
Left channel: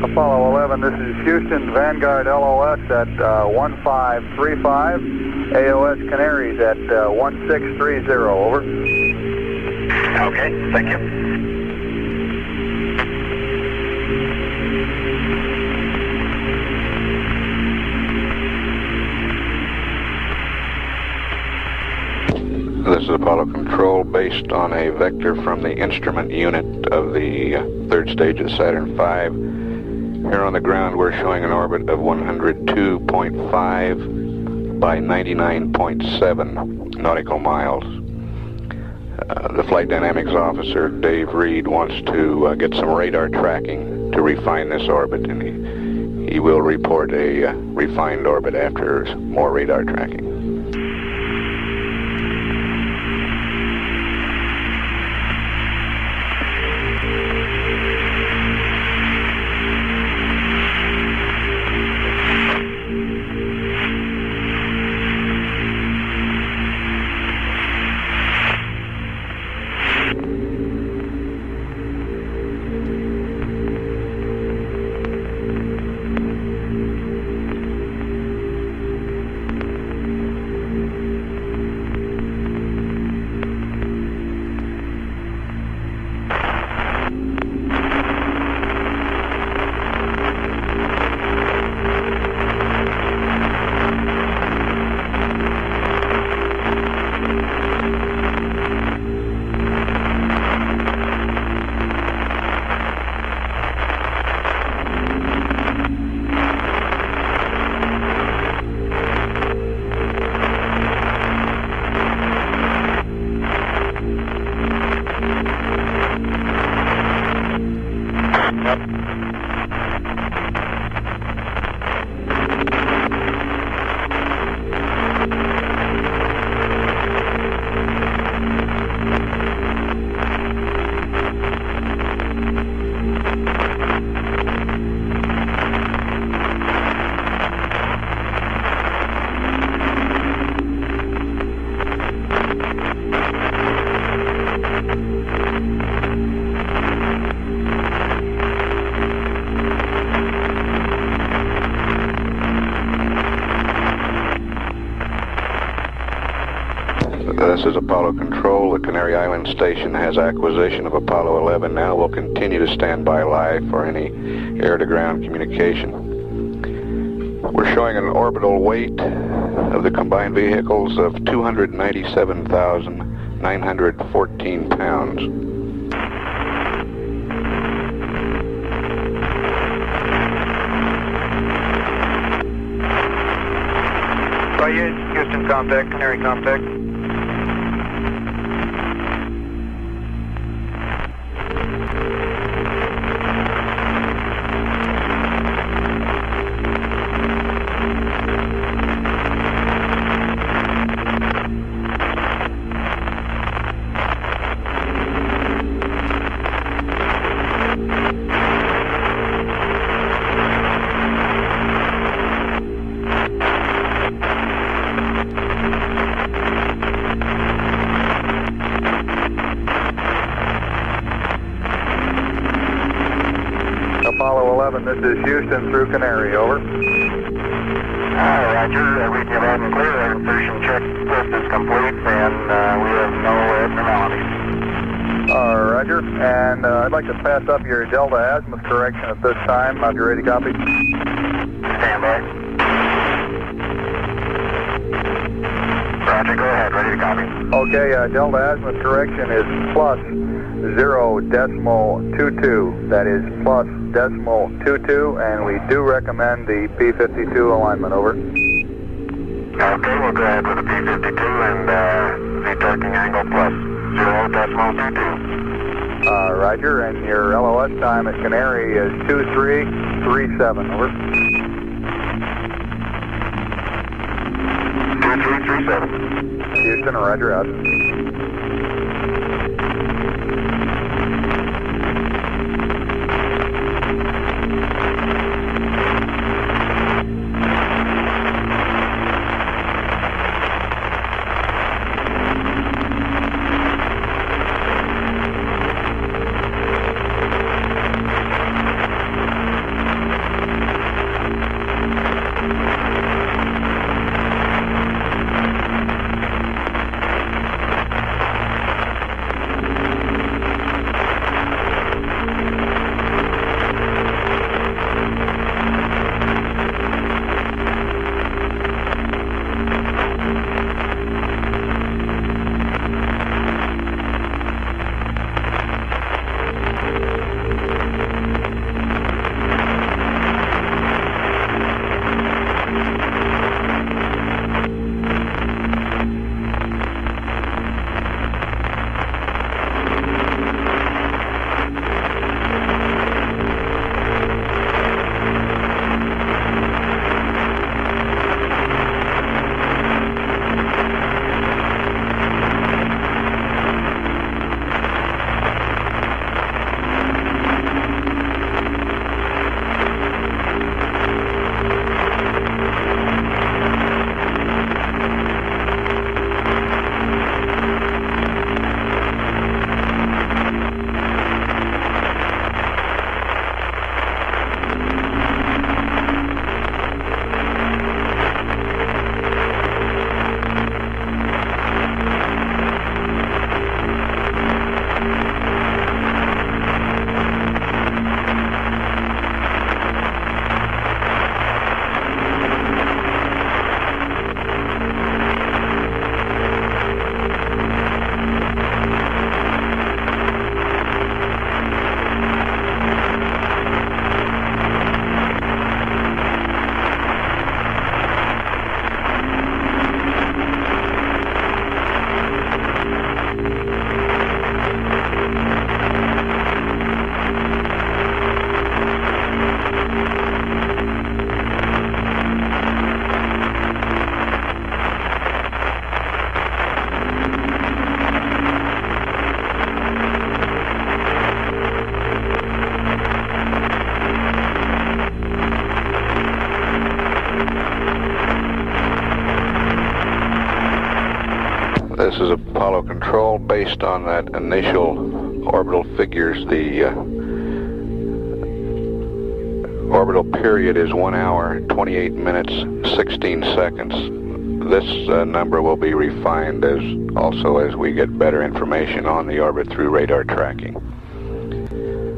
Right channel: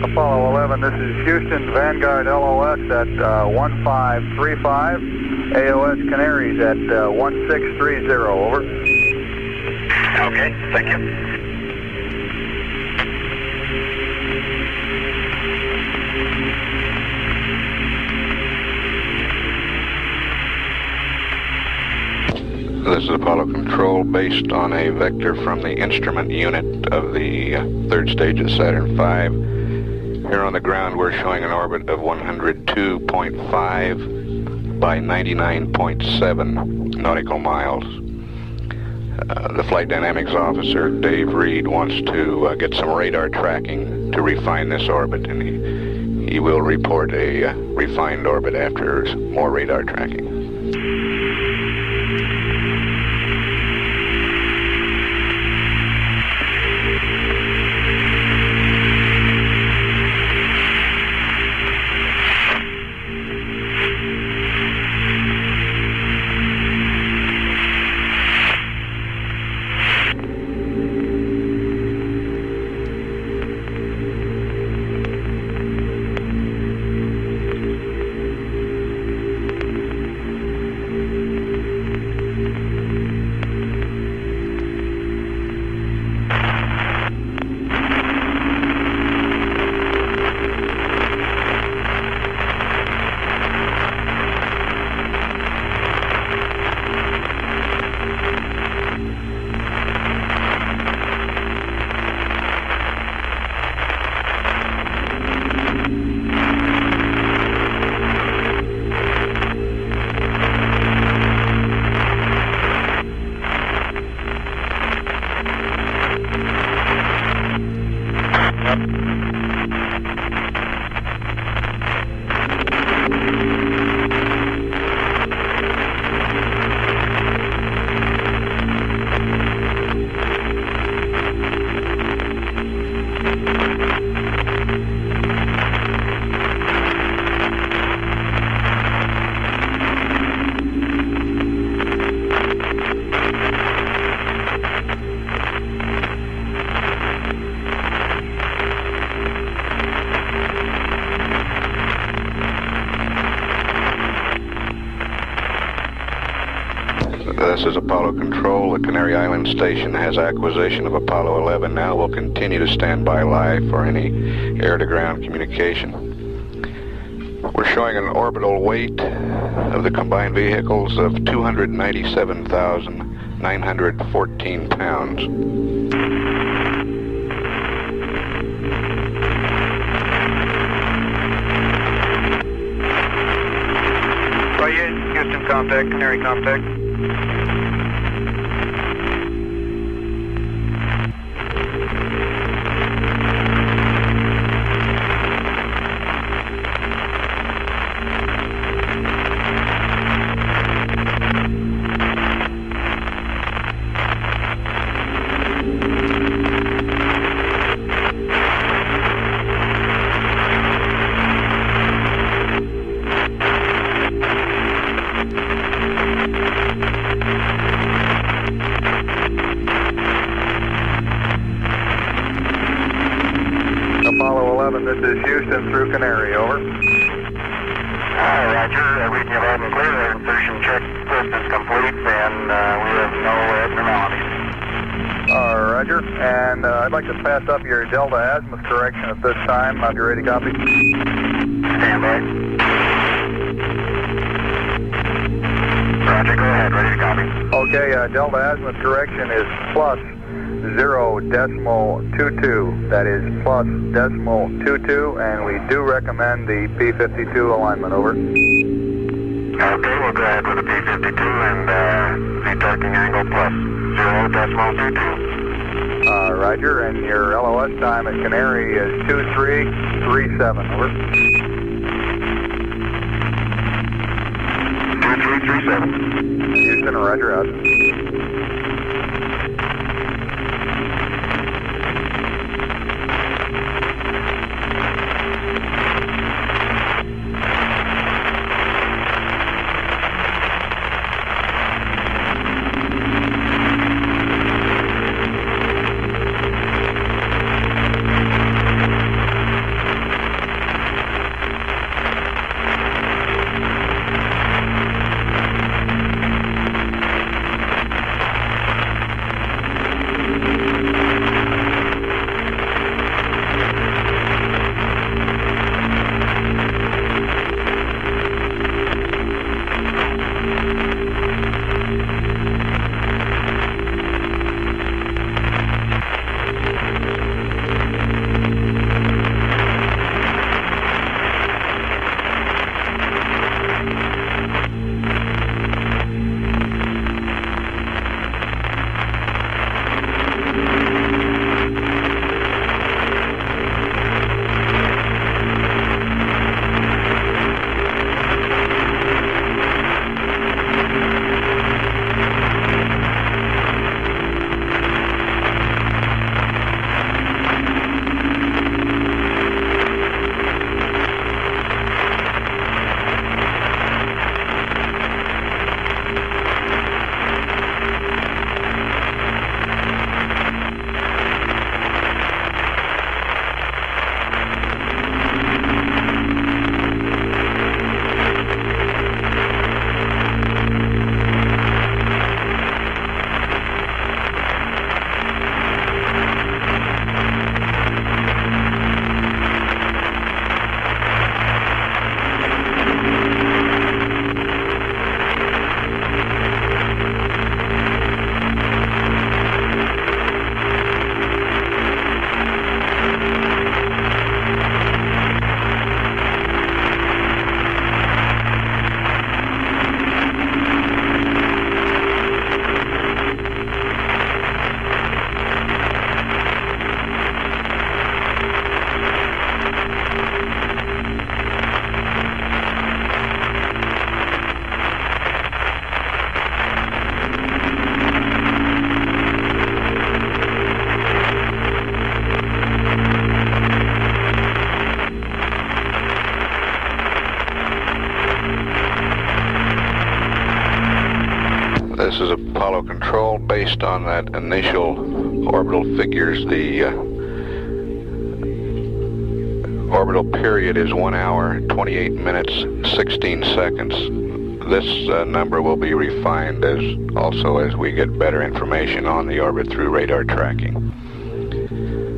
Apollo 11, this is Houston, Vanguard LOS at 1535, AOS Canaries at 1630, over. Okay, thank you. This is Apollo Control based on a vector from the instrument unit of the third stage of Saturn V. Here on the ground we're showing an orbit of 102.5 by 99.7 nautical miles. The flight dynamics officer, Dave Reed, wants to get some radar tracking to refine this orbit, and he will report a refined orbit after more radar tracking. This is Apollo Control. The Canary Island station has acquisition of Apollo 11 now. We'll continue to stand by live for any air-to-ground communication. We're showing an orbital weight of the combined vehicles of 297,914 pounds. Houston contact, Canary contact. this is Houston through Canary, over. Roger, reading you loud and clear. Our insertion checklist is complete, and we have no abnormalities. Roger, and I'd like to pass up your Delta azimuth correction at this time. If you're ready, copy. Stand by. Roger, go ahead, ready to copy. Okay, Delta azimuth correction is plus 0.22. That is plus 0.22, and we do recommend the P52 alignment, over. Okay, we'll go ahead with the P52 and the torquing angle plus 0.22. Roger, and your LOS time at Canary is 2337, over. 2337. Houston, roger, out. This is Apollo Control. Based on that initial orbital figures, the orbital period is 1 hour, 28 minutes, 16 seconds. This number will be refined as we get better information on the orbit through radar tracking.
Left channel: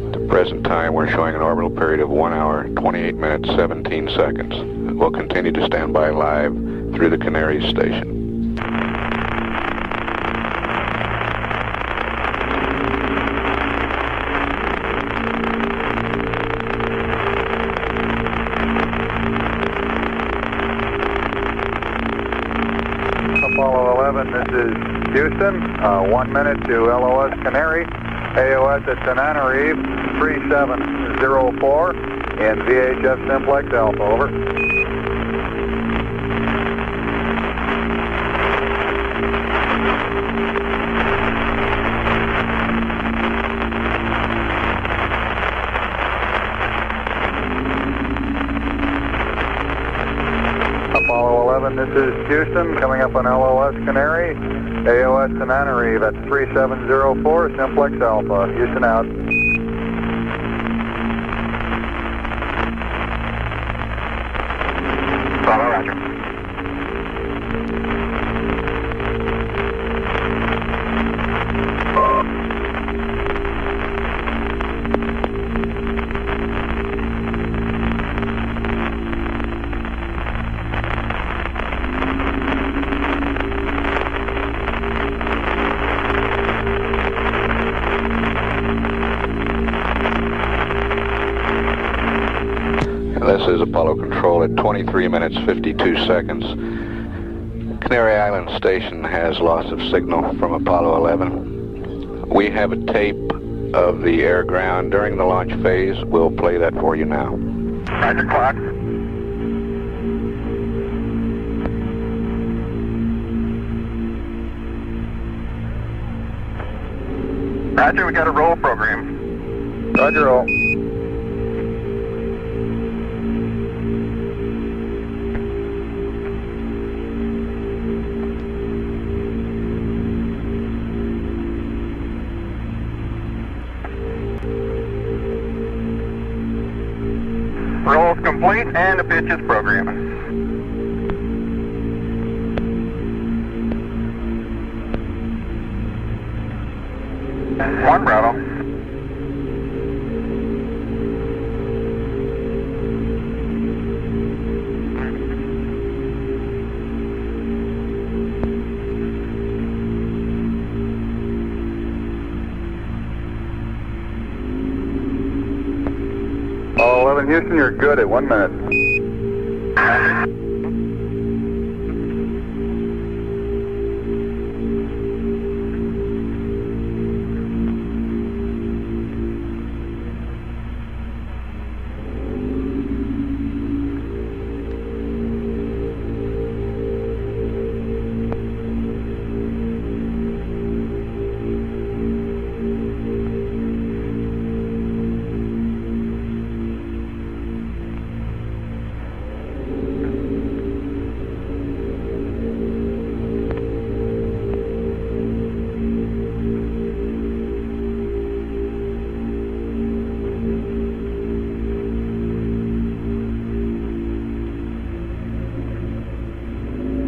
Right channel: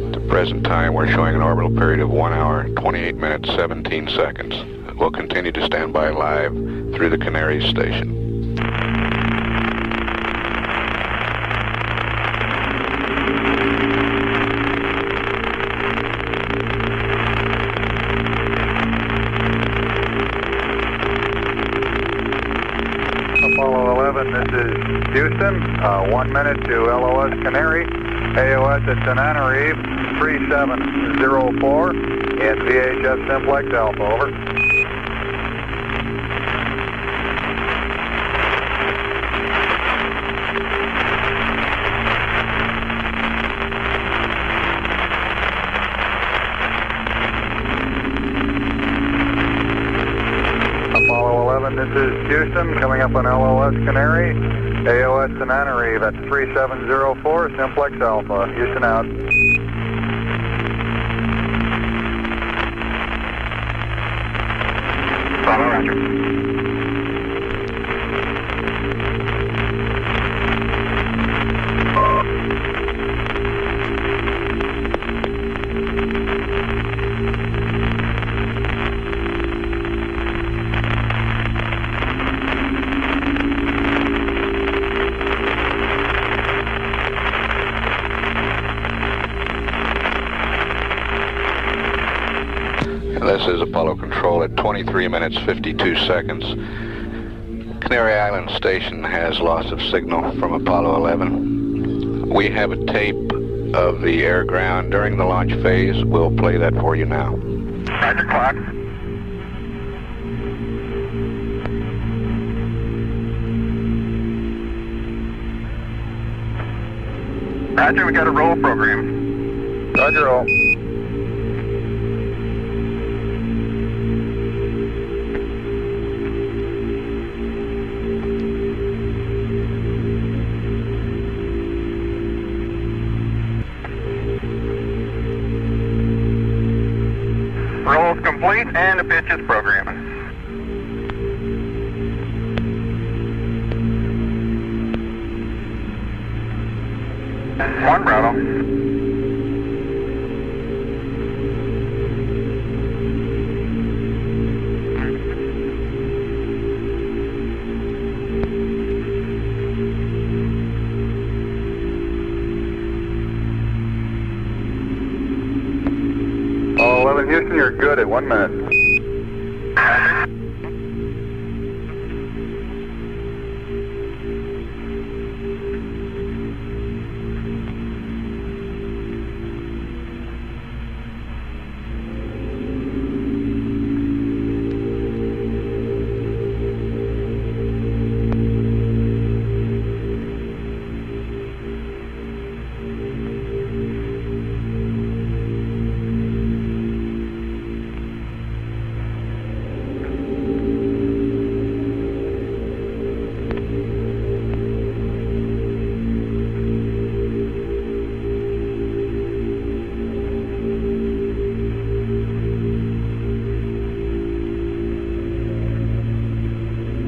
At the present time, we're showing an orbital period of 1 hour, 28 minutes, 17 seconds. We'll continue to stand by live through the Canary station. Apollo 11, this is Houston, 1 minute to LOS Canary, AOS at Tenerife, 3704, in VHF Simplex Alpha, over. Apollo 11, this is Houston, coming up on LOS Canary, AOS Tenerife at 3704, Simplex Alpha. Houston out. Follow, roger. This is Apollo Control at 23 minutes 52 seconds. Canary Island Station has loss of signal from Apollo 11. We have a tape of the air-ground during the launch phase. We'll play that for you now. Roger, clock. Roger, we got a roll program. Roger, roll. Roll's complete and the pitch is programming. One Bravo. Apollo 11 Houston, you're good at 1 minute.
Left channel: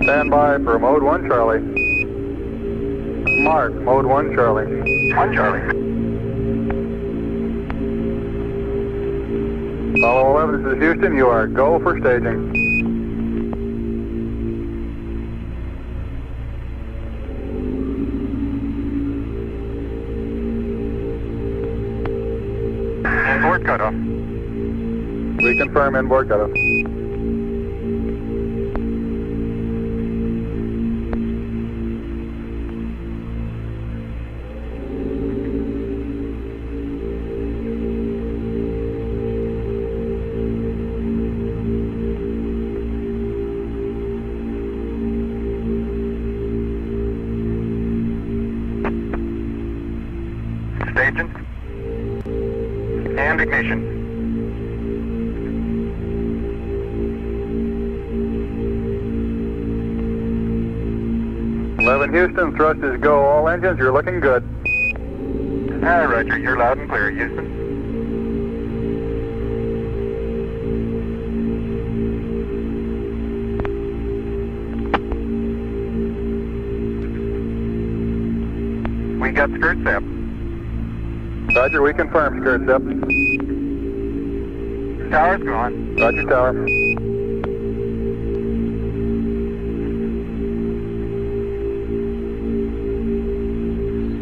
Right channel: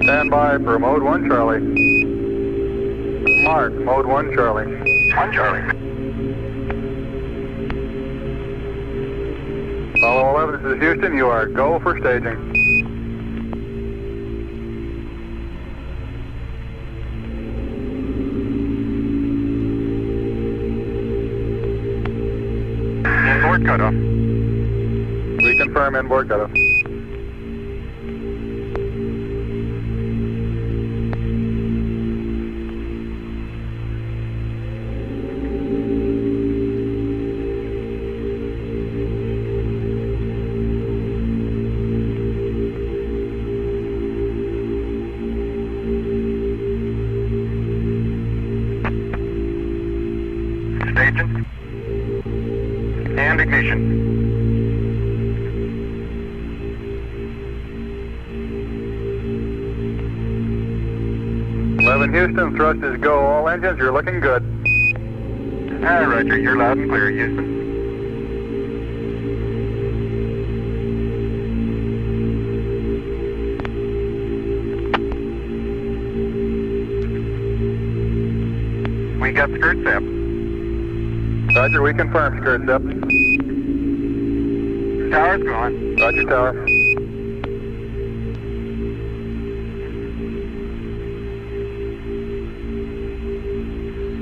Stand by for mode 1 Charlie. Mark, mode 1 Charlie. 1 Charlie. Apollo 11, this is Houston. You are go for staging. Inboard cutoff. We confirm inboard cutoff. Staging. And ignition. Houston, thrust is go. All engines, you're looking good. Roger, you're loud and clear, Houston. We got skirt step. Roger, we confirm skirt step. Tower's gone. Roger, tower.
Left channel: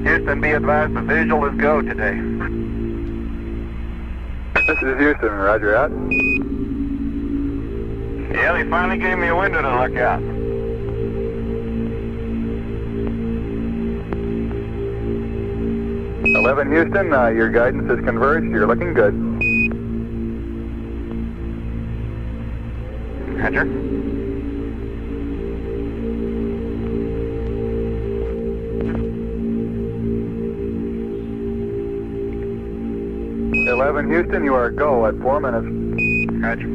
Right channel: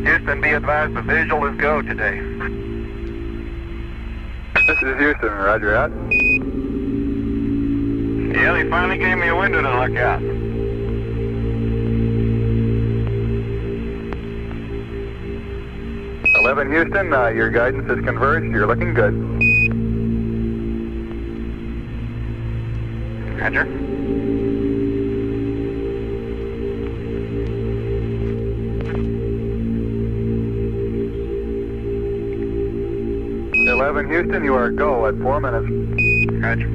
Houston, be advised the visual is go today. This is Houston, roger out. Yeah, they finally gave me a window to look out. Houston, your guidance is converged. You're looking good. Roger. Houston, you are go at 4 minutes. Roger.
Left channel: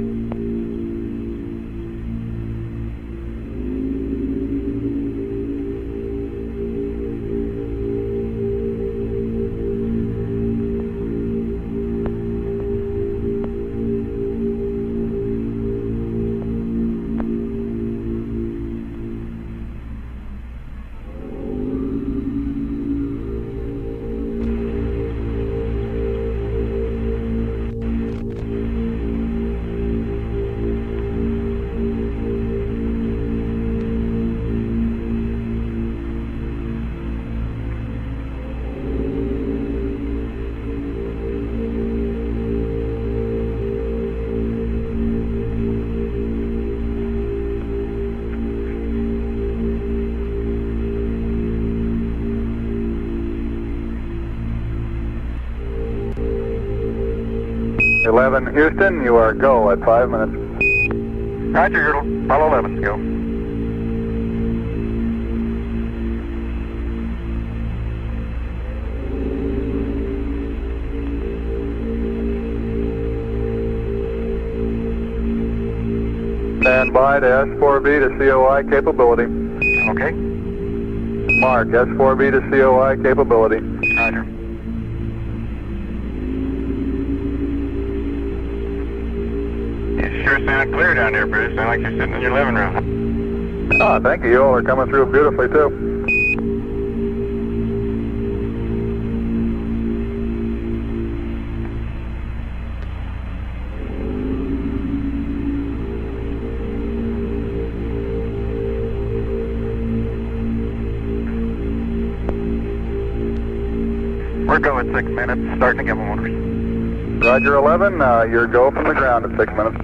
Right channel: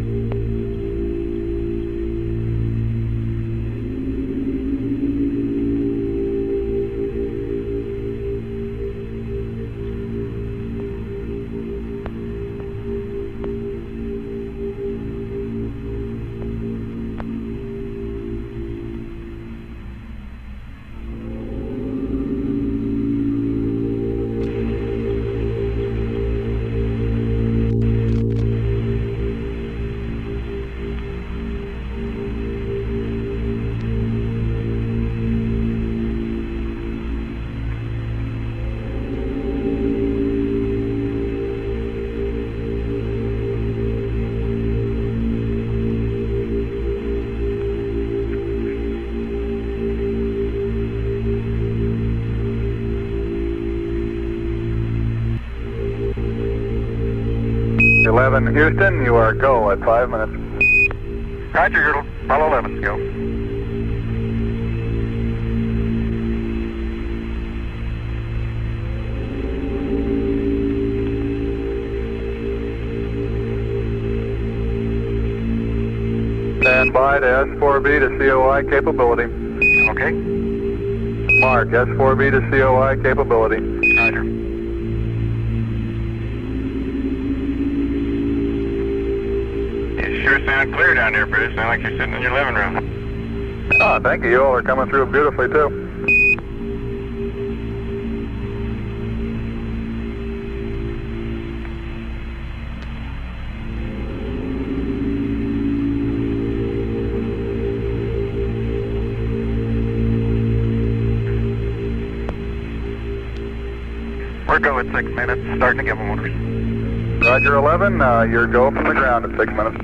11 Houston, you are go at 5 minutes. Roger, you're Apollo 11, go. Stand by to S4B to COI capability. Okay. Mark, S4B to COI capability. Roger. You sure sound clear down there, Bruce. Sound like you're sitting in your living room. Ah, thank you. You all are coming through beautifully, too. We're go at 6 minutes, starting to give them one. Roger 11, you're go from the ground at 6 minutes.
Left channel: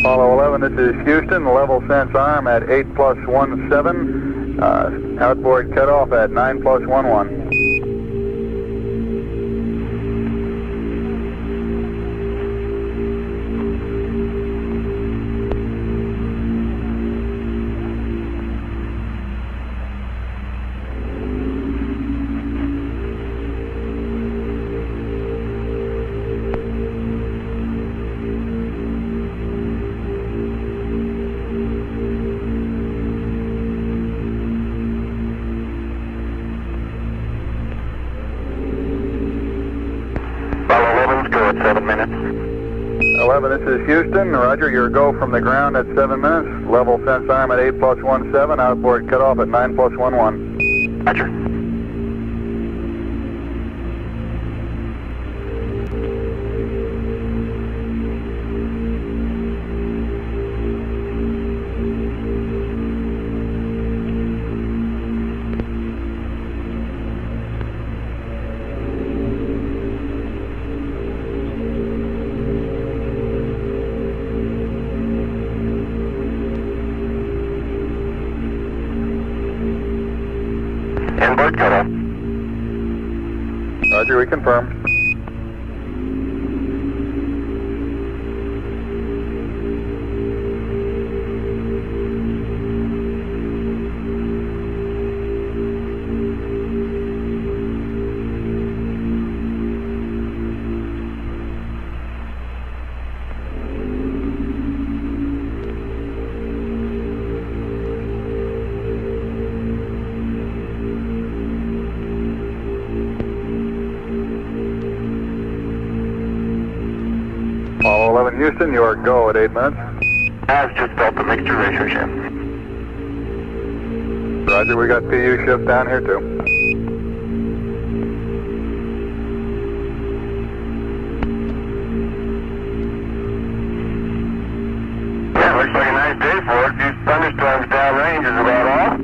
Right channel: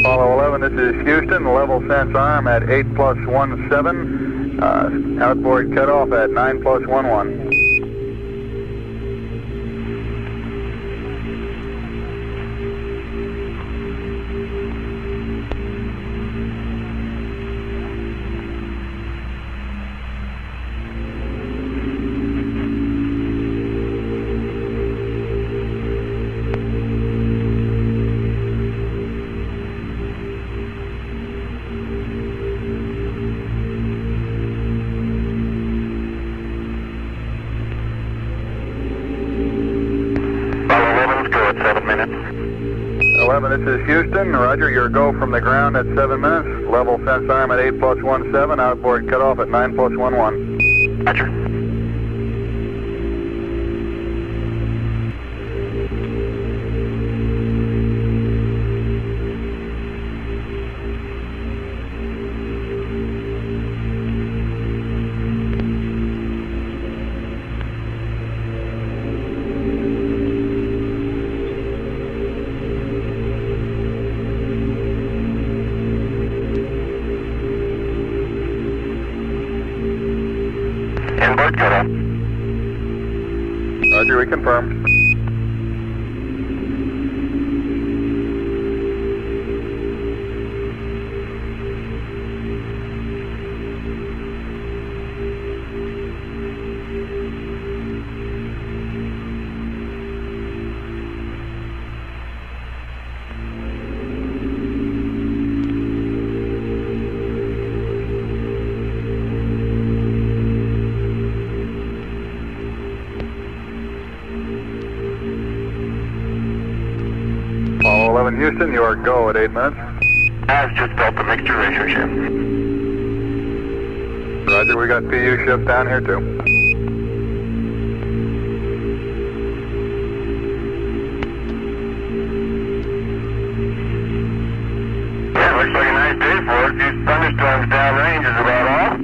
Apollo 11, this is Houston, level sense arm at 8+17, outboard cutoff at 9+11. Apollo 11, go at 7 minutes. 11, this is Houston. Roger, your go from the ground at 7 minutes. Level sense arm at 8+17, outboard cutoff at 9+11. Roger. Inboard cutoff. Roger, we confirm. Apollo 11 Houston, your go at 8 minutes. I've just built the mixture ratio shift. Roger, we got PU shift down here too. Yeah, looks like a nice day for it. These thunderstorms downrange is about all.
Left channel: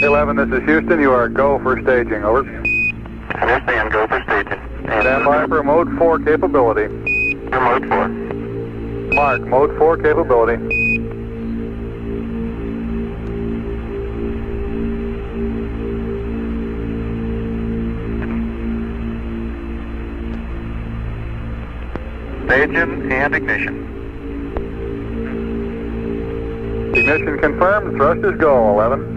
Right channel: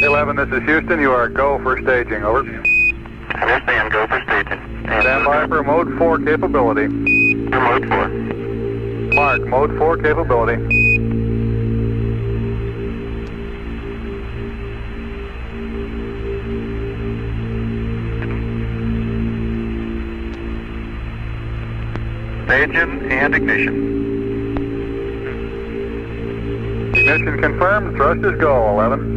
Hey, 11, this is Houston. You are go for staging. Over. Understand, go for staging. Stand by for mode 4 capability. For mode 4. Mark, mode 4 capability. Staging and ignition. Ignition confirmed. Thrusters go, 11.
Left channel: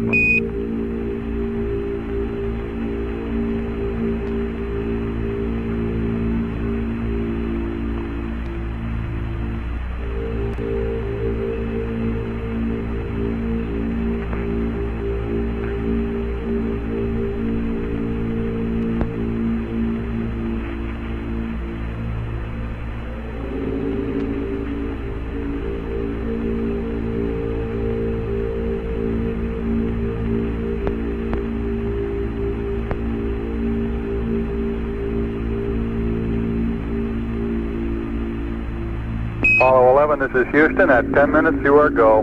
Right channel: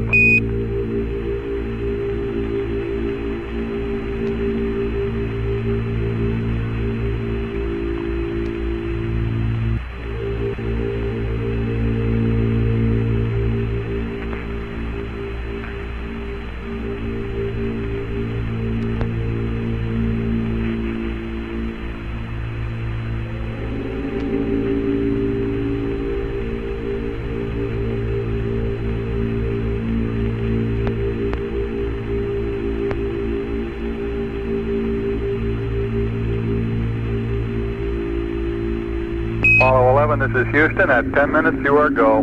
Apollo 11, this is Houston. At 10 minutes, you are go.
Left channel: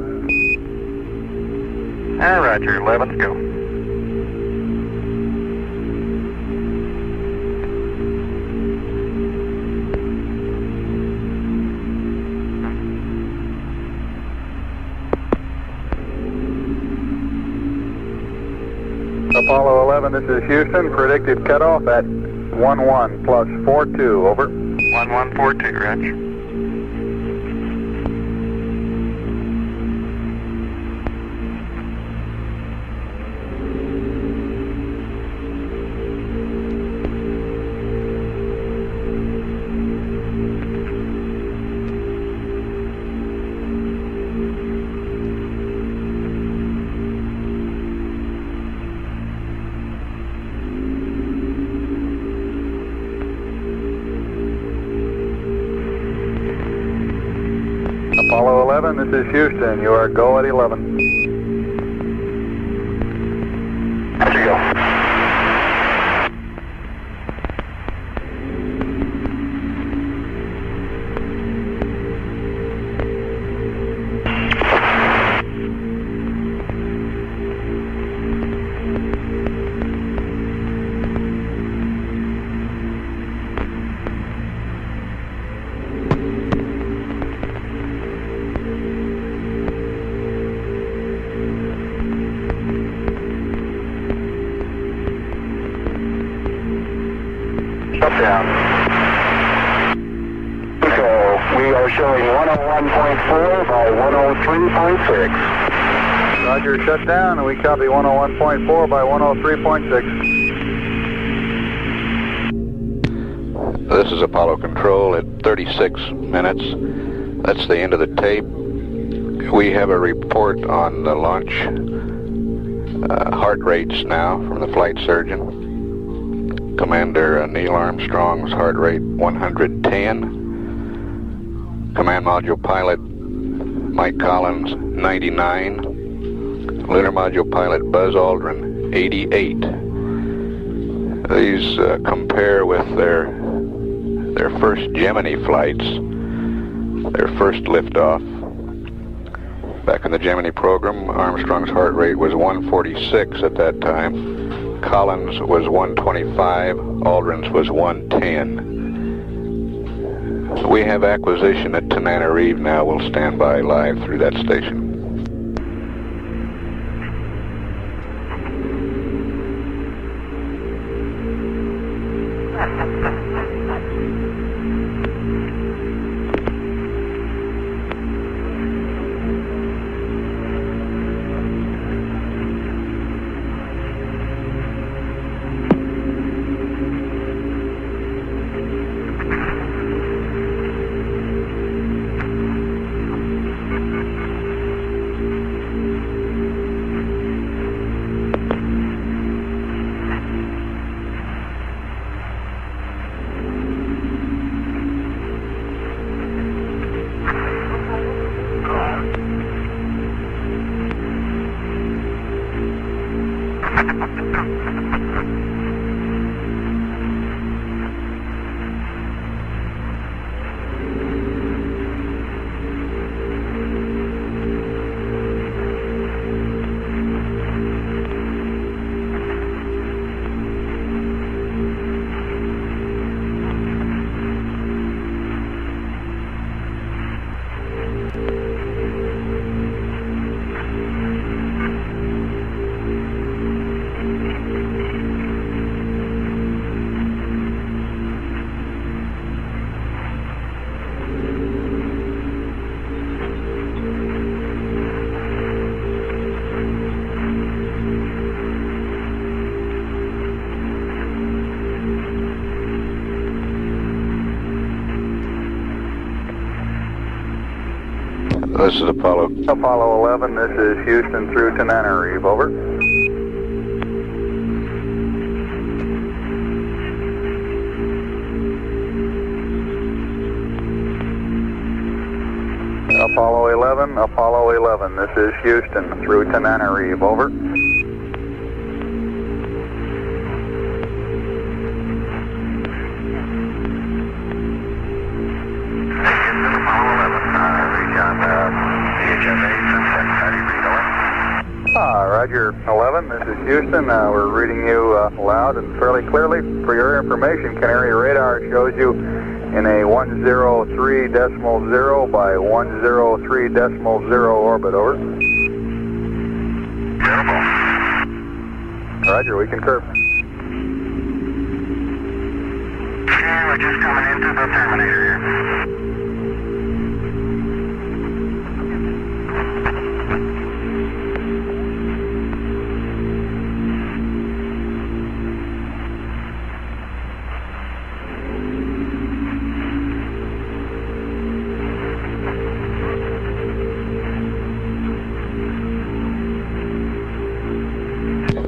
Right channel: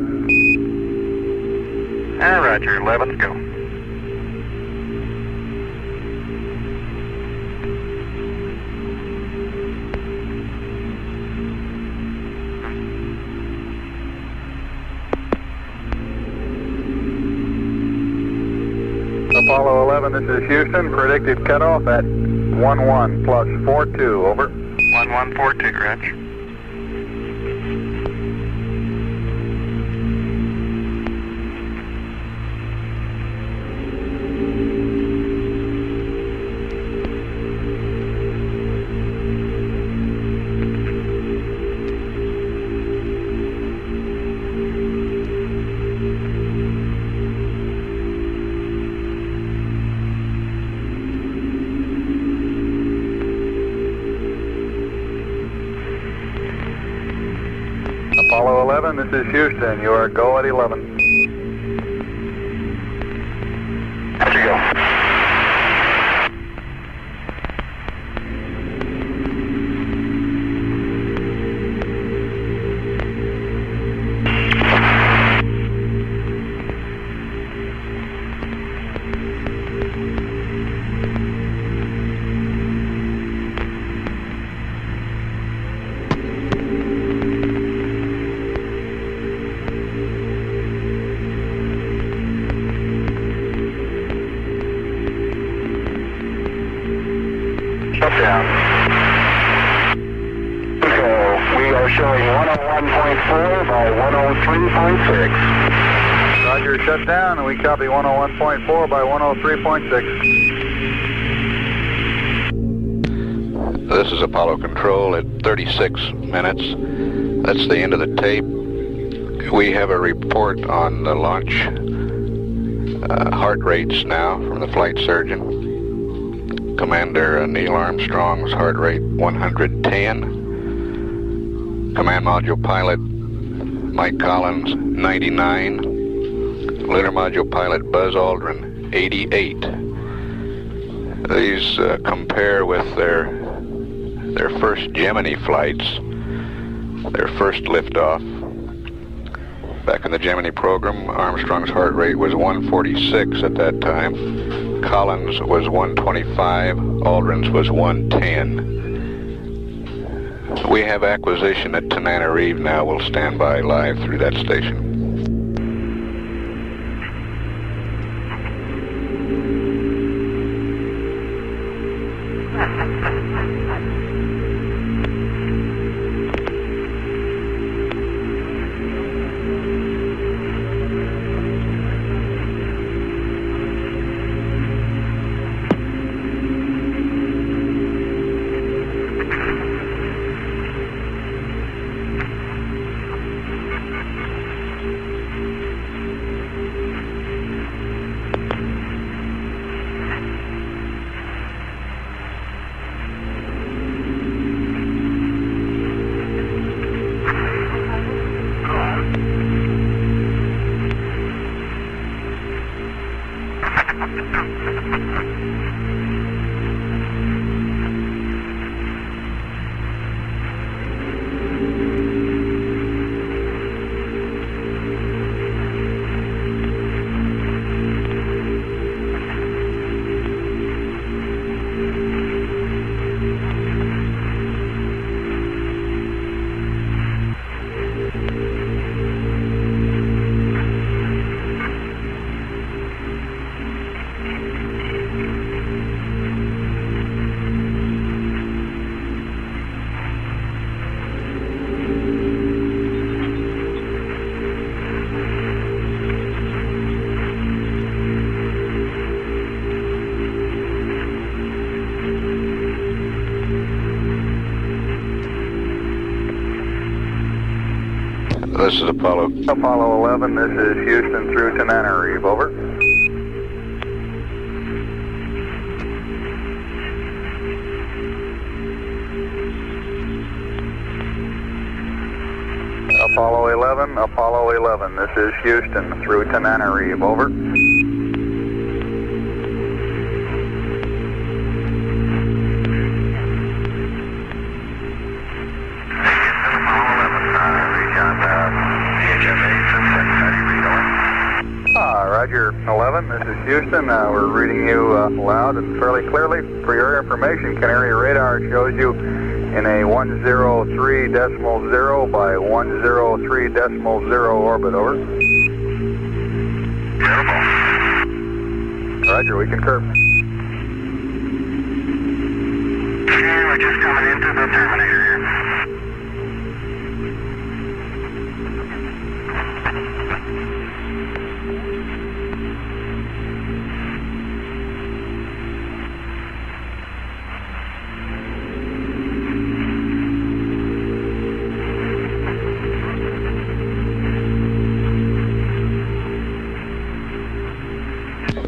Roger, 11, go. Apollo 11, this is Houston. Predicted cutoff at 11 plus 42, over. 1142, Roger. Apollo 11, this is Houston. You are go at 11. There you go. Down. So we are showing 101.4 by 103.6. Roger, shut down, and we copy 101.4 by 103.6. This is Apollo Control at 36 minutes. That's the end of the tape. We have a report on the launch heart rates now from the flight surgeon. Commander Neil Armstrong's heart rate 110. Command Module Pilot Mike Collins 99. Lunar Module Pilot Buzz Aldrin 88. These compare with their first Gemini flights, their first liftoff. Back in the Gemini program, Armstrong's heart rate was 146 at that time. Collins was 125, Aldrin's was 110. We have acquisition at Tananarive now. We'll stand by live through that station. This is Apollo. Apollo 11, this is Houston through Tananarive, over. Apollo 11, this is Houston through Tananarive, over. All right. is Houston. We're reading you loud and fairly clearly. For your information, Canary radar shows you in a 103.0 by 103.0 orbit, over. Beautiful. Roger, we concur. Okay, we're just coming into the terminator here.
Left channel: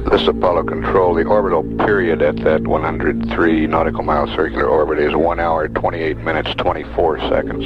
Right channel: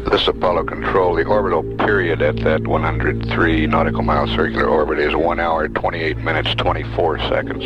This is Apollo Control. The orbital period at that 103 nautical mile circular orbit is 1 hour, 28 minutes, 24 seconds.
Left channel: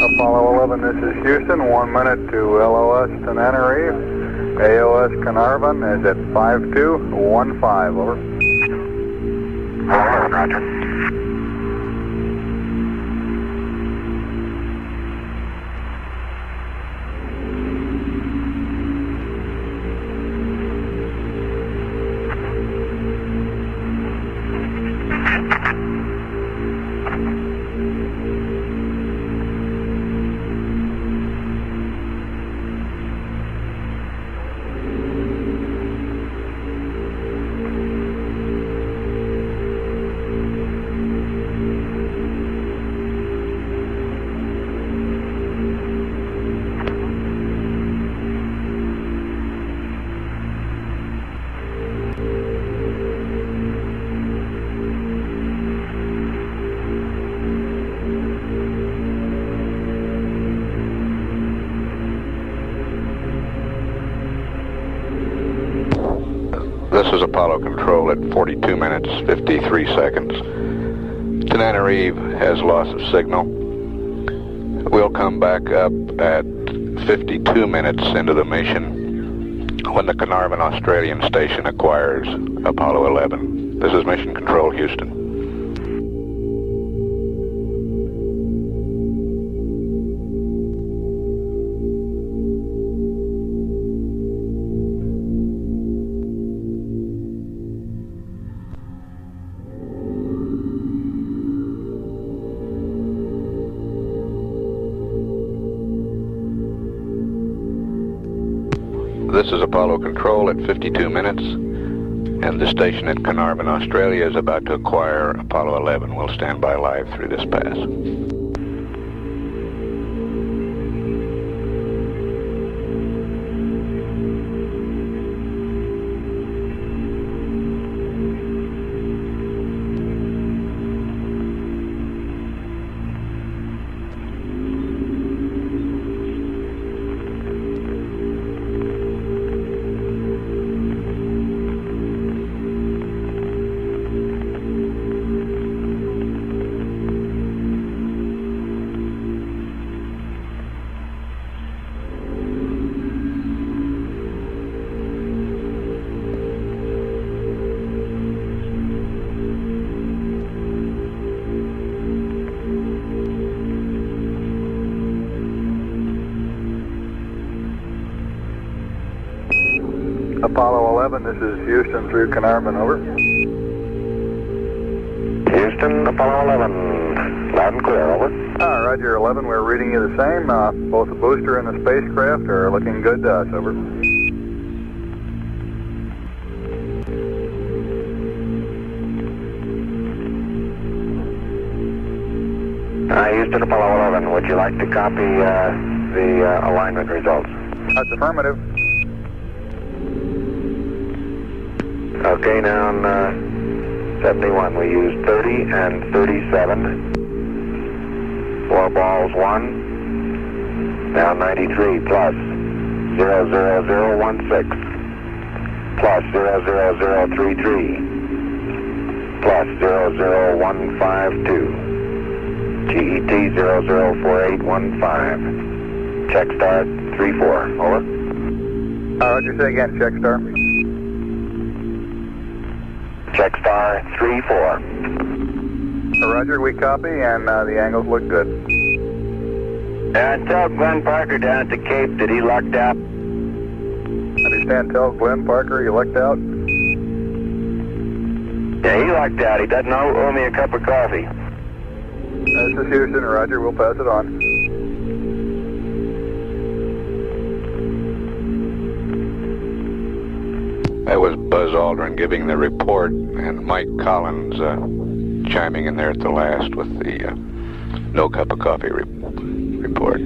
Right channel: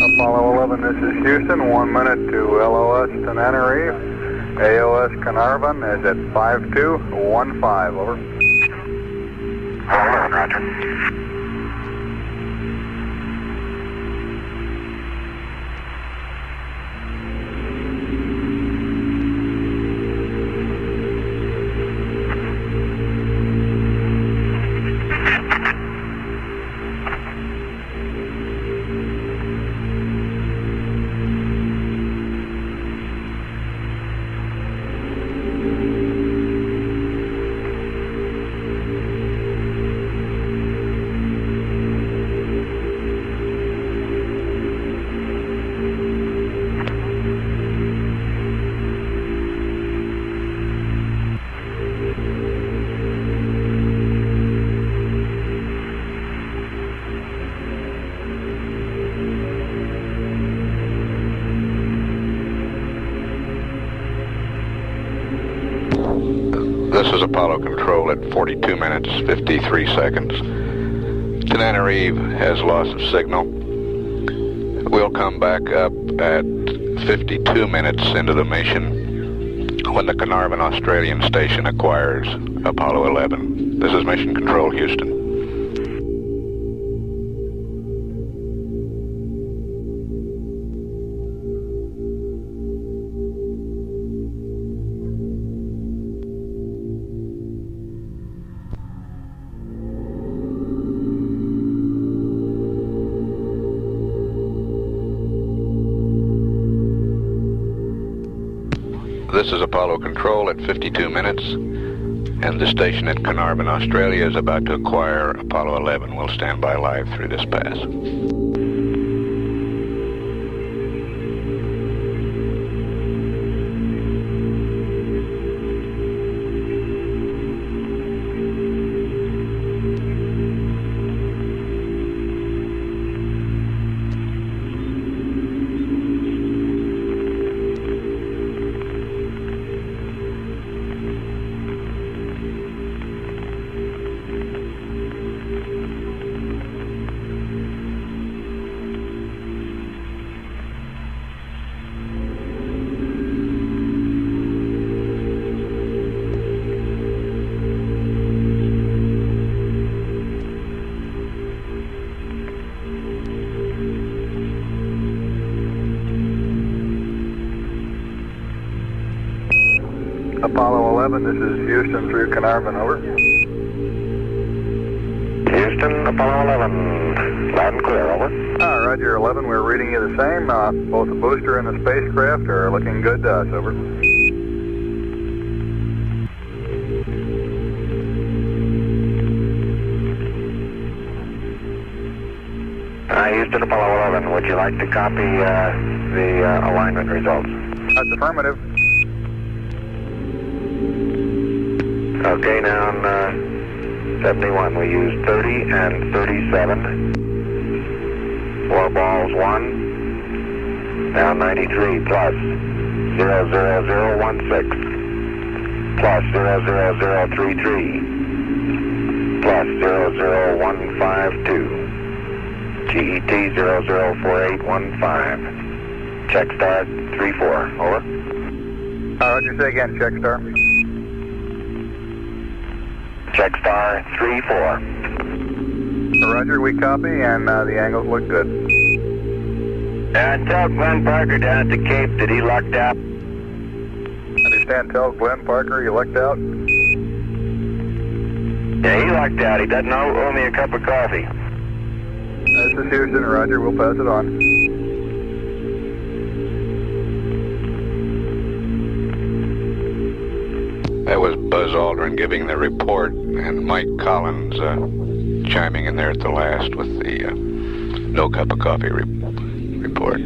Apollo 11, this is Houston. 1 minute to LOS Tananarive. AOS Carnarvon is at 5215, over. Roger. This is Apollo Control at 42 minutes, 53 seconds. Tananarive has lost the signal. We'll come back up at 52 minutes into the mission when the Carnarvon Australian station acquires Apollo 11. This is Mission Control, Houston. This is Apollo Control at 52 minutes, and the station at Carnarvon, Australia is about to acquire Apollo 11. We'll stand by live through this pass. Apollo 11, this is Houston through Carnarvon, over. Houston, Apollo 11, loud and clear, over. Roger, 11, we're reading you the same. Both the booster and the spacecraft are looking good to us, over. Houston, Apollo 11, would you like to copy the alignment results? That's affirmative. Okay, now on 71, we use 30 and 37. 4 balls, 1. Now 93, plus 00016. Plus 00033. Plus 00152. GET 004815. Check star 34, over. Roger, say again, check star. Check star 34. Roger, we copy, and the angles look good. Tell Glenn Parker down at the Cape that he lucked out. Understand, tell Glenn Parker you lucked out. Yeah, he lucked out. He doesn't owe me a cup of coffee. This is Houston, Roger, we'll pass it on. That was Buzz Aldrin giving the report, and Mike Collins chiming in there at the last with the no cup of coffee report.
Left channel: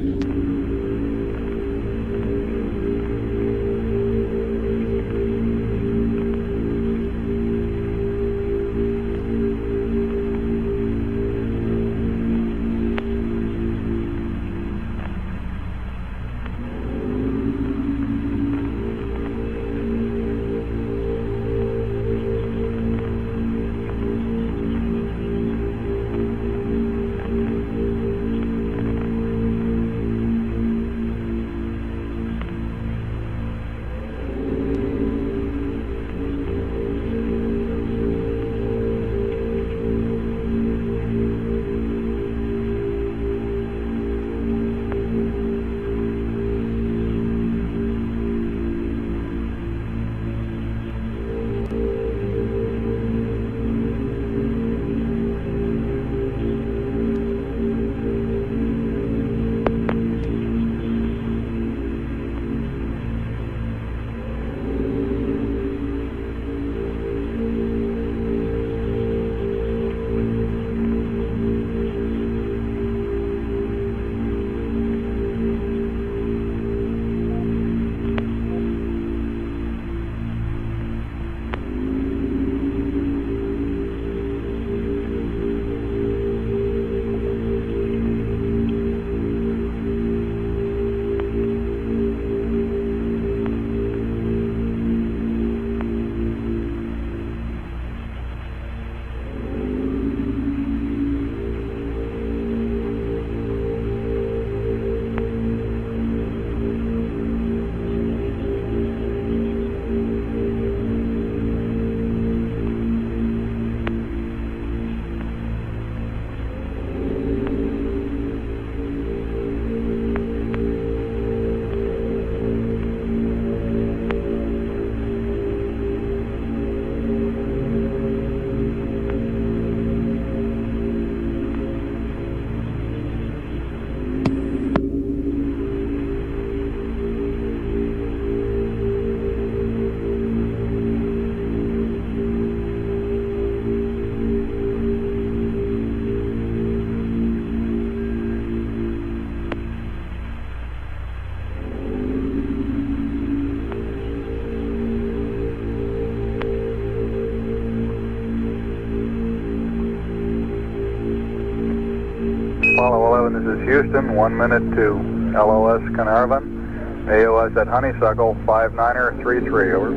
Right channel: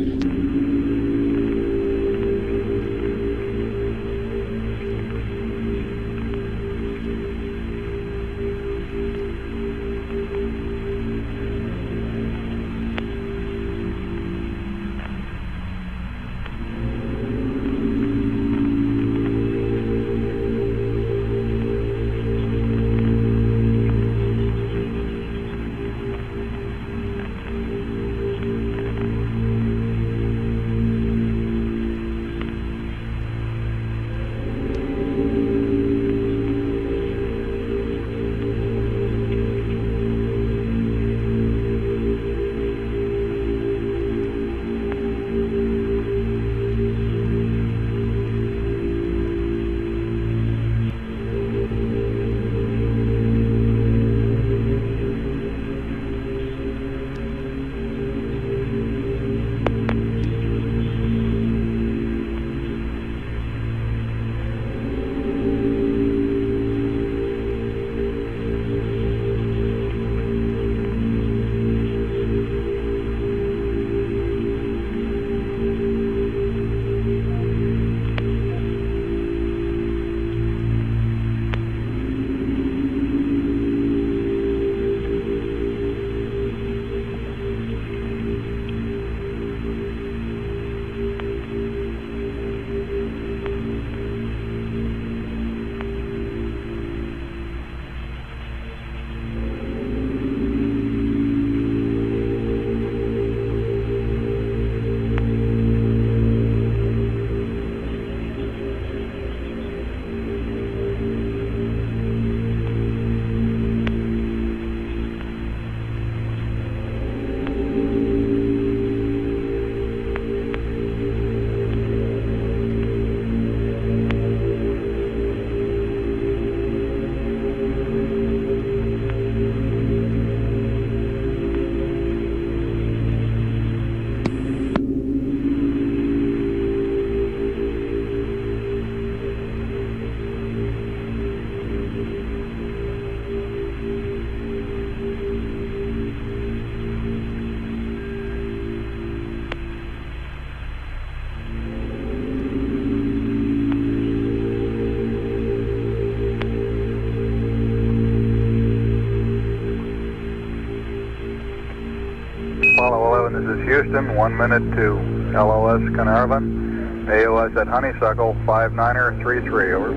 Apollo 11, this is Houston, 1 minute to LOS Carnarvon. AOS at Honeysuckle, 59er33, over.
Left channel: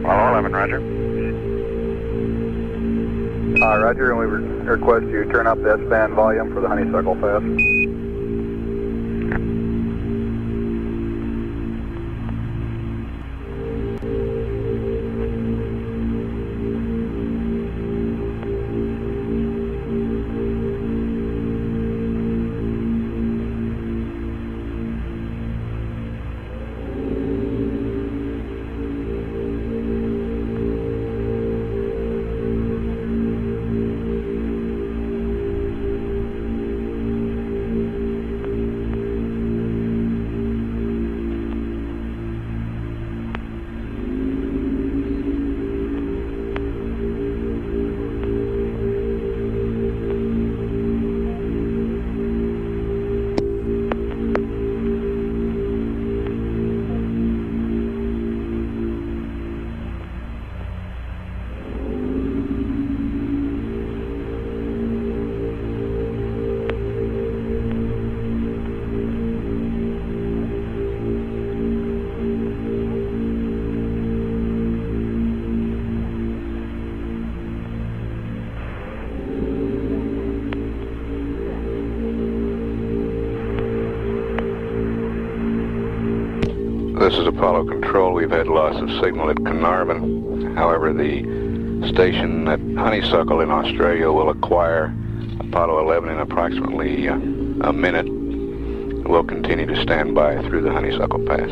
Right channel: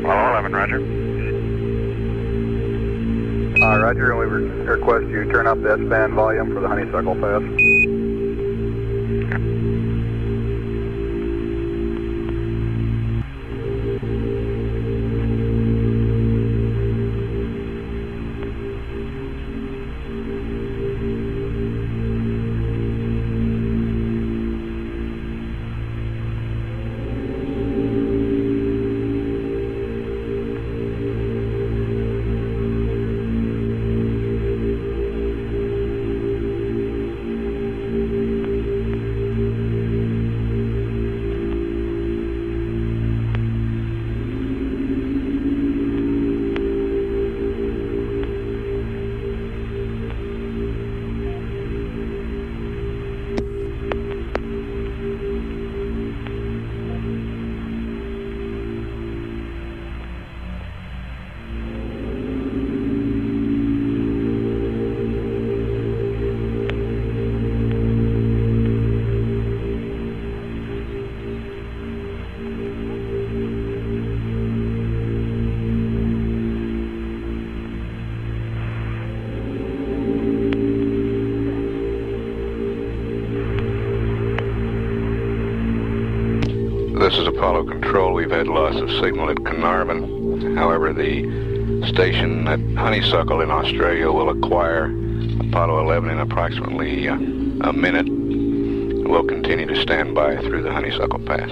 Apollo 11, roger. Roger, and we request you turn up the S-band volume for the Honeysuckle pass. This is Apollo Control. We've had loss of signal at Carnarvon. However, the station at Honeysuckle in Australia will acquire Apollo 11 in approximately a minute. We'll continue to stand by through the Honeysuckle Pass.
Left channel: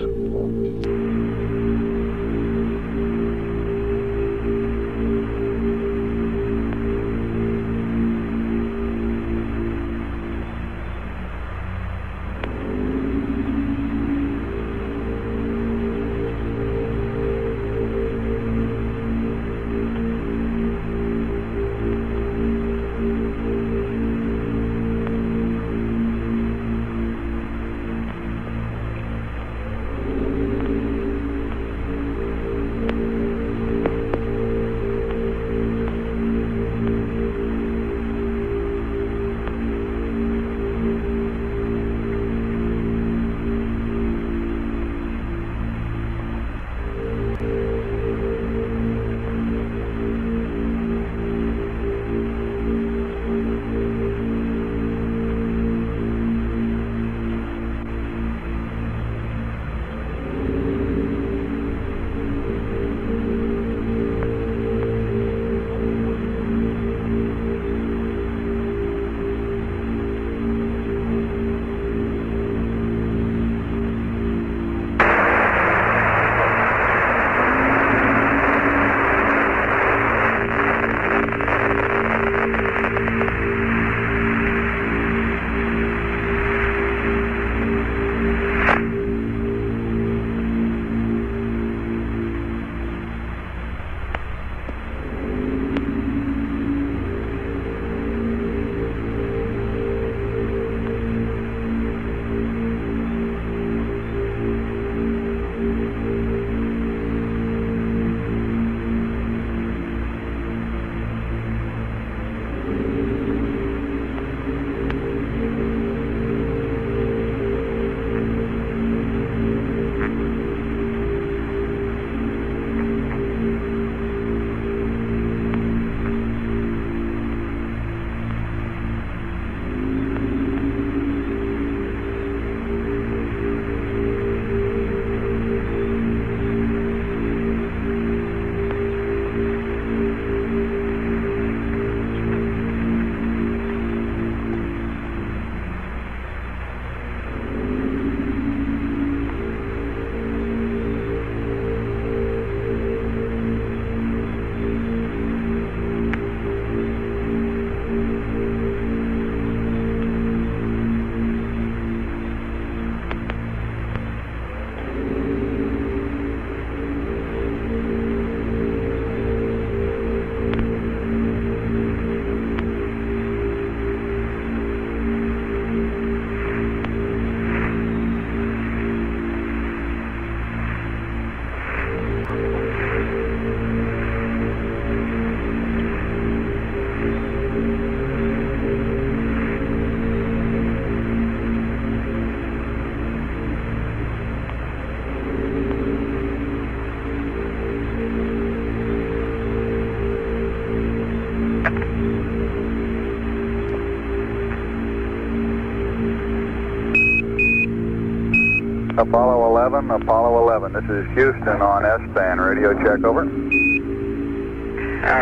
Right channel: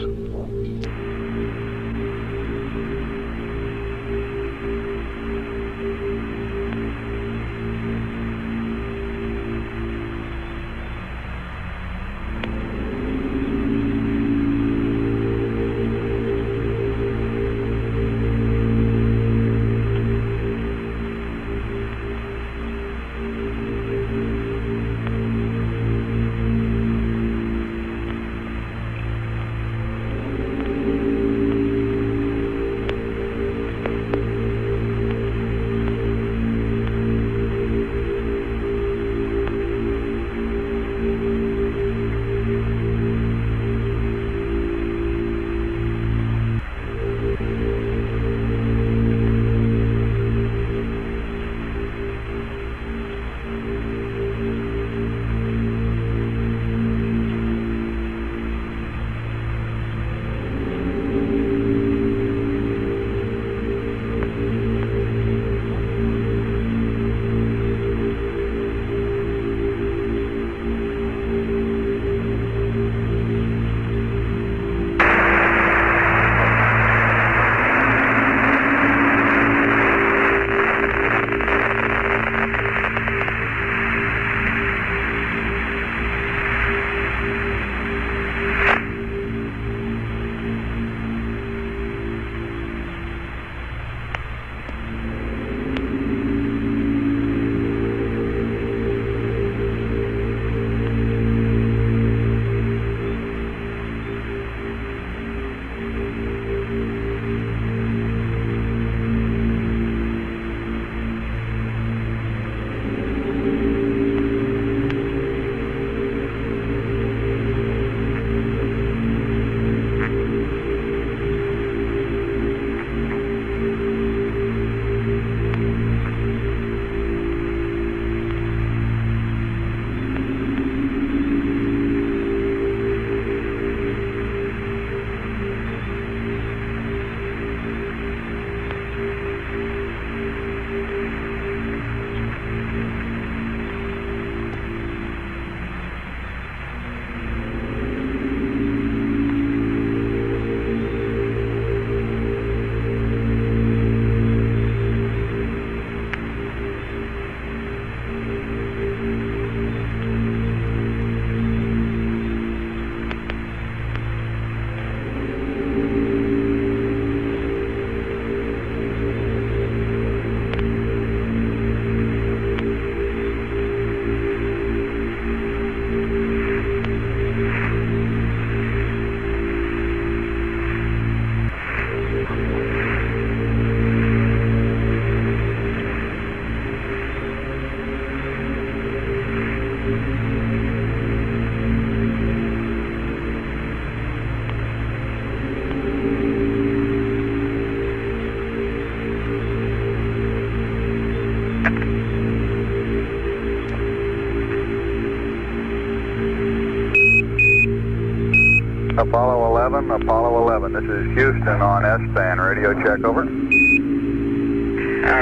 Apollo 11, Apollo 11. This is Houston on S-band. Radio check, over.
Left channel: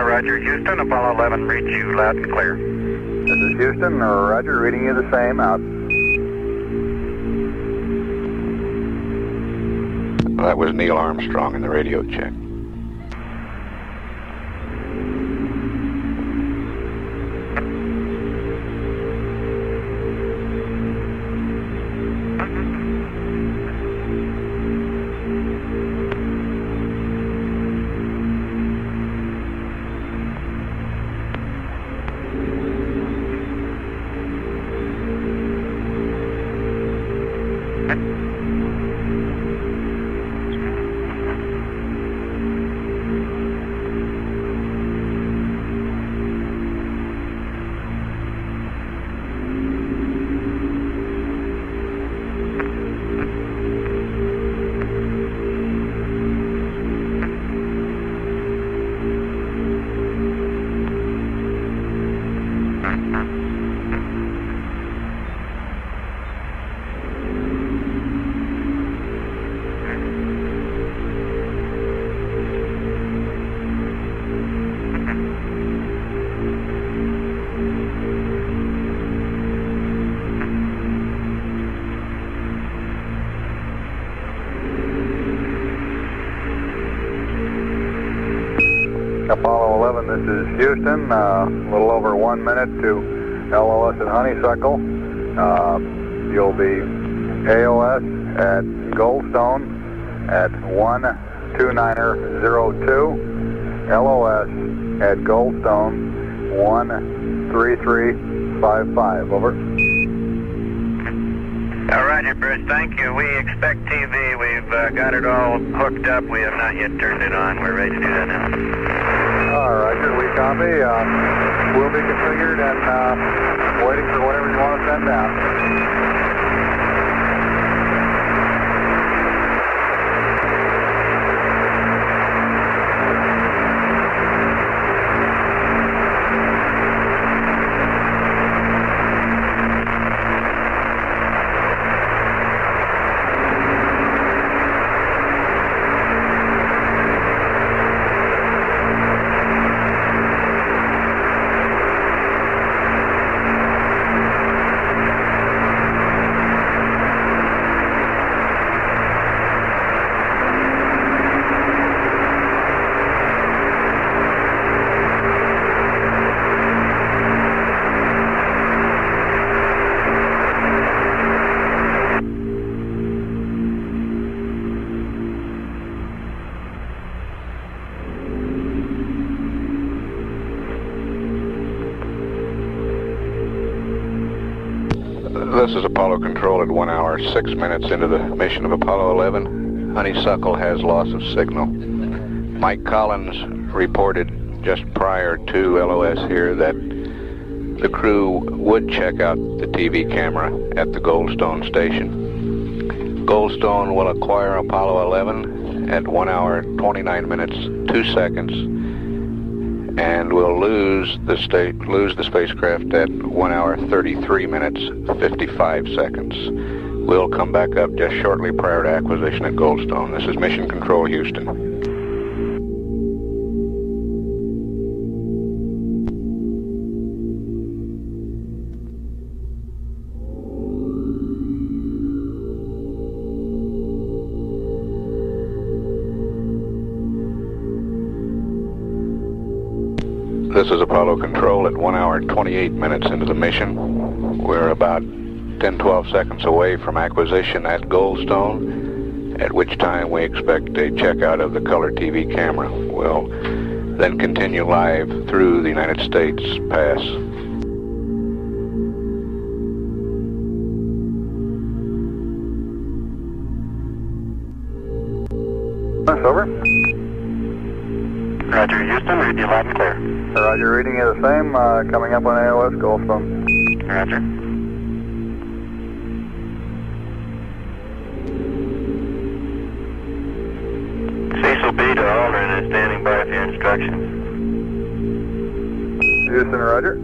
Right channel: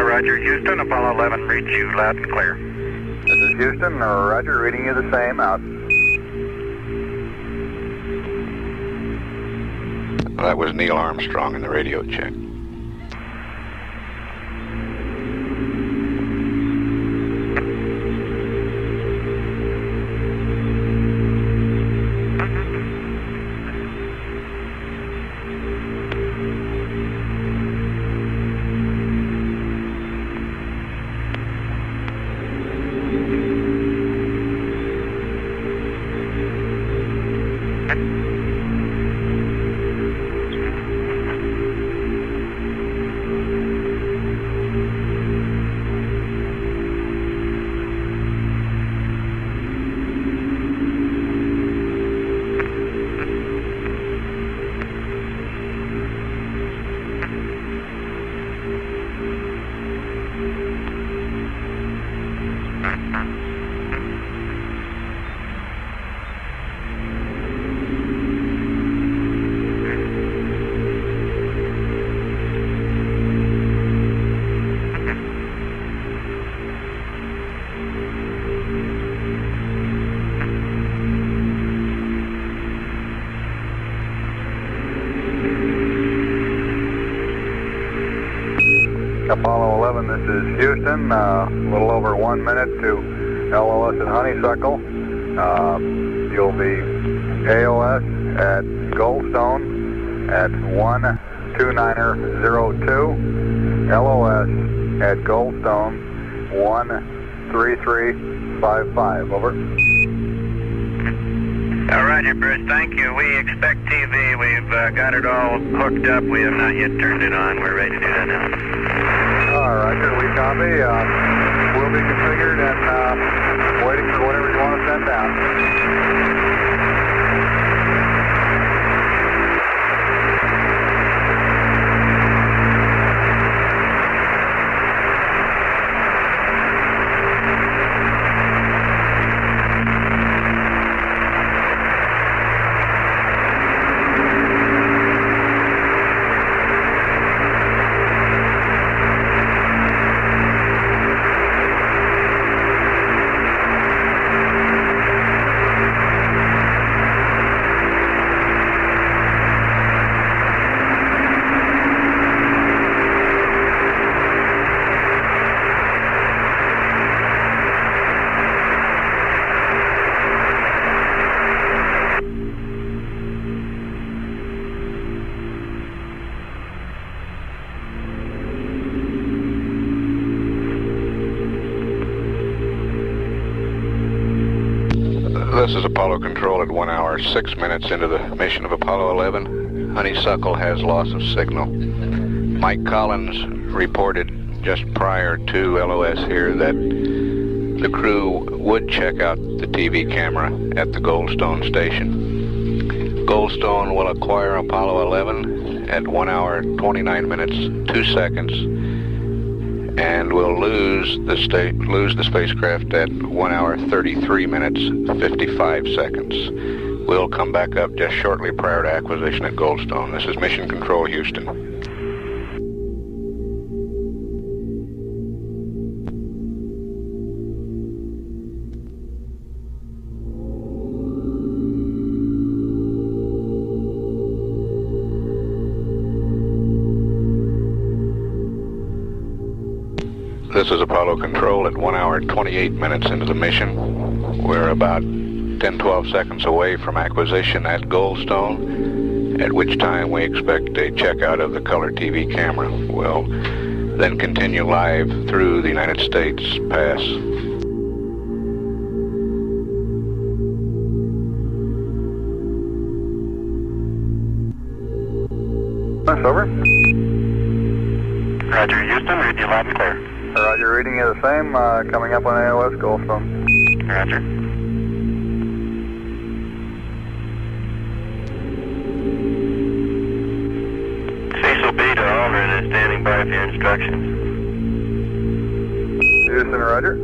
Roger, Houston. Apollo 11, read you loud and clear. This is Houston. Roger, reading you the same. Out. That was Neil Armstrong in the radio check. Apollo 11, this is Houston. A little over 1 minute to LOS at Honeysuckle. You'll be AOS at Goldstone at 12902. LOS at Goldstone 13355. Over. Roger, Bruce. Thank you. We expect TV. We've got it all hooked up. We have not yet turned it on. We're ready to do that now. Roger, we copy. We'll be configured and waiting for whatever you want to send down. This is Apollo Control at 1 hour, 6 minutes into the mission of Apollo 11. Honeysuckle has loss of signal. Mike Collins reported just prior to LOS here that the crew would check out the TV camera at the Goldstone station. Goldstone will acquire Apollo 11 at 1 hour, 29 minutes, 2 seconds, and will lose the spacecraft at 1 hour, 33 minutes, 55 seconds. We'll come back up just shortly prior to acquisition at Goldstone. This is Mission Control, Houston. This is Apollo Control at 1 hour, 28 minutes into the mission. We're about 10-12 seconds away from acquisition at Goldstone, at which time we expect a checkout of the color TV camera. We'll then continue live through the United States pass. Over. Roger, Houston. Read you loud and clear. Roger, reading you the same. Coming up on AOS Goldstone. Roger. Cecil B to Aldrin is standing by for your instructions. Houston, roger.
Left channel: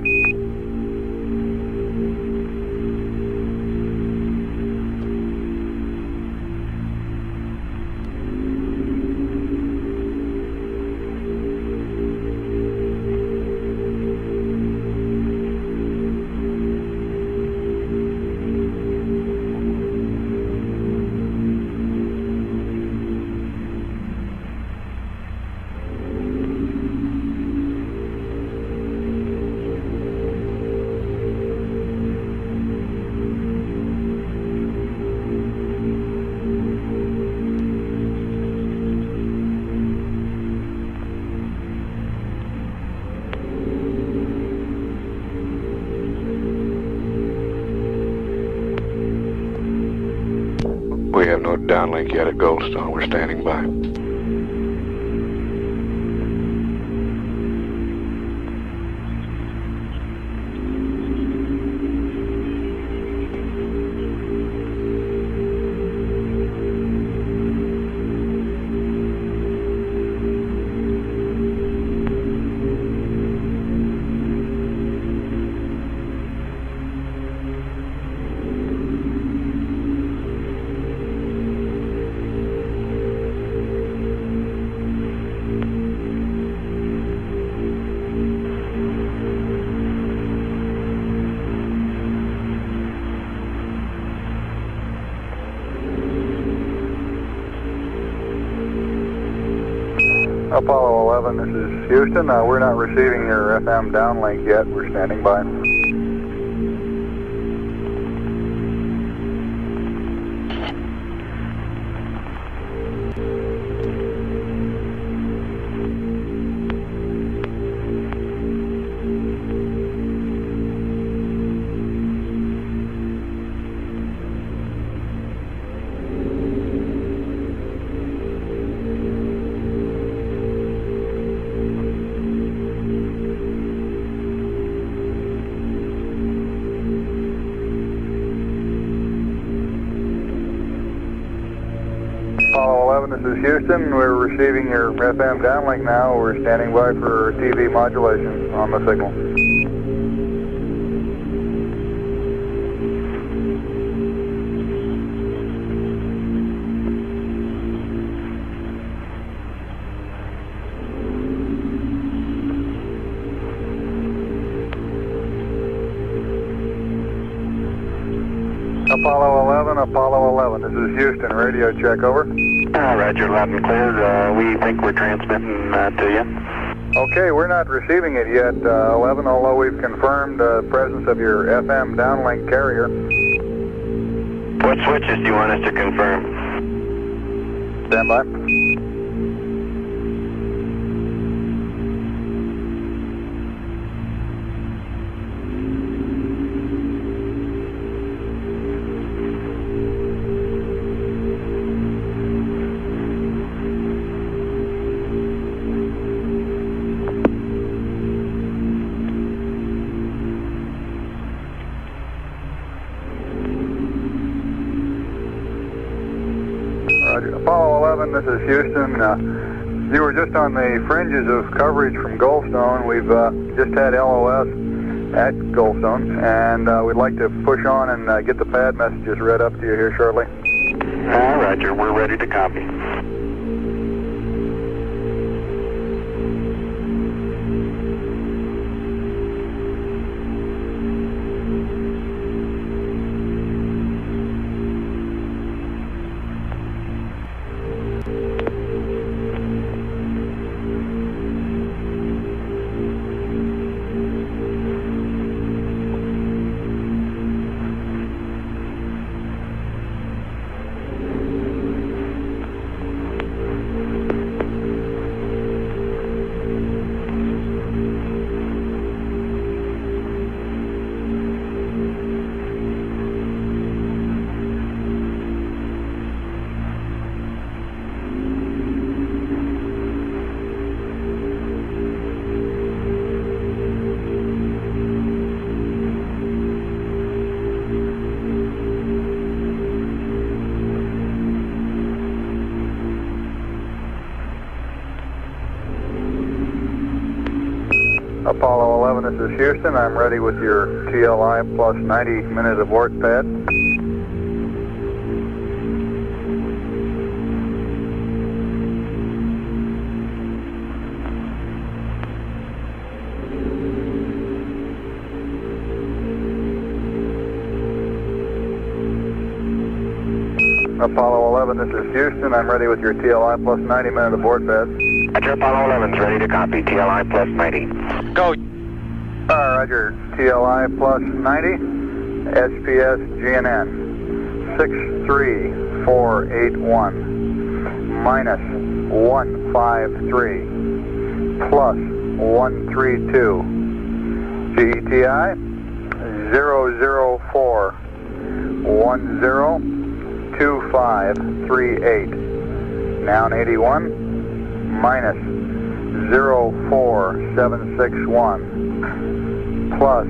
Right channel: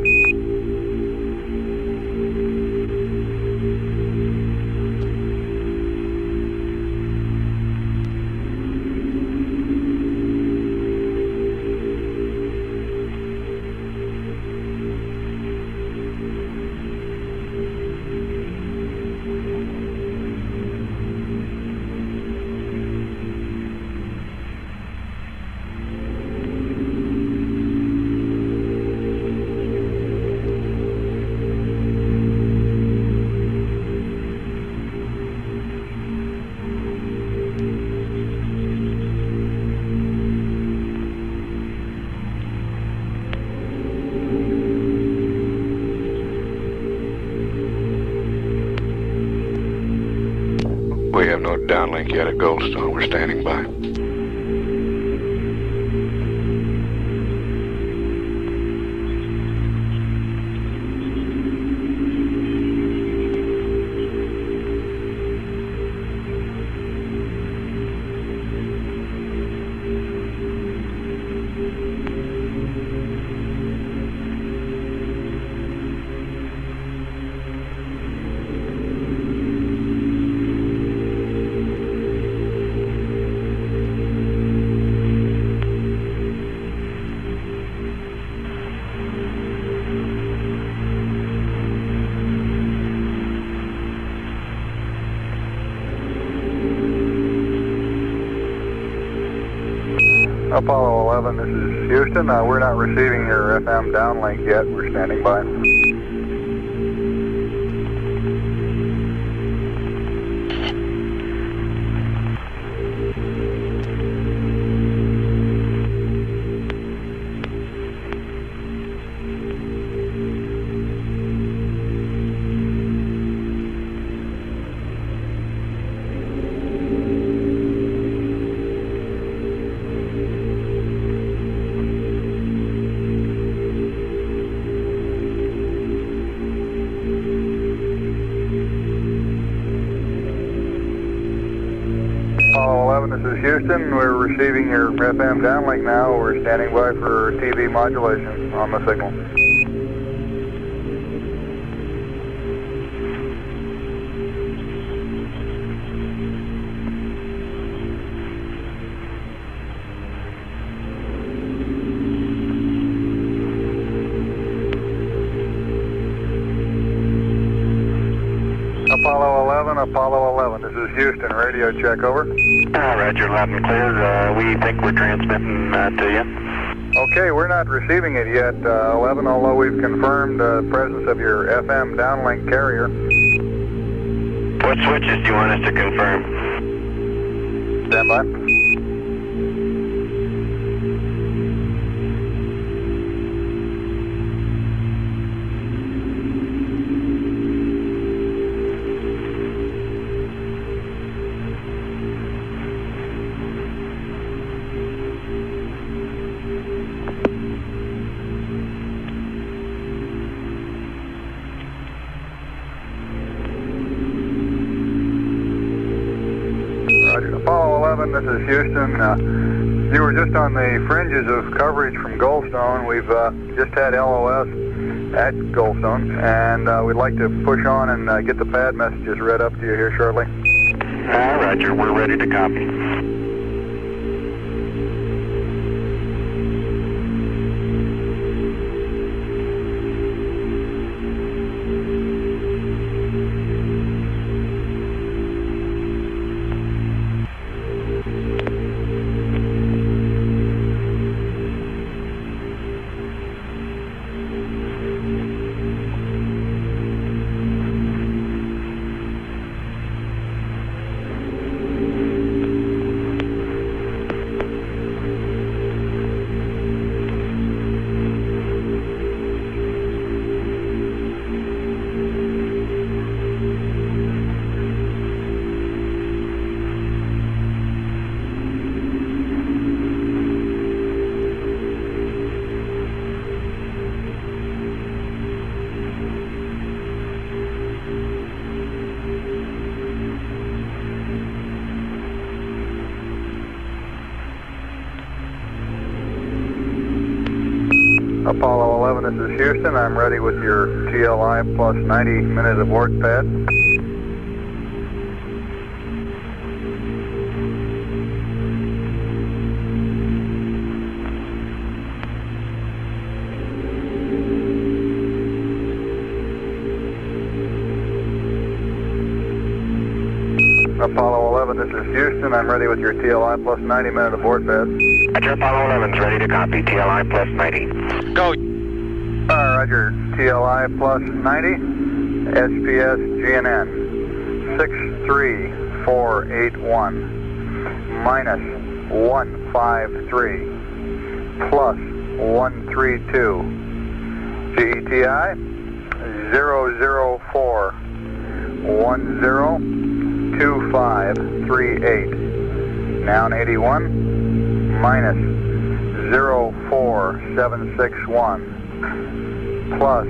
We have no downlink yet at Goldstone. We're standing by. Apollo 11, this is Houston. We're not receiving your FM downlink yet. We're standing by. Apollo 11, this is Houston. We're receiving your FM downlink now. We're standing by for TV modulation on the signal. Apollo 11, this is Houston. Radio check, over. Roger, loud and clear. We think we're transmitting to you. Okay, we're not receiving it yet, 11, although we've confirmed the presence of your FM downlink carrier. What switches do you want us to confirm? Stand by. Apollo 11, this is Houston. You were just on the fringes of coverage from Goldstone. We've just had LOS at Goldstone, and we'd like to push on and get the pad messages read up to you here shortly. Roger, we're ready to copy. Apollo 11, this is Houston. I'm ready with your TLI plus 90 minute abort pad. Apollo 11, this is Houston. I'm ready with your TLI plus 90 minute abort pad. Roger, Apollo 11's ready to copy. TLI plus 90. Go. Roger, TLI plus 90, SPS GNN 63481 minus 153 plus 132 GETI 004 102538 noun 81 minus 04761 plus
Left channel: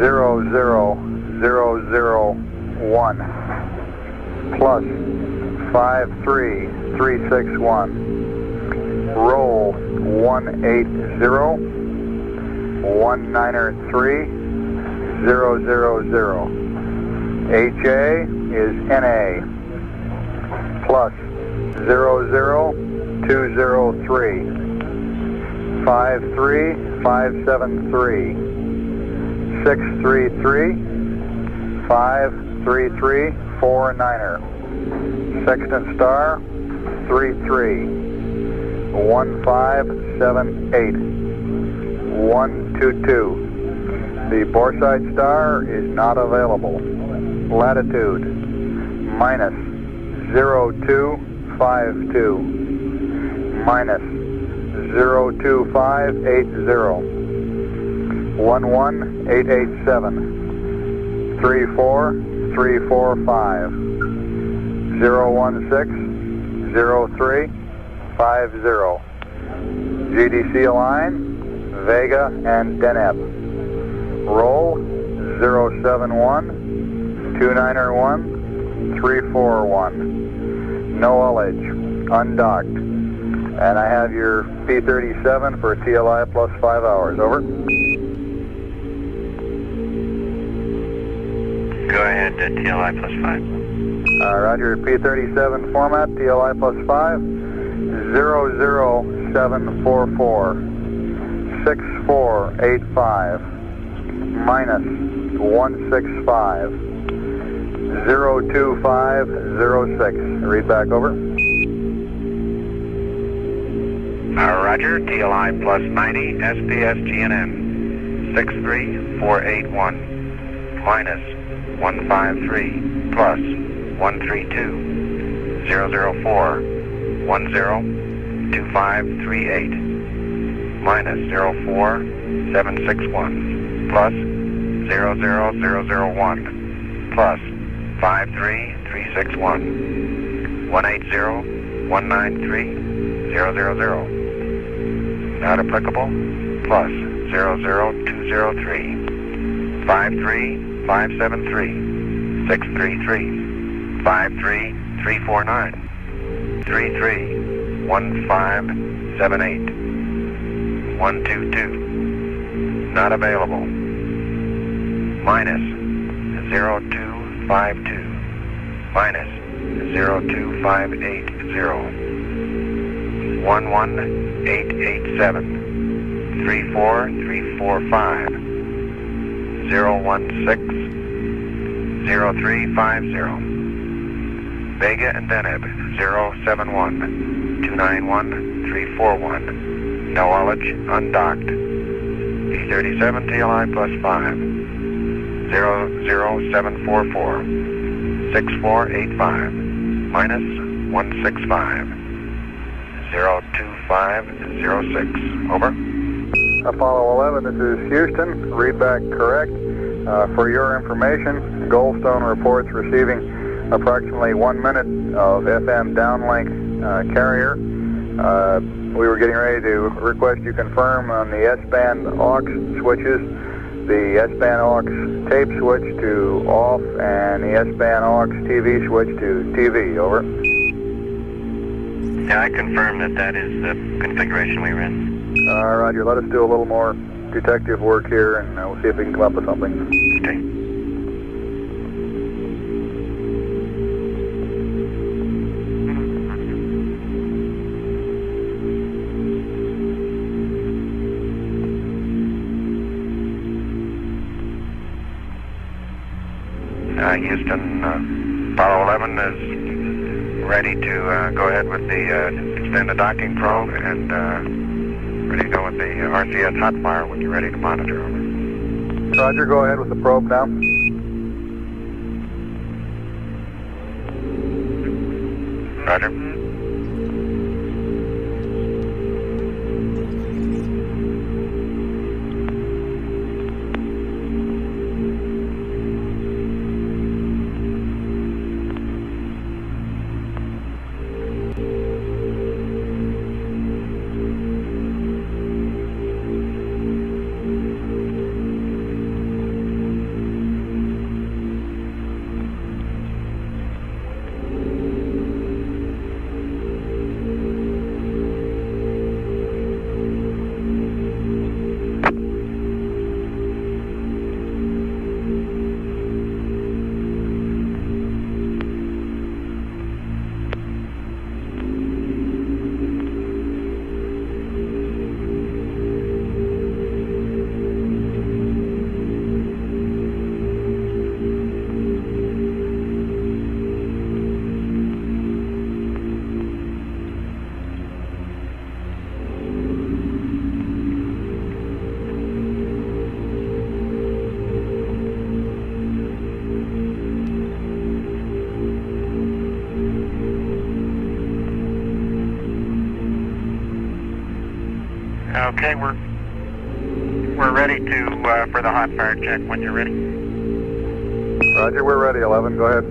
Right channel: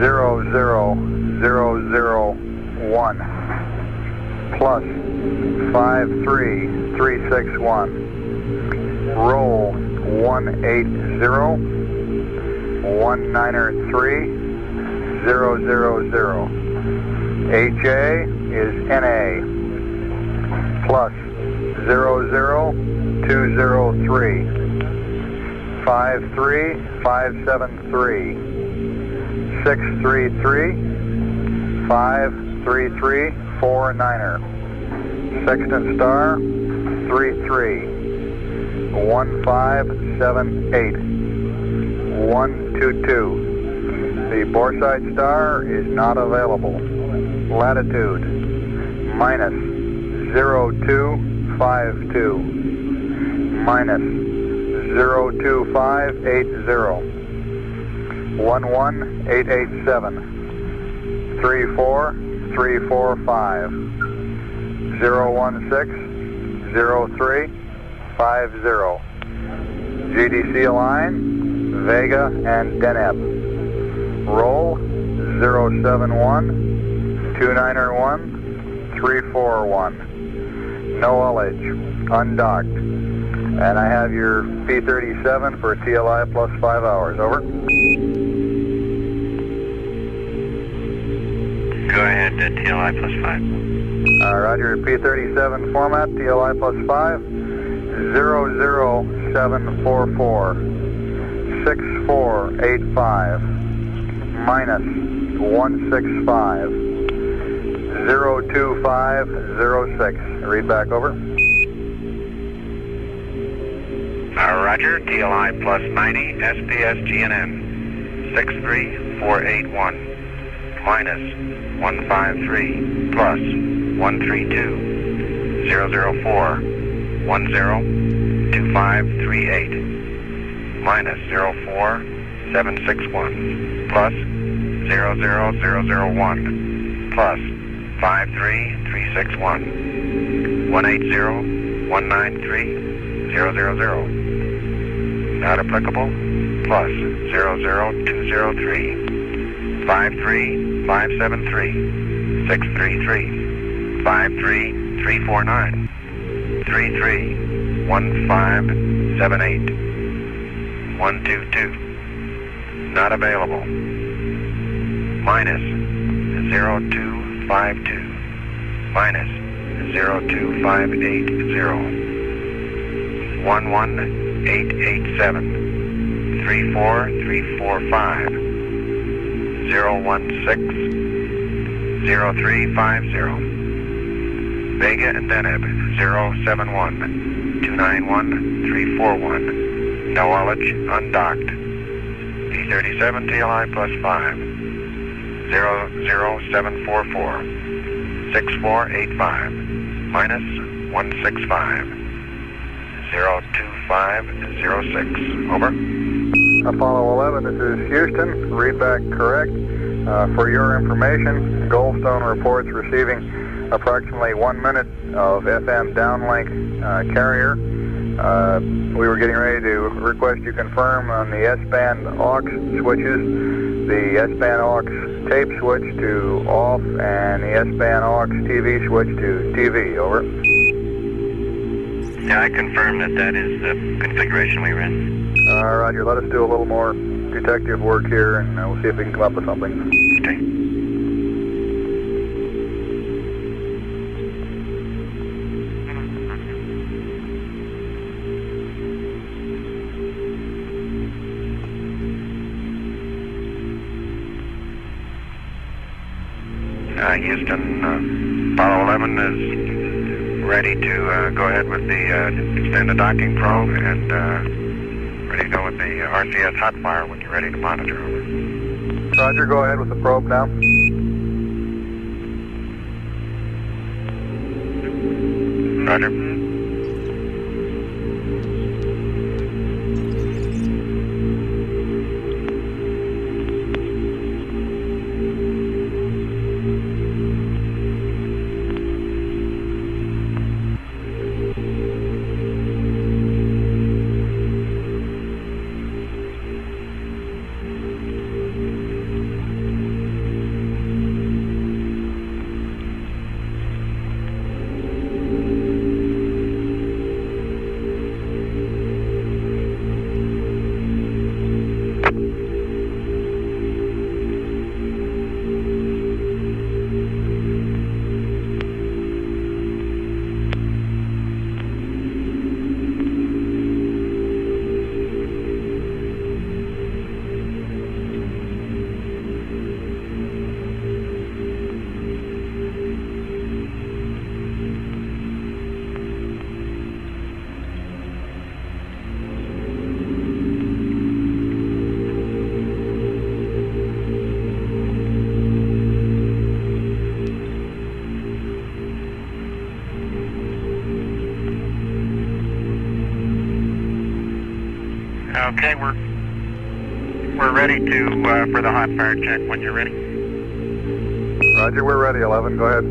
00001 plus 53361 roll 180 193 000 HA is NA plus 00203 53573 633 533 49er Sextant star 33 1578. 122. The Boresight star is not available. Latitude minus 0252. Minus 02580. 11887. 34345. 016 03 50. GDC align, Vega and Deneb. Roll 071 291 341. No ullage, undocked. And I have your P-37 for TLI plus 5 hours. Over. Go ahead, TLI plus 5. Roger, P-37 format, TLI plus 5, 00744, 6485, minus 165, 02506. Read back, over. Roger, TLI plus 90, SPS GNN, 63481, minus 153, plus 132, 004, 102538, minus 04761, plus 00001, plus 53361, 180 193 000. Not applicable, plus 00203, 53573, 633, 53349, 331578, 122. Not available. Minus 0252, minus 02580, 11887, 34345, 016 0350. Vega and Deneb 071 291 341. No ullage, undocked. P-37 TLI plus 5. 00744 6485 minus 165 02506. Over. Apollo 11, this is Houston. Read back correct. For your information, Goldstone reports receiving approximately 1 minute of FM downlink carrier. We were getting ready to request you confirm on the S-band aux switches, the S-band aux tape switch to off, and the S-band aux TV switch to TV. Over. Yeah, I confirm that is the configuration we ran. Roger, let us do a little more detective work here, and we'll see if we can come up with something. Okay. Houston, Apollo 11 is ready to go ahead with the extended docking probe, and ready to go with the RCS hotwire when you're ready to monitor. Over. Roger, go ahead with the probe now. Roger. Okay, we're ready to for the hot fire check when you're ready. Roger, we're ready, 11. Go ahead.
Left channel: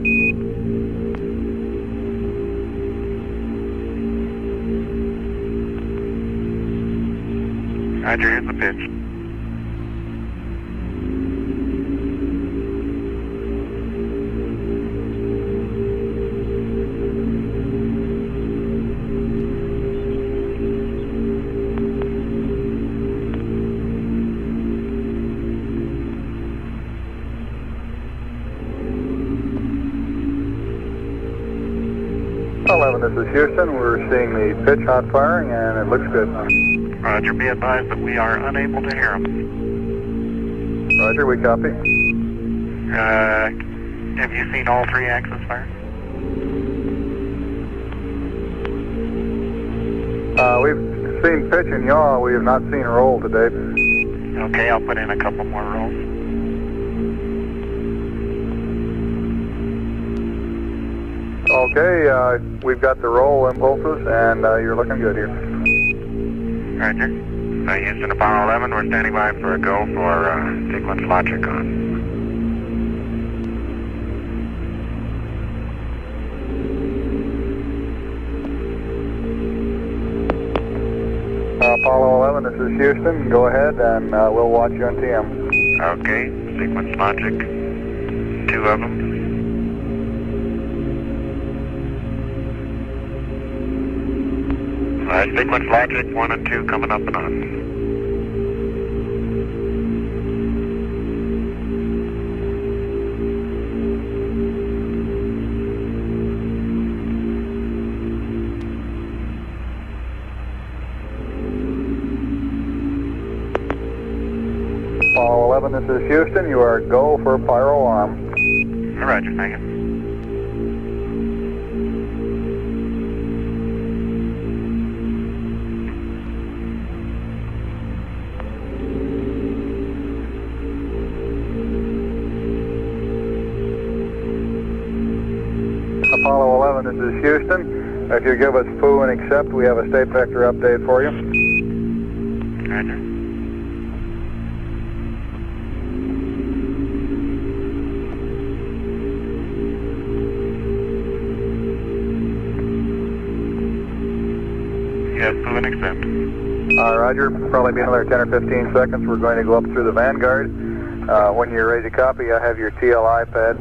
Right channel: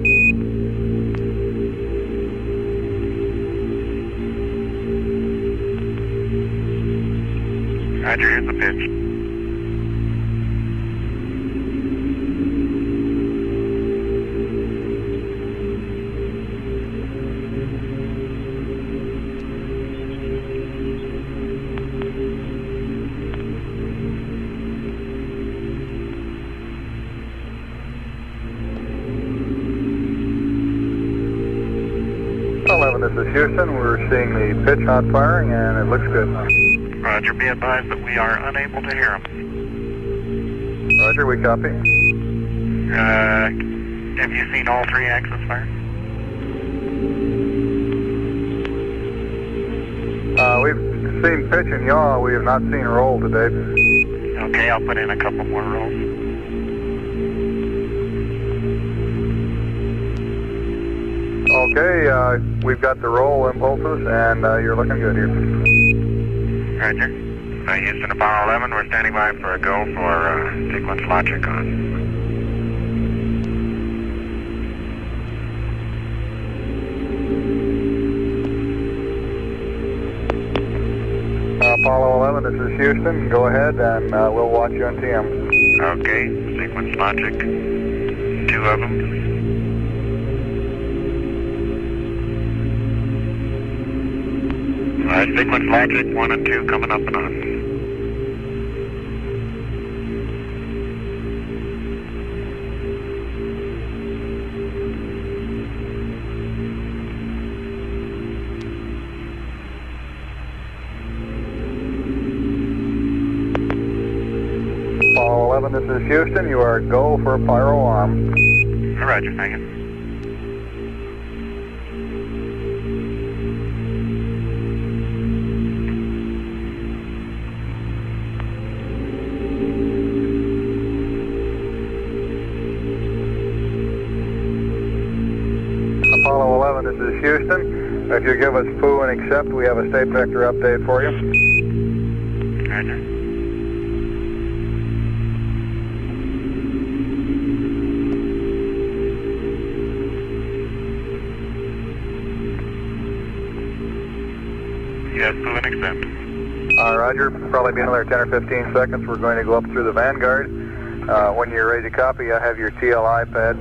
Roger, here's the pitch. This is Houston. We're seeing the pitch hot firing, and it looks good. Roger, be advised that we are unable to hear them. Roger, we copy. Have you seen all 3 axis fire? We've seen pitch and yaw. We have not seen roll to date. Okay, I'll put in a couple more rolls. Okay, we've got the roll impulses, and you're looking good here. Roger. Houston, Apollo 11, we're standing by for a go for sequence logic on. Apollo 11, this is Houston. Go ahead, and we'll watch you on TM. Okay, sequence logic, 2 of them. Sequence logic 1 and 2 coming up and on. Apollo 11, this is Houston. You are go for pyro arm. Roger, thank you. Apollo 11, this is Houston. If you give us poo and accept, we have a state vector update for you. Roger. Yes, poo and accept. Roger, probably be another 10 or 15 seconds. We're going to go up through the Vanguard. When you're ready to copy, I have your TLI pad.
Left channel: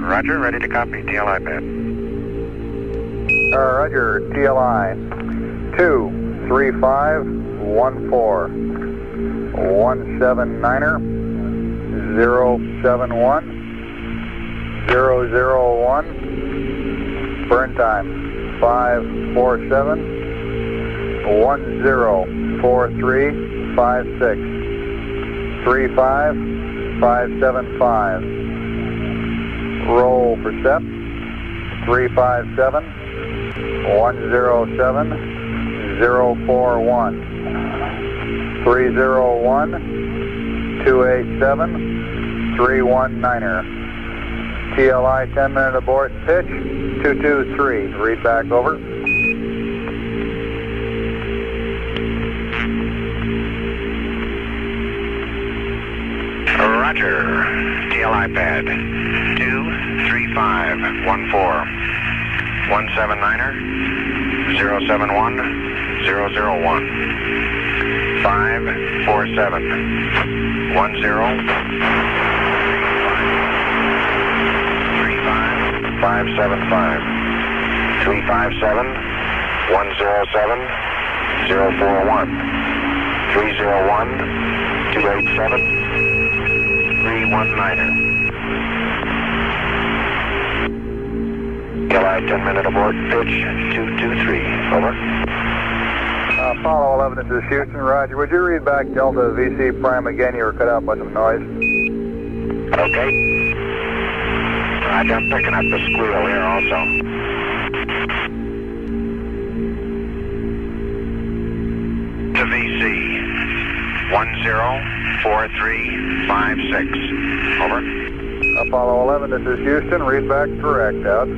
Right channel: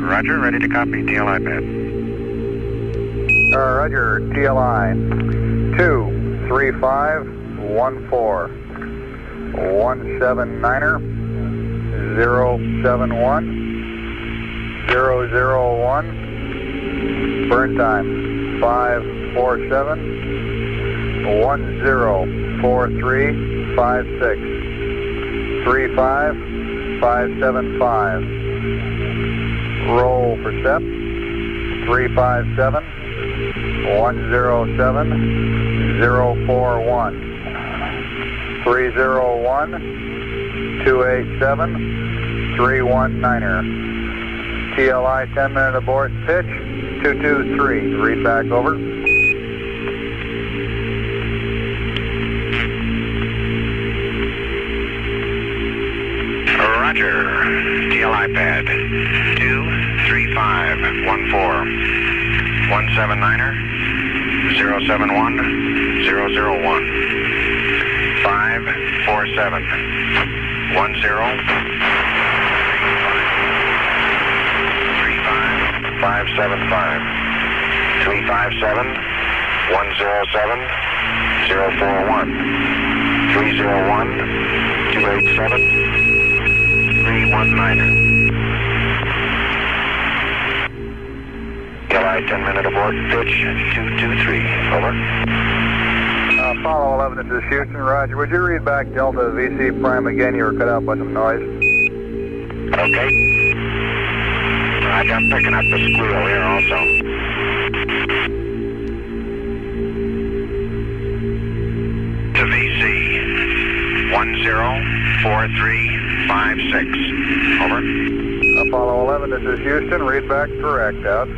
Roger, ready to copy. TLI pad. Roger, TLI 23514 179er 071 001. Burn time 547 104356 35575. Roll for step 357 107 041 301 287 319er. TLI 10-minute abort pitch 223. Read back over. Roger. TLI pad 23514 179er 071 001 547 575 357 107 041 301 287 319er. TLI 10-minute abort, pitch 223, over. Apollo 11, this is Houston. Roger, would you read back Delta VC Prime again? You were cut out by some noise. Okay. Roger, I'm picking up the squeal here also. To VC 104356, over. Apollo 11, this is Houston. Read back correct, out.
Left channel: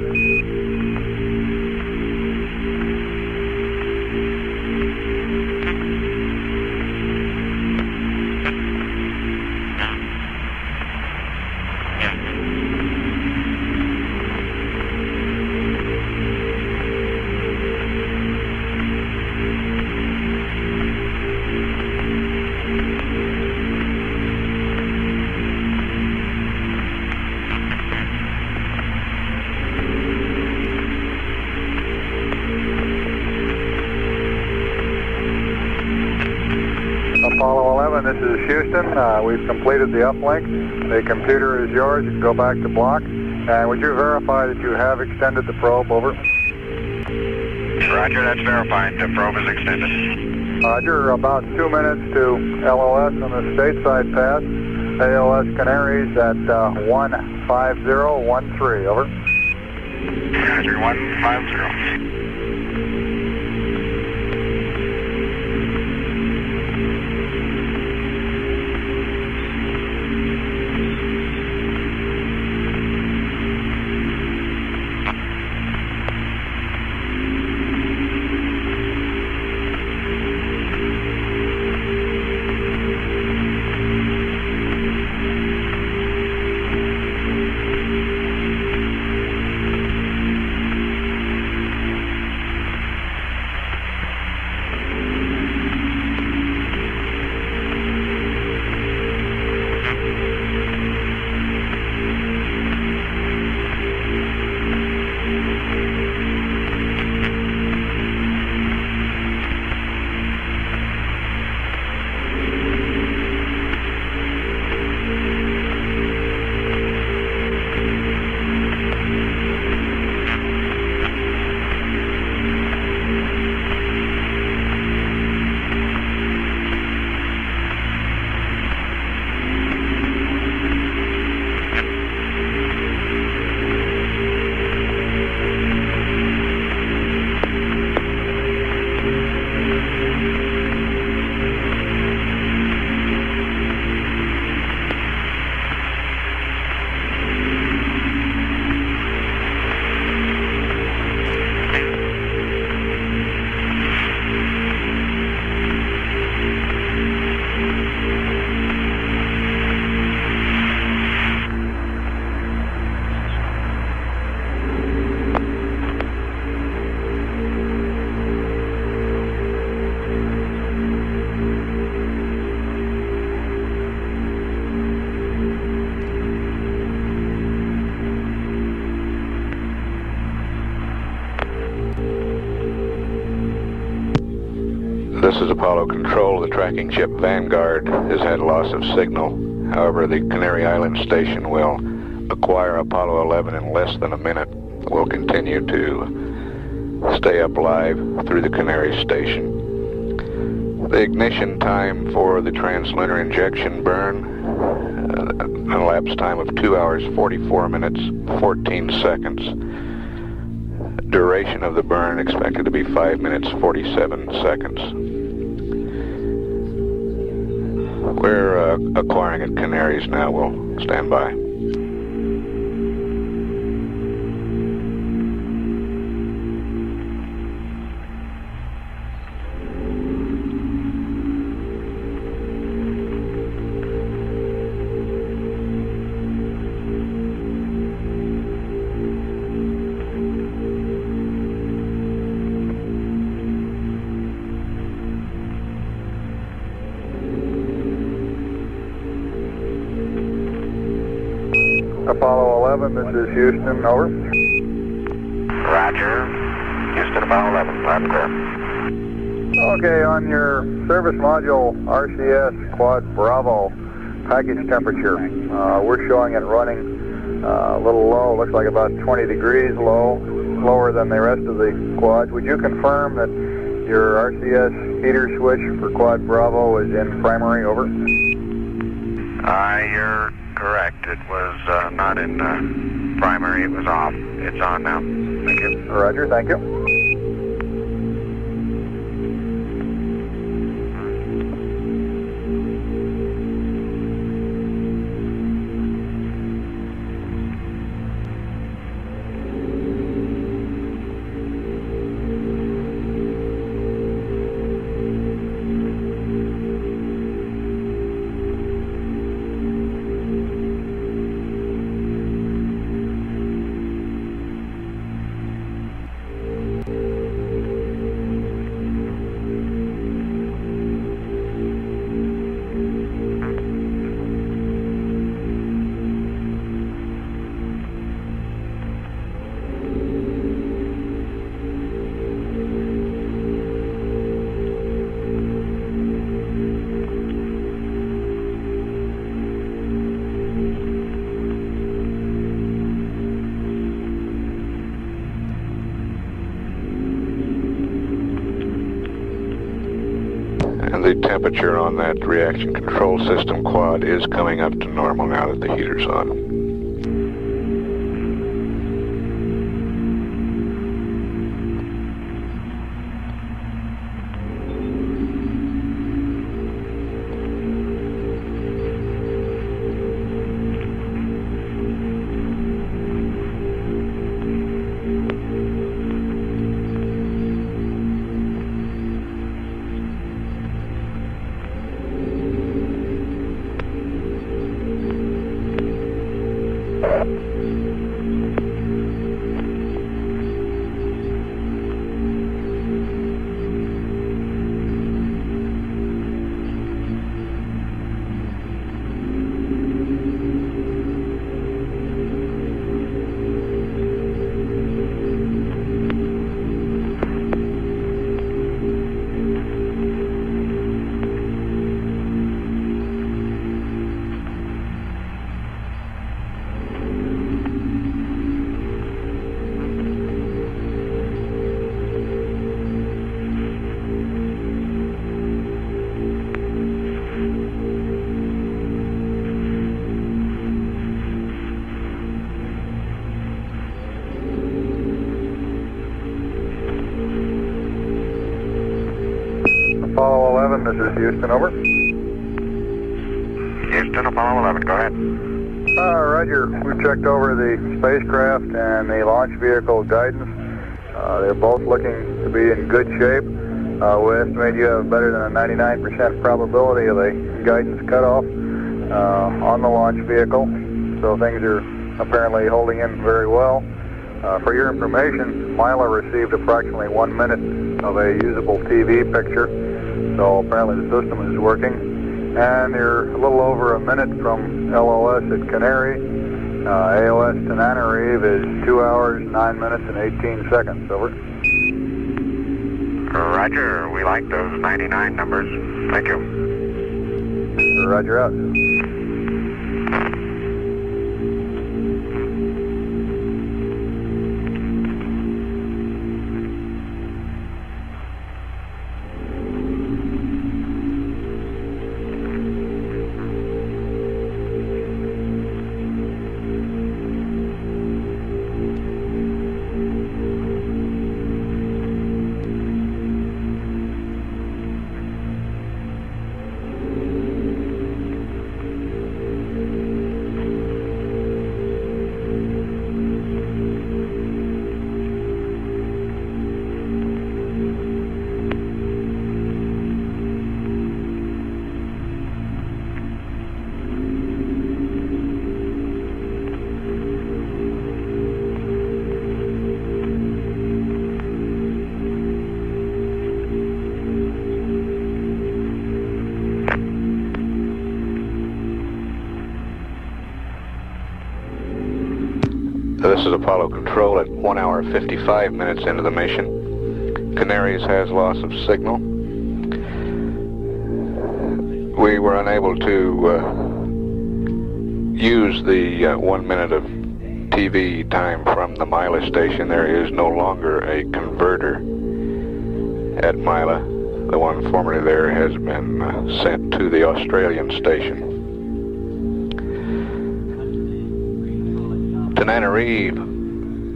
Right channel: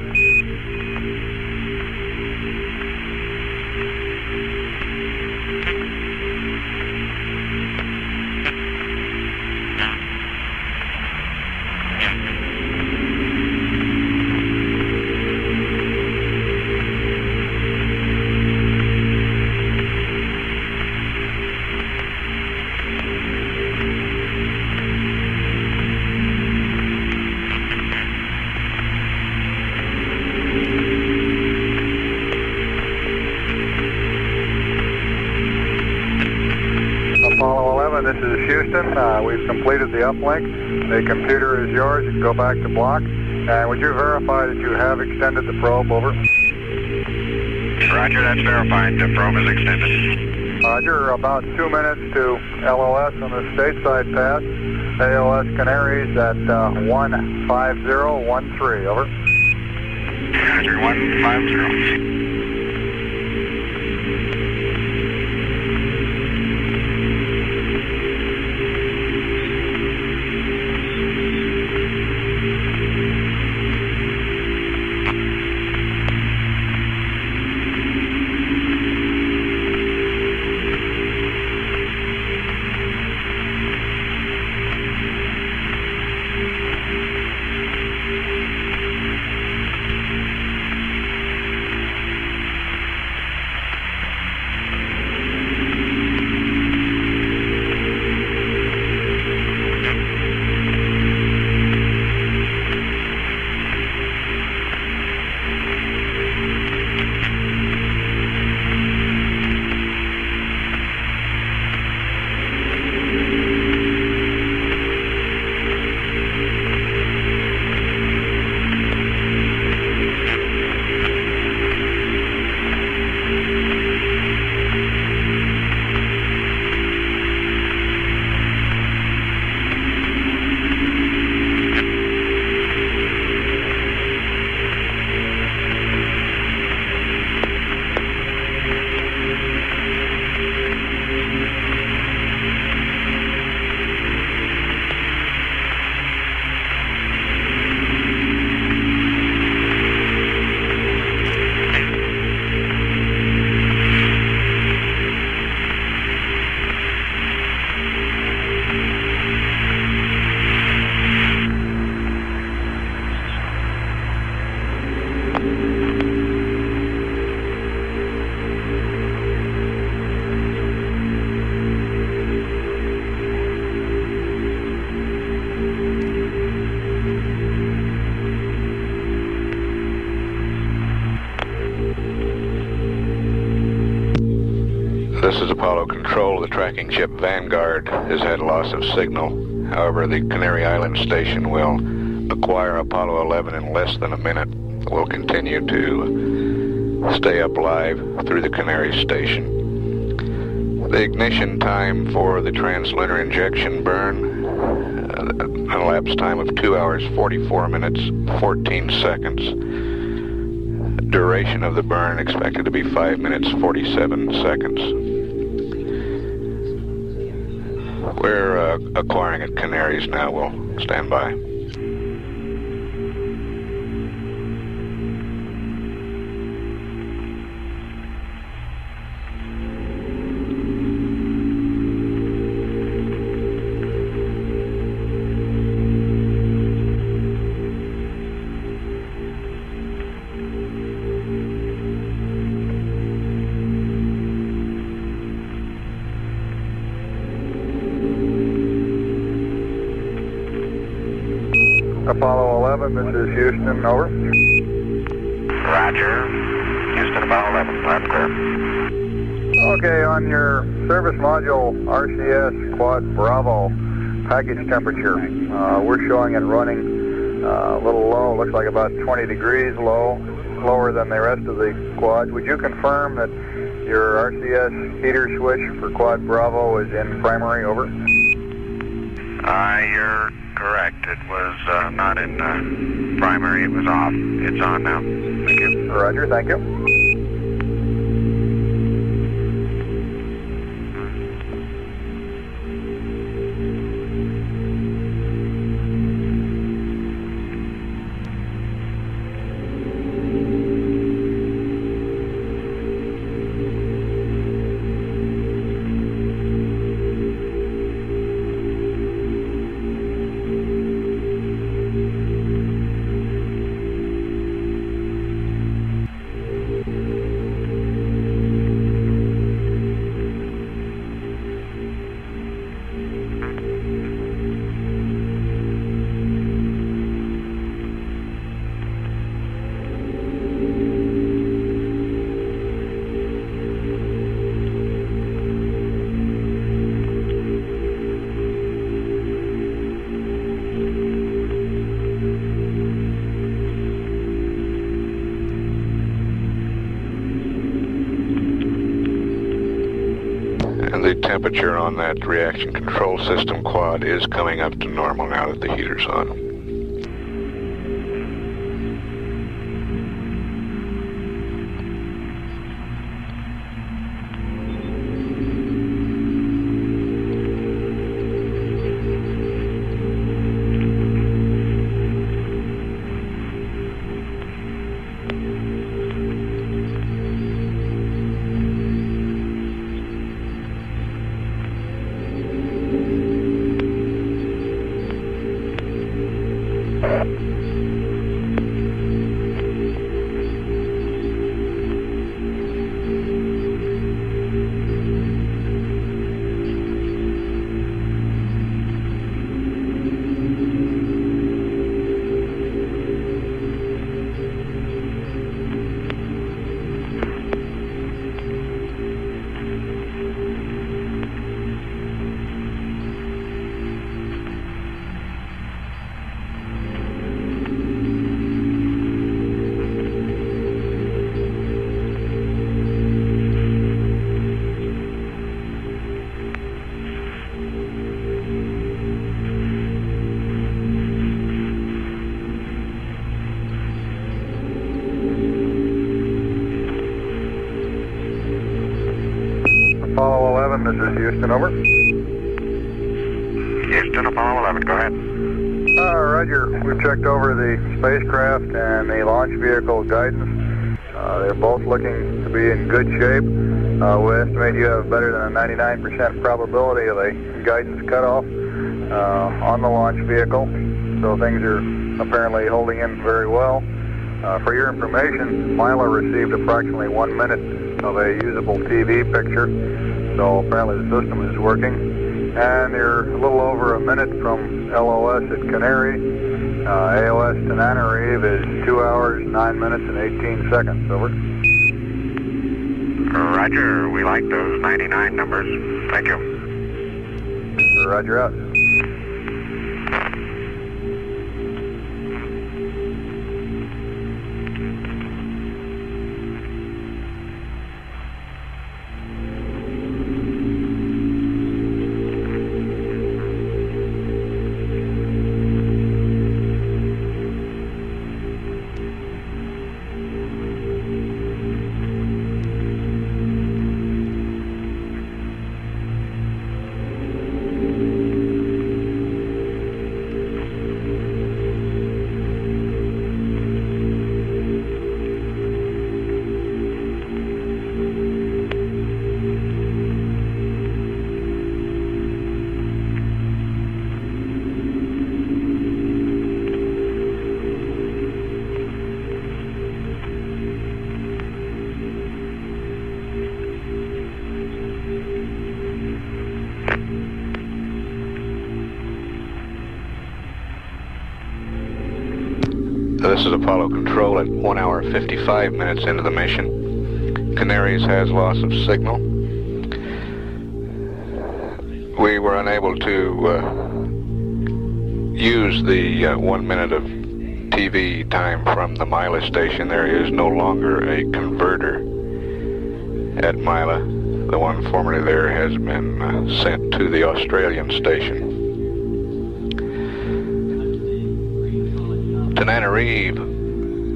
11, this is Houston. We've completed the uplink. The computer is yours. You can go back to block. And would you verify that you have extended the probe? Over. Roger, that's verified. The probe is extended. Roger, about 2 minutes to LOS on the stateside pass. AOS Canaries at 15013. Over. Roger, 150. This is Apollo Control. The tracking ship Vanguard has had loss of signal. However, the Canary Island station will acquire Apollo 11 in less than a minute. We'll continue to stay up live through the Canary station. The ignition time for the translunar injection burn, an elapsed time of 2 hours, 44 minutes, 14 seconds. Duration of the burn expected to be 5 minutes, 47 seconds. We're acquiring at Canaries now. We'll stand by. Apollo 11, this is Houston, over. Roger. Houston, Apollo 11, loud and clear. Okay, on your service module RCS Quad Bravo package temperature, we're showing it running a little low, looks like about 20 degrees low, lower than the rest of the quads. Would you confirm that your RCS heater switch for Quad Bravo is in primary, over? You're correct. It was not in primary. It was off. It's on now. Thank you. Roger, thank you. temperature on that reaction control system quad is coming up to normal now that the heater's on. Apollo 11, this is Houston, over. Houston, Apollo 11, go ahead. Roger. We've checked over the spacecraft and the launch vehicle guidance. They're both looking to be in good shape. We estimate you have better than a 99% probability of a guidance cutoff on the launch vehicle. So things are apparently holding in very well. For your information, Mila received approximately 1 minute of a usable TV picture. So apparently the system is working. And you're a little over a minute from LOS at Canary. AOS Tananarive is 2 hours, 9 minutes, and 18 seconds. Over. Roger, we like those 99 numbers. Thank you. Roger out. This is Apollo Control at 1 hour 55 minutes into the mission. Canaries has loss of signal. We were unable to use the 1 minute of TV time from the Mila station. There is no longer a converter at Mila. The one formerly there has been sent to the Australian station. Tananarive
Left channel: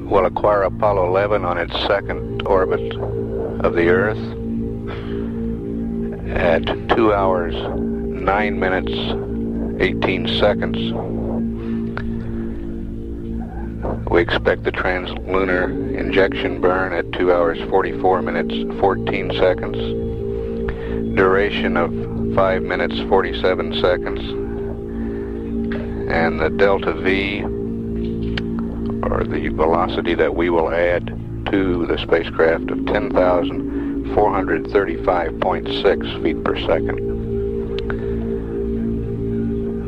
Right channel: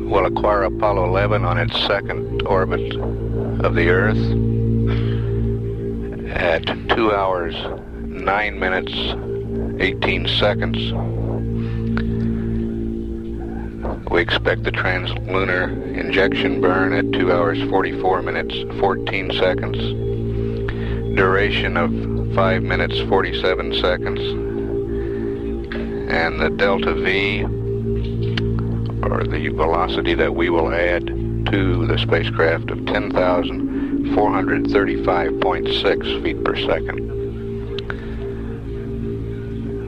will acquire Apollo 11 on its second orbit of the Earth at 2 hours, 9 minutes, 18 seconds. We expect the translunar injection burn at 2 hours, 44 minutes, 14 seconds. Duration of 5 minutes, 47 seconds. And the delta V, or the velocity that we will add to the spacecraft, of 10,435.6 feet per second.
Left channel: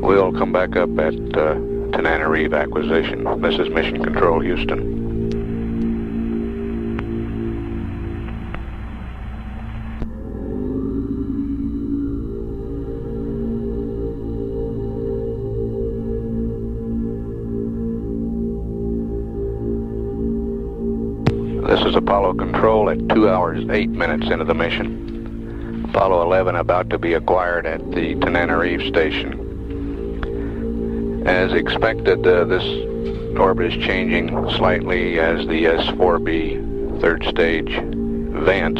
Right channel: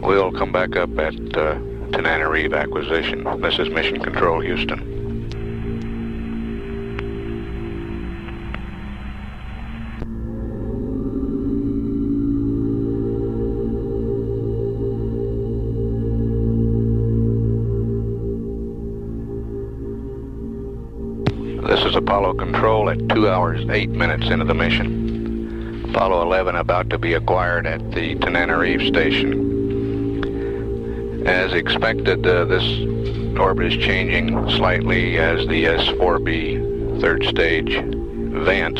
We'll come back up at Tananarive acquisition. This is Mission Control, Houston. This is Apollo Control at 2 hours, 8 minutes into the mission. Apollo 11 about to be acquired at the Tananarive station. As expected, this orbit is changing slightly as the S-4B third stage advance.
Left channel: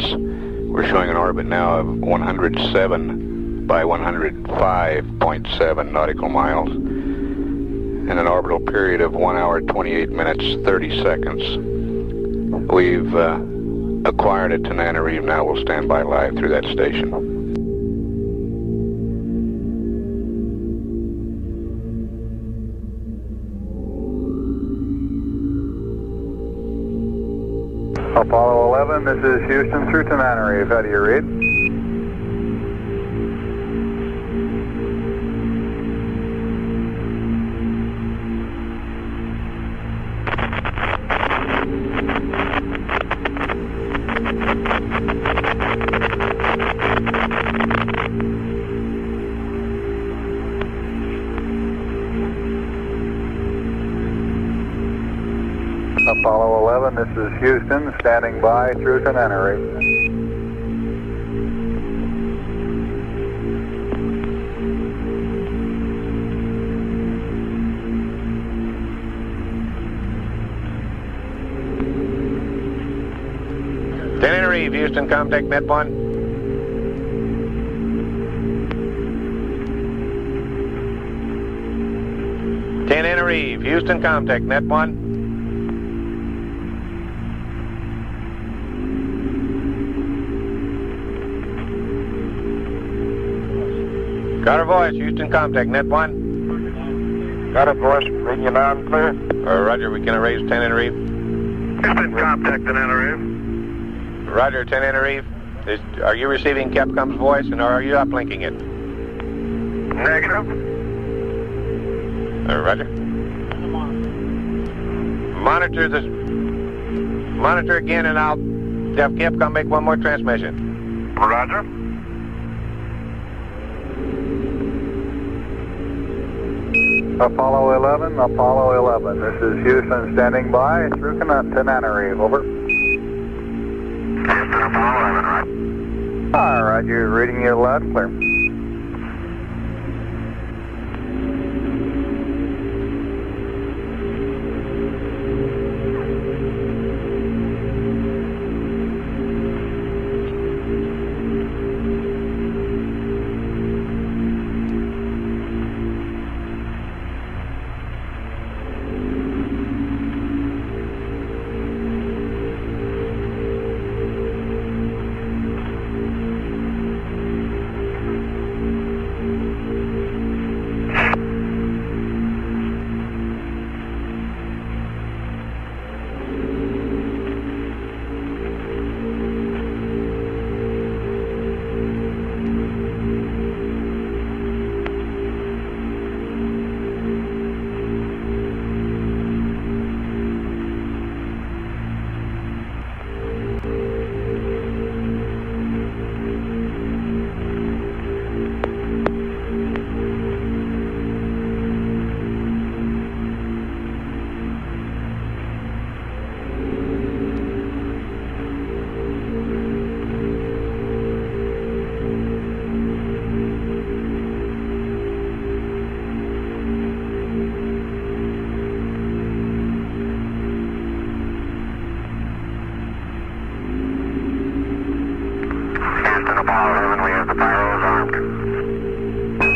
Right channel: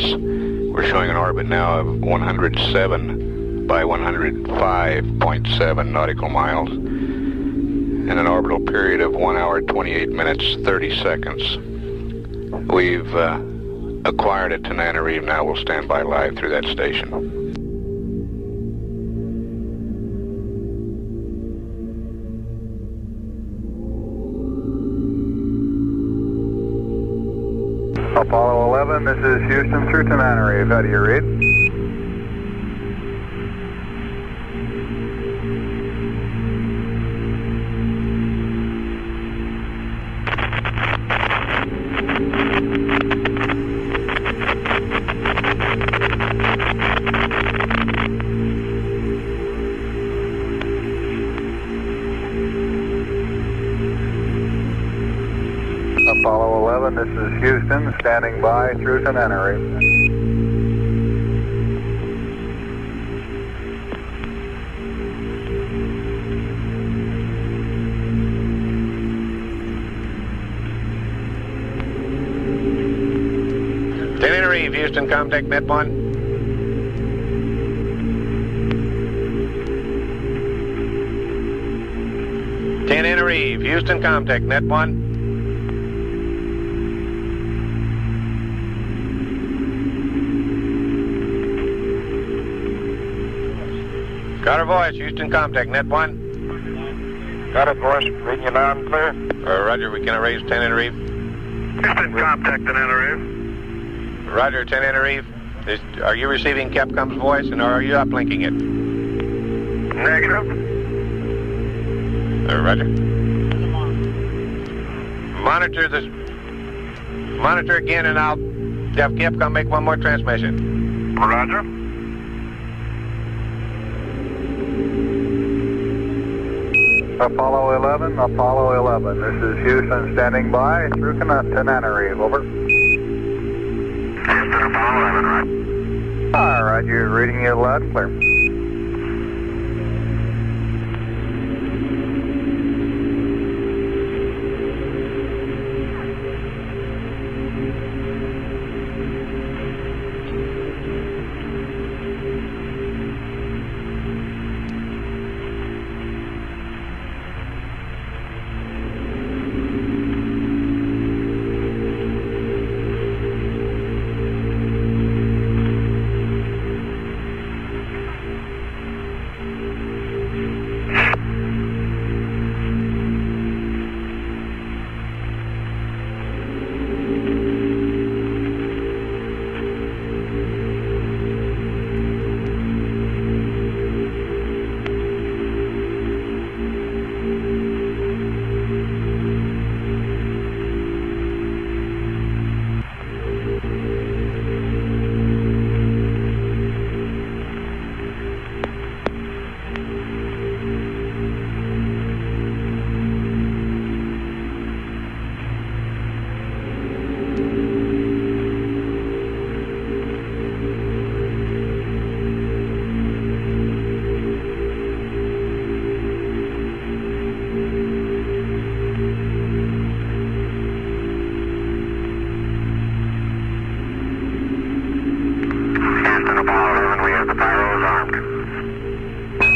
We're showing an orbit now of 107 by 105.7 nautical miles and an orbital period of 1 hour, 28 minutes, 30 seconds. We've acquired at Tananarive now. We'll stand by live through that station. Apollo 11, this is Houston through Tananarive. How do you read? Apollo 11, this is Houston, standing by through Tananarive. Tananarive, Houston, contact Net 1. Tananarive, Houston, contact Net 1. Got her voice, Houston, contact Net 1. Got it, voice. Reading you loud and clear. Roger, we can erase Tananarive. Houston, contact Tananarive. Roger, Tananarive. Are you receiving Capcom's voice, and are you uplinking it? Negative. Roger. Monitor again, and I'll have Capcom make one more transmission. Roger. Apollo 11, this is Houston standing by through Tananarive, over. Houston, Apollo 11, right? All right, you're reading you loud and clear.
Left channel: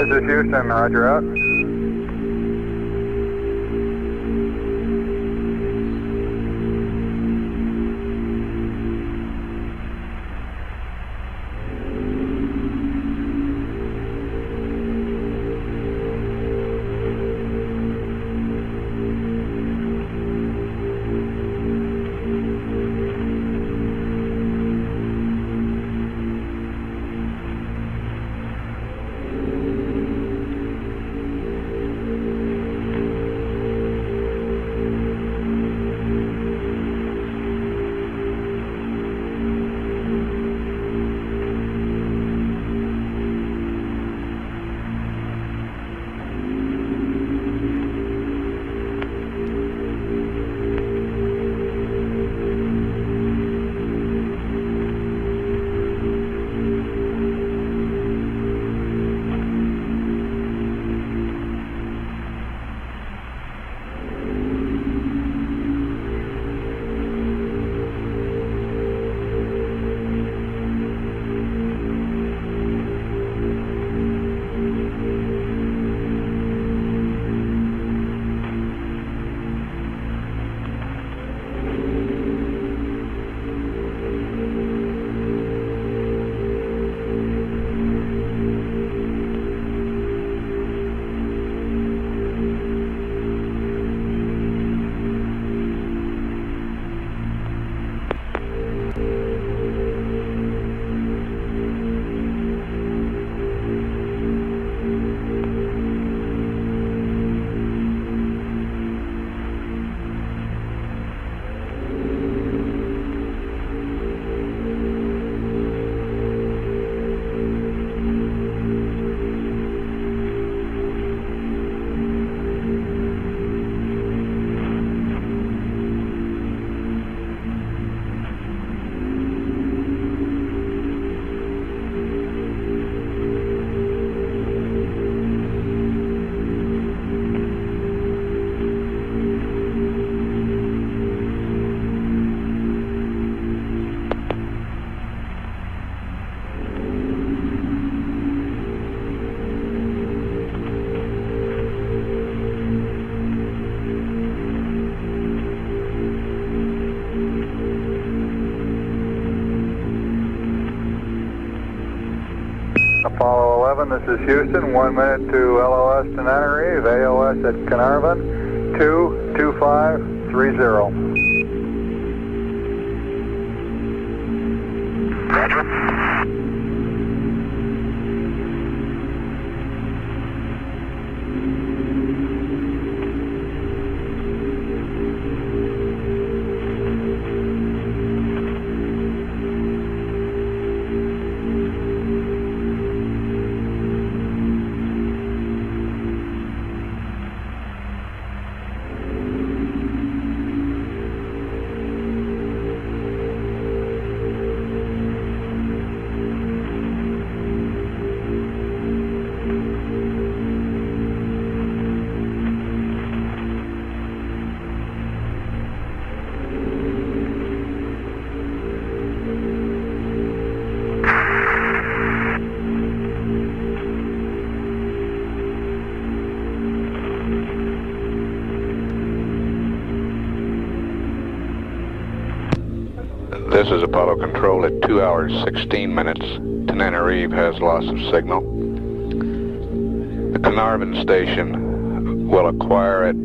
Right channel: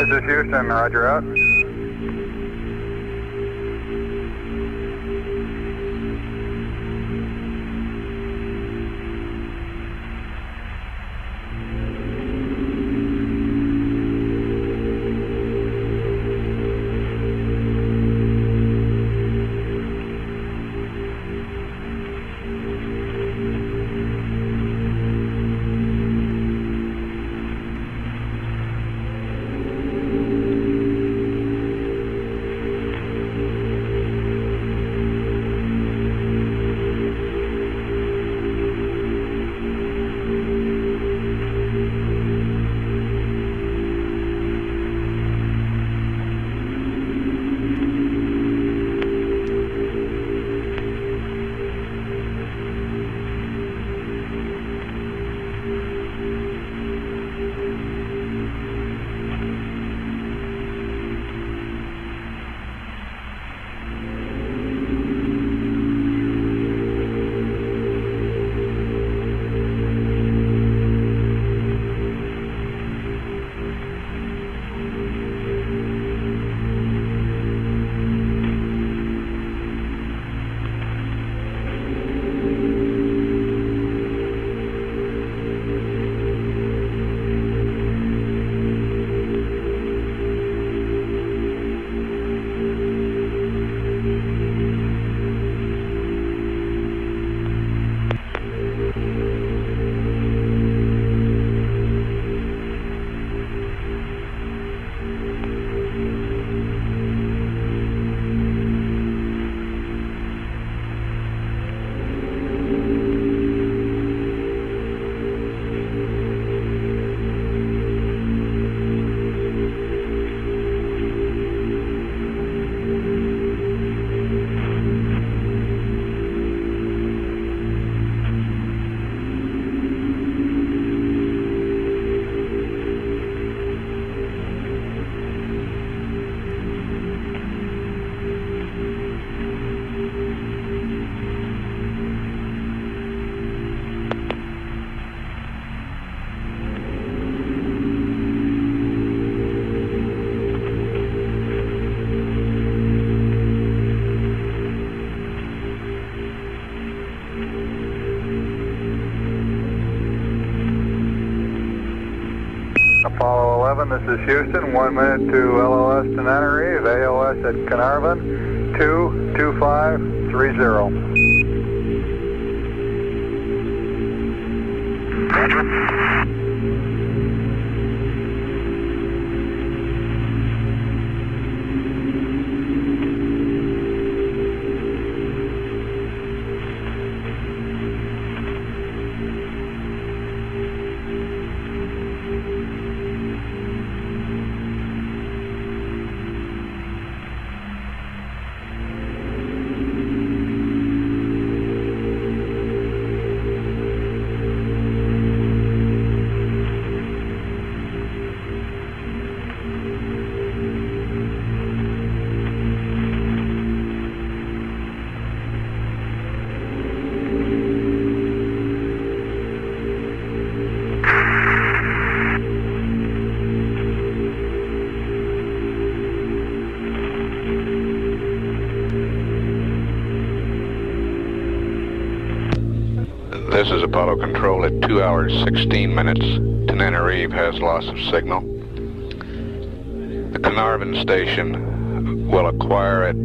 This is Houston, roger out. Apollo 11, this is Houston. 1 minute to LOS to Tenerife, AOS at Carnarvon, 22530. Roger. This is Apollo Control at 2 hours 16 minutes. Tenerife has loss of signal. The Carnarvon station will acquire at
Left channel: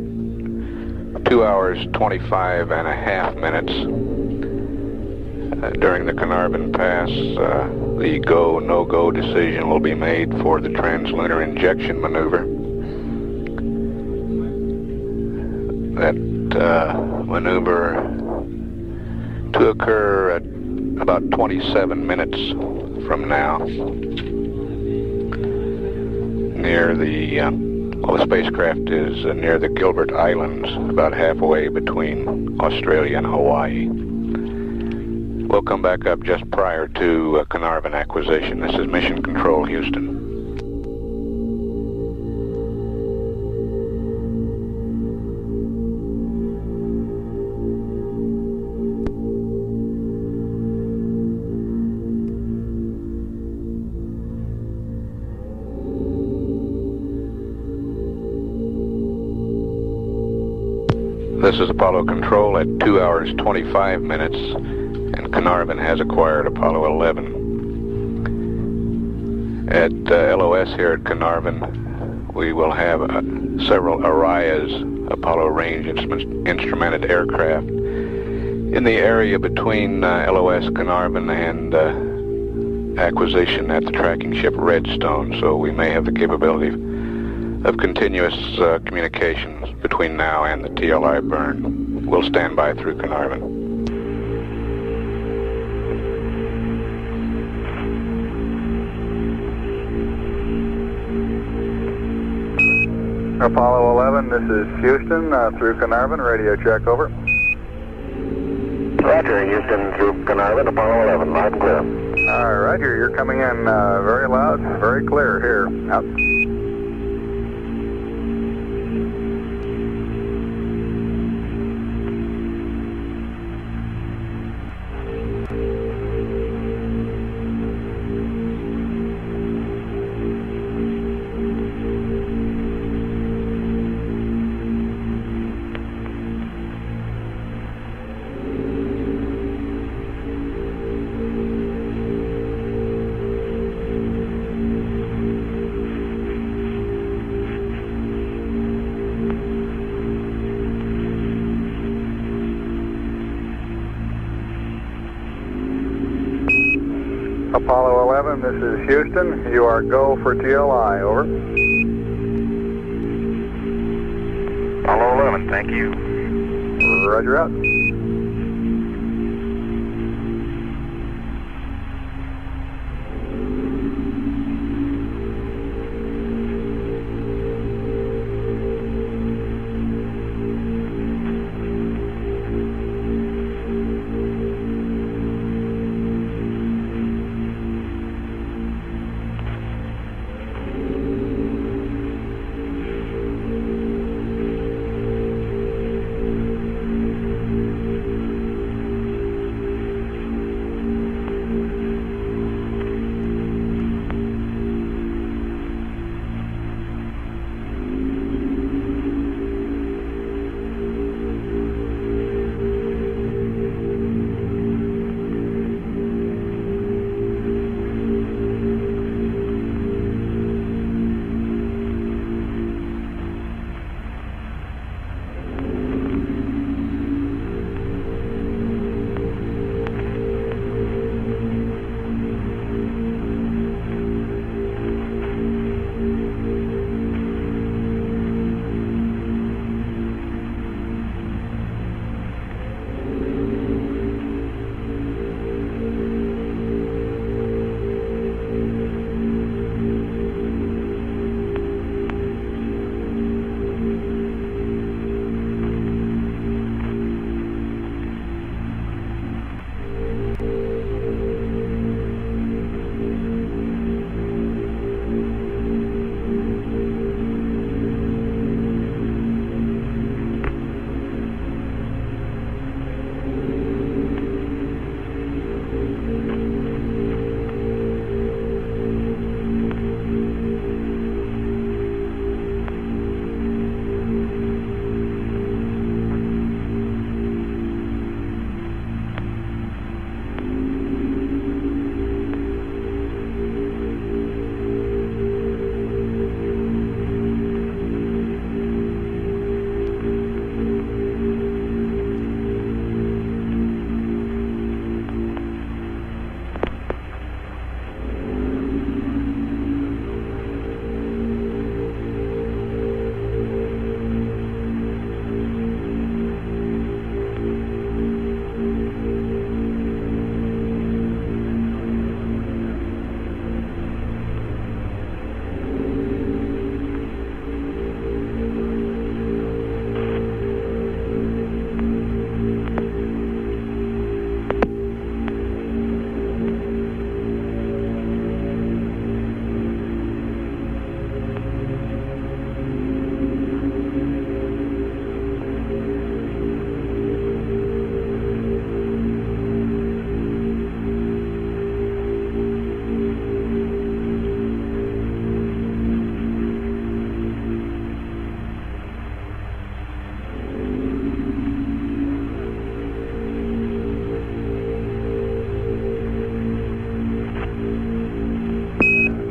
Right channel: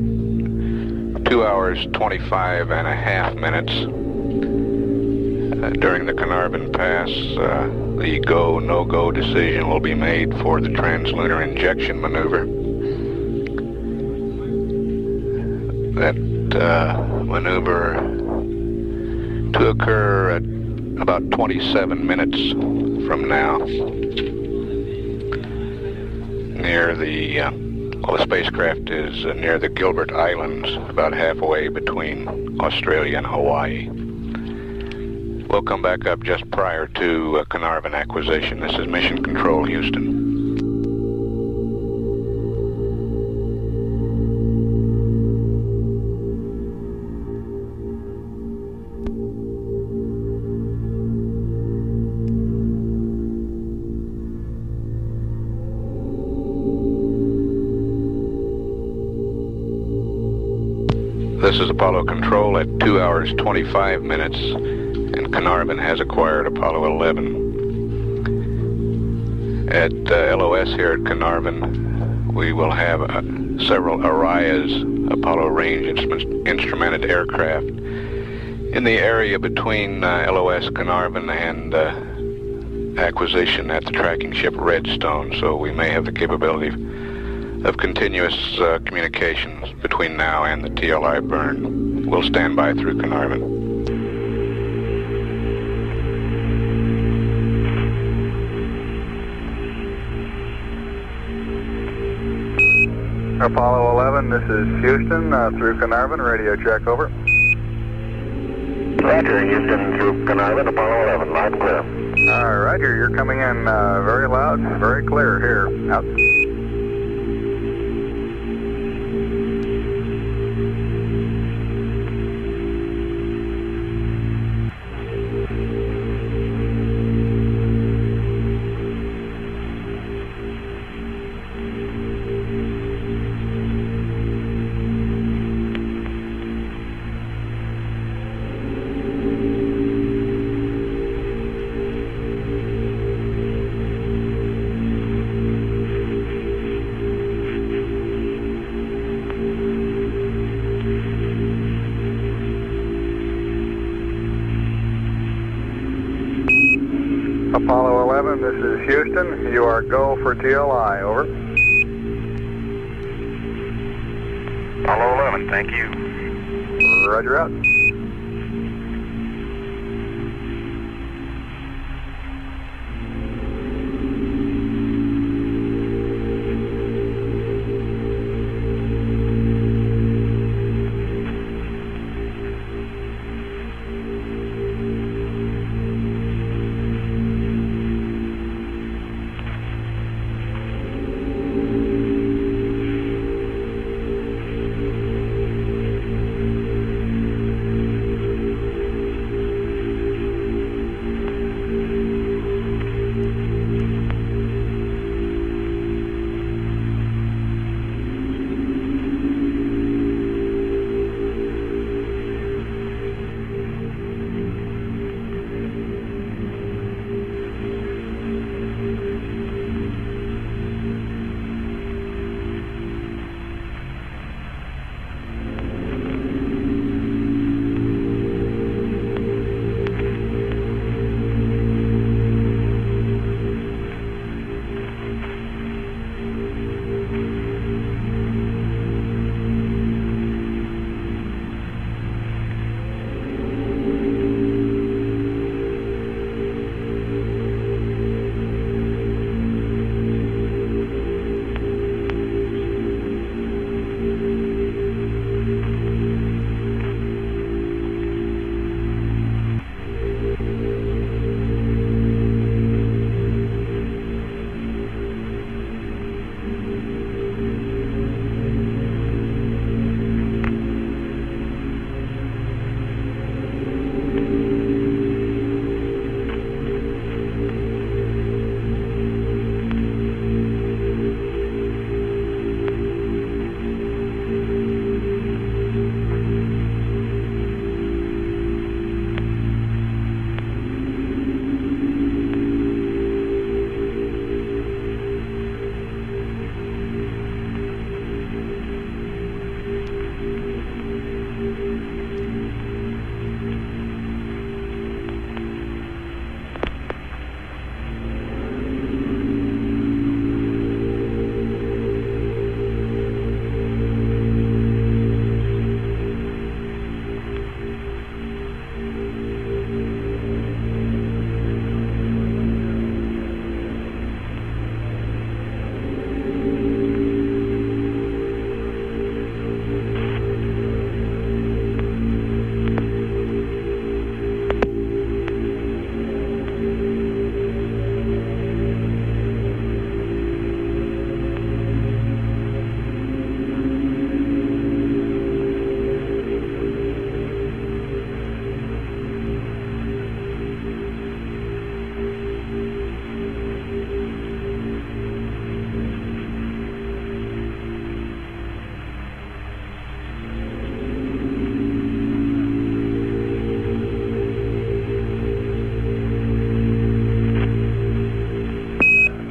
2 hours 25 and a half minutes. During the Carnarvon Pass, the go, no-go decision will be made for the translunar injection maneuver. That maneuver to occur at about 27 minutes from now, near the spacecraft is near the Gilbert Islands, about halfway between Australia and Hawaii. We'll come back up just prior to Carnarvon acquisition. This is Mission Control, Houston. This is Apollo Control at 2 hours 25 minutes, and Carnarvon has acquired Apollo 11. At LOS here at Carnarvon, we will have several Arias Apollo range instrumented aircraft in the area between LOS Carnarvon and acquisition at the tracking ship Redstone, so we may have the capability of continuous communications between now and the TLI burn. We'll stand by through Carnarvon. Apollo 11, this is Houston, through Carnarvon, radio check, over. Roger, Houston through Carnarvon, Apollo 11, loud and clear. Roger, you're coming in very loud, very clear here. Out. Apollo 11, this is Houston. You are go for TLI, over. Apollo 11, thank you. Roger, out.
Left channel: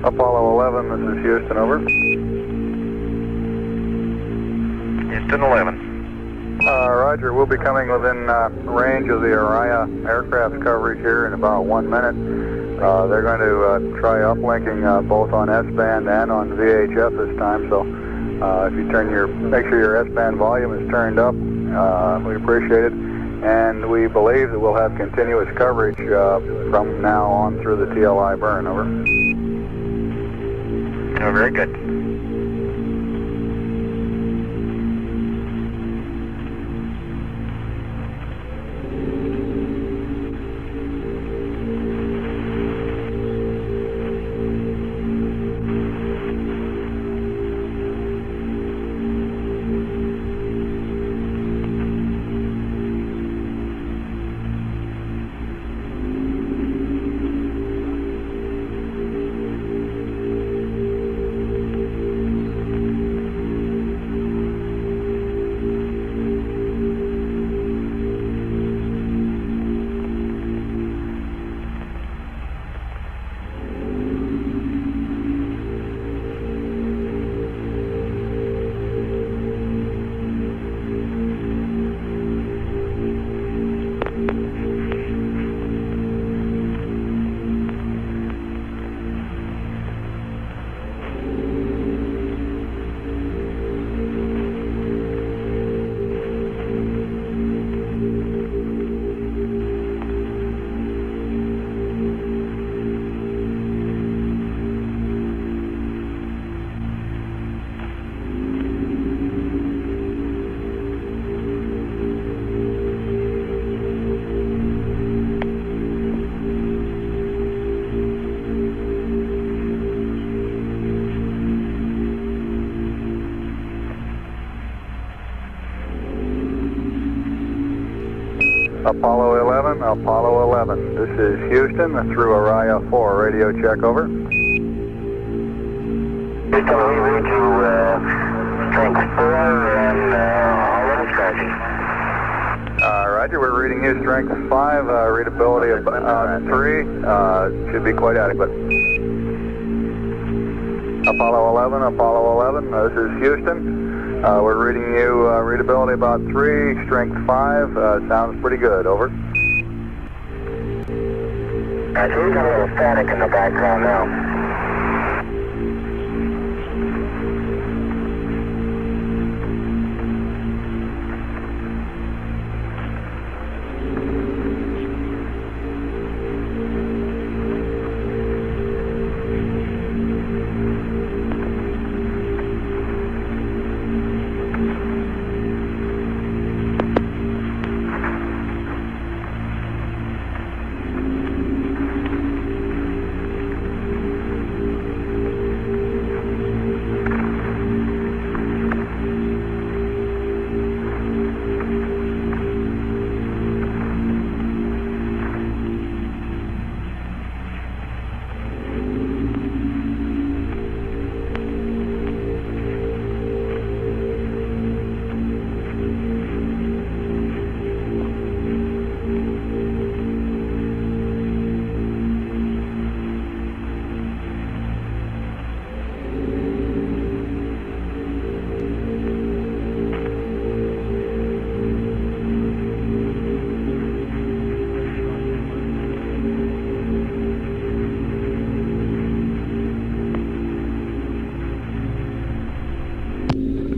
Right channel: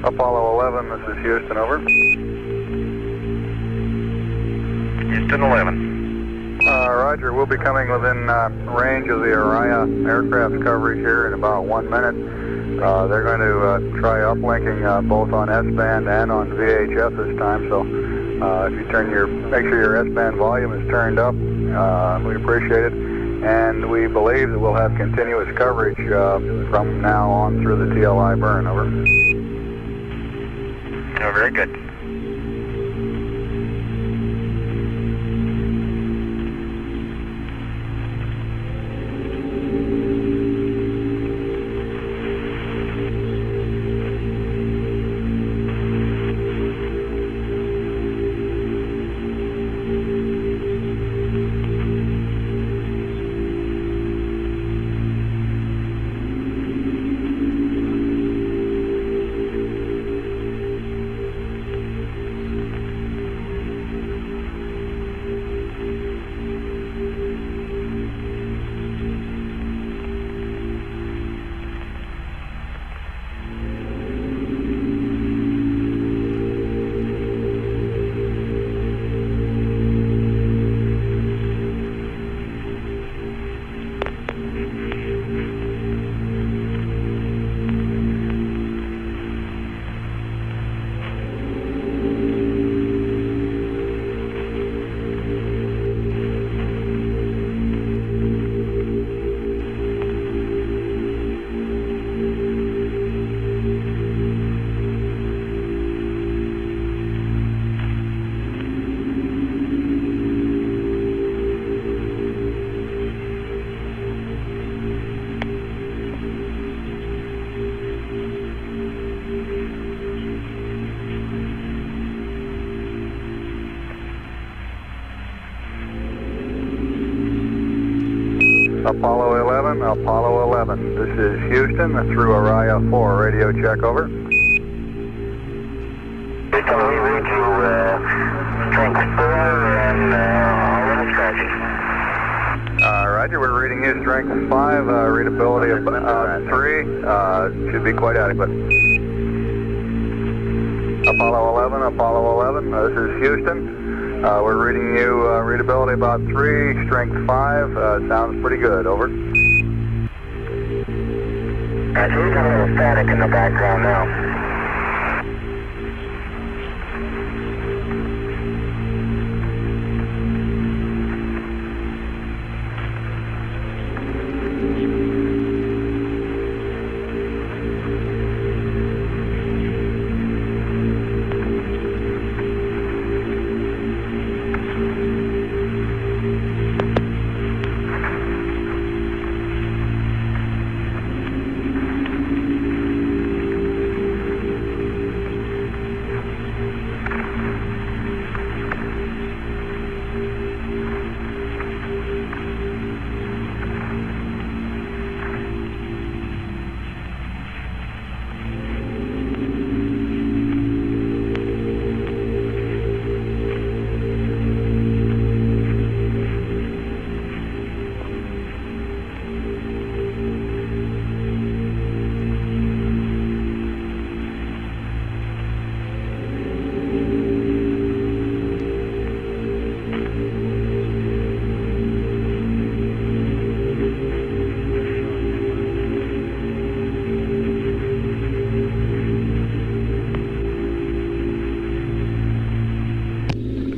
Apollo 11, this is Houston, over. Houston 11. Roger, we'll be coming within range of the Araya aircraft coverage here in about 1 minute. They're going to try uplinking both on S-band and on VHF this time, so if you make sure your S-band volume is turned up, we appreciate it. And we believe that we'll have continuous coverage from now on through the TLI burn, over. Oh, very good. Apollo 11, Apollo 11. This is Houston through Araya 4. Radio check, over. Houston, we read you strength 4 and all level strategy. Roger, we're reading you strength 5, readability of 3. Should be quite adequate. Apollo 11, Apollo 11. This is Houston. We're reading you readability about 3, strength 5. Sounds pretty good, over. Roger, we've got a little static in the background now.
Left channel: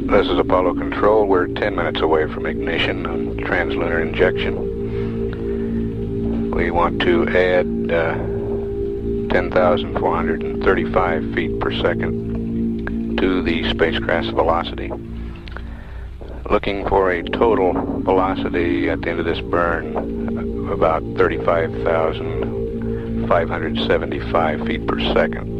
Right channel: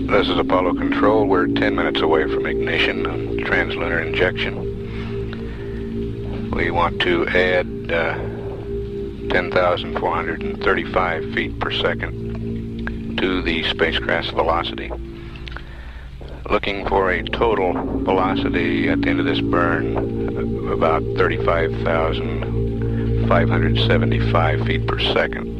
This is Apollo Control. We're 10 minutes away from ignition and translunar injection. We want to add 10,435 feet per second to the spacecraft's velocity. Looking for a total velocity at the end of this burn of about 35,575 feet per second.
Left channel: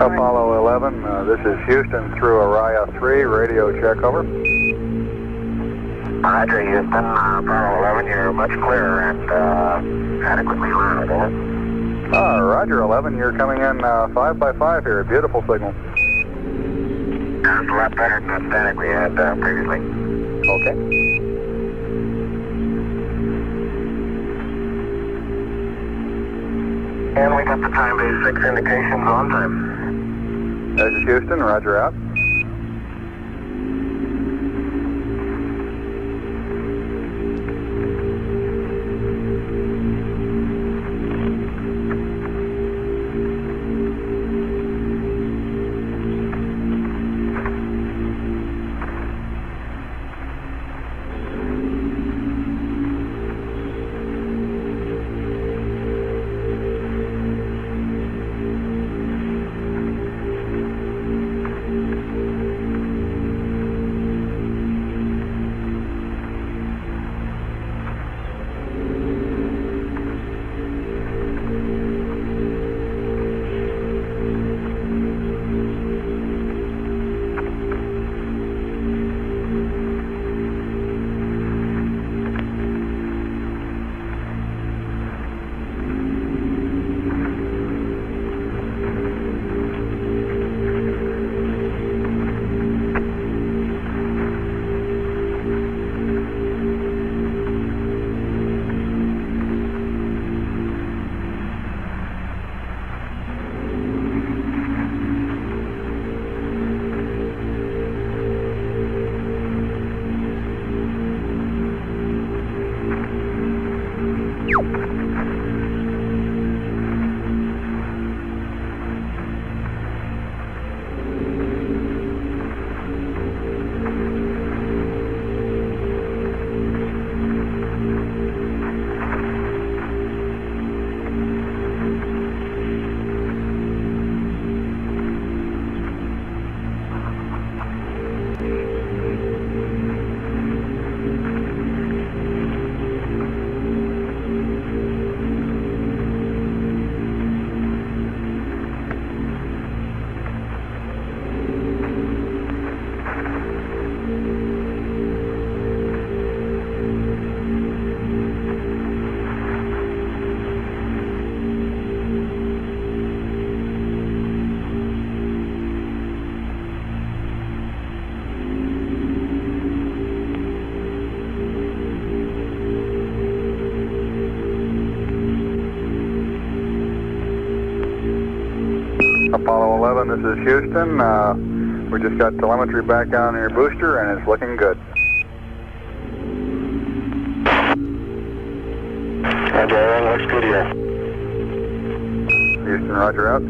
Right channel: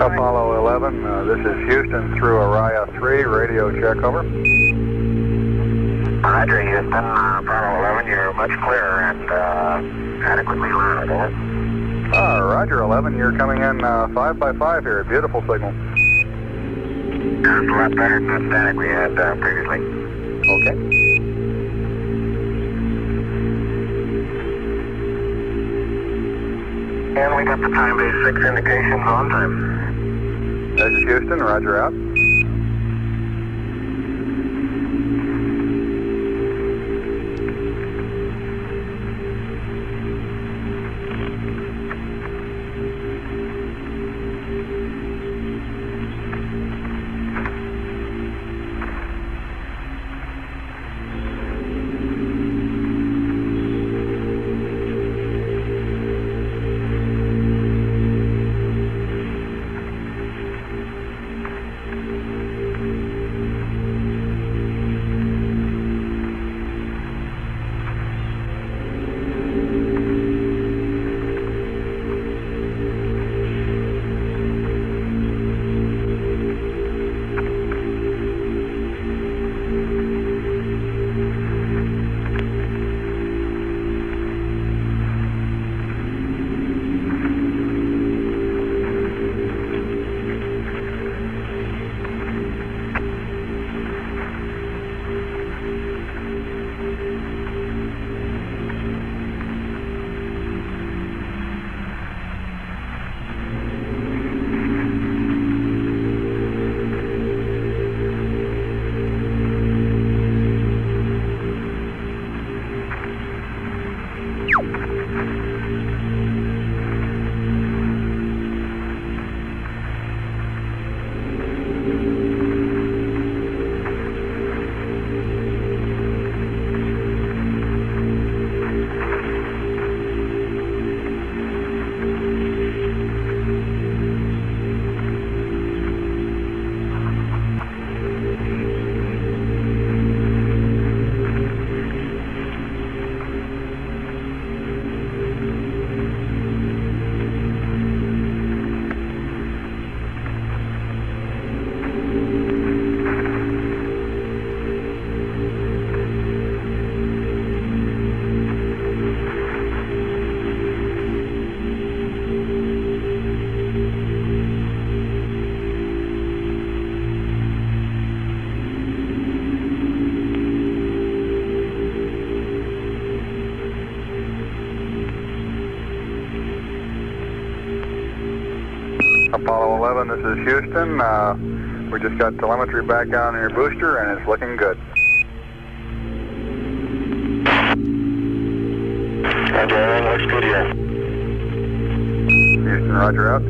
Apollo 11, this is Houston through Araya 3, radio check, over. Roger, Houston, Apollo 11, you're much clearer and adequately loud, over. Roger 11, you're coming in 5 by 5 here, beautiful signal. Sounds a lot better than that static we had previously. Okay. And we got the time-based 6 indications on time. This is Houston, roger out. Apollo 11, this is Houston. We just got telemetry back on your booster and it's looking good. Roger, looks good here. Houston, roger out.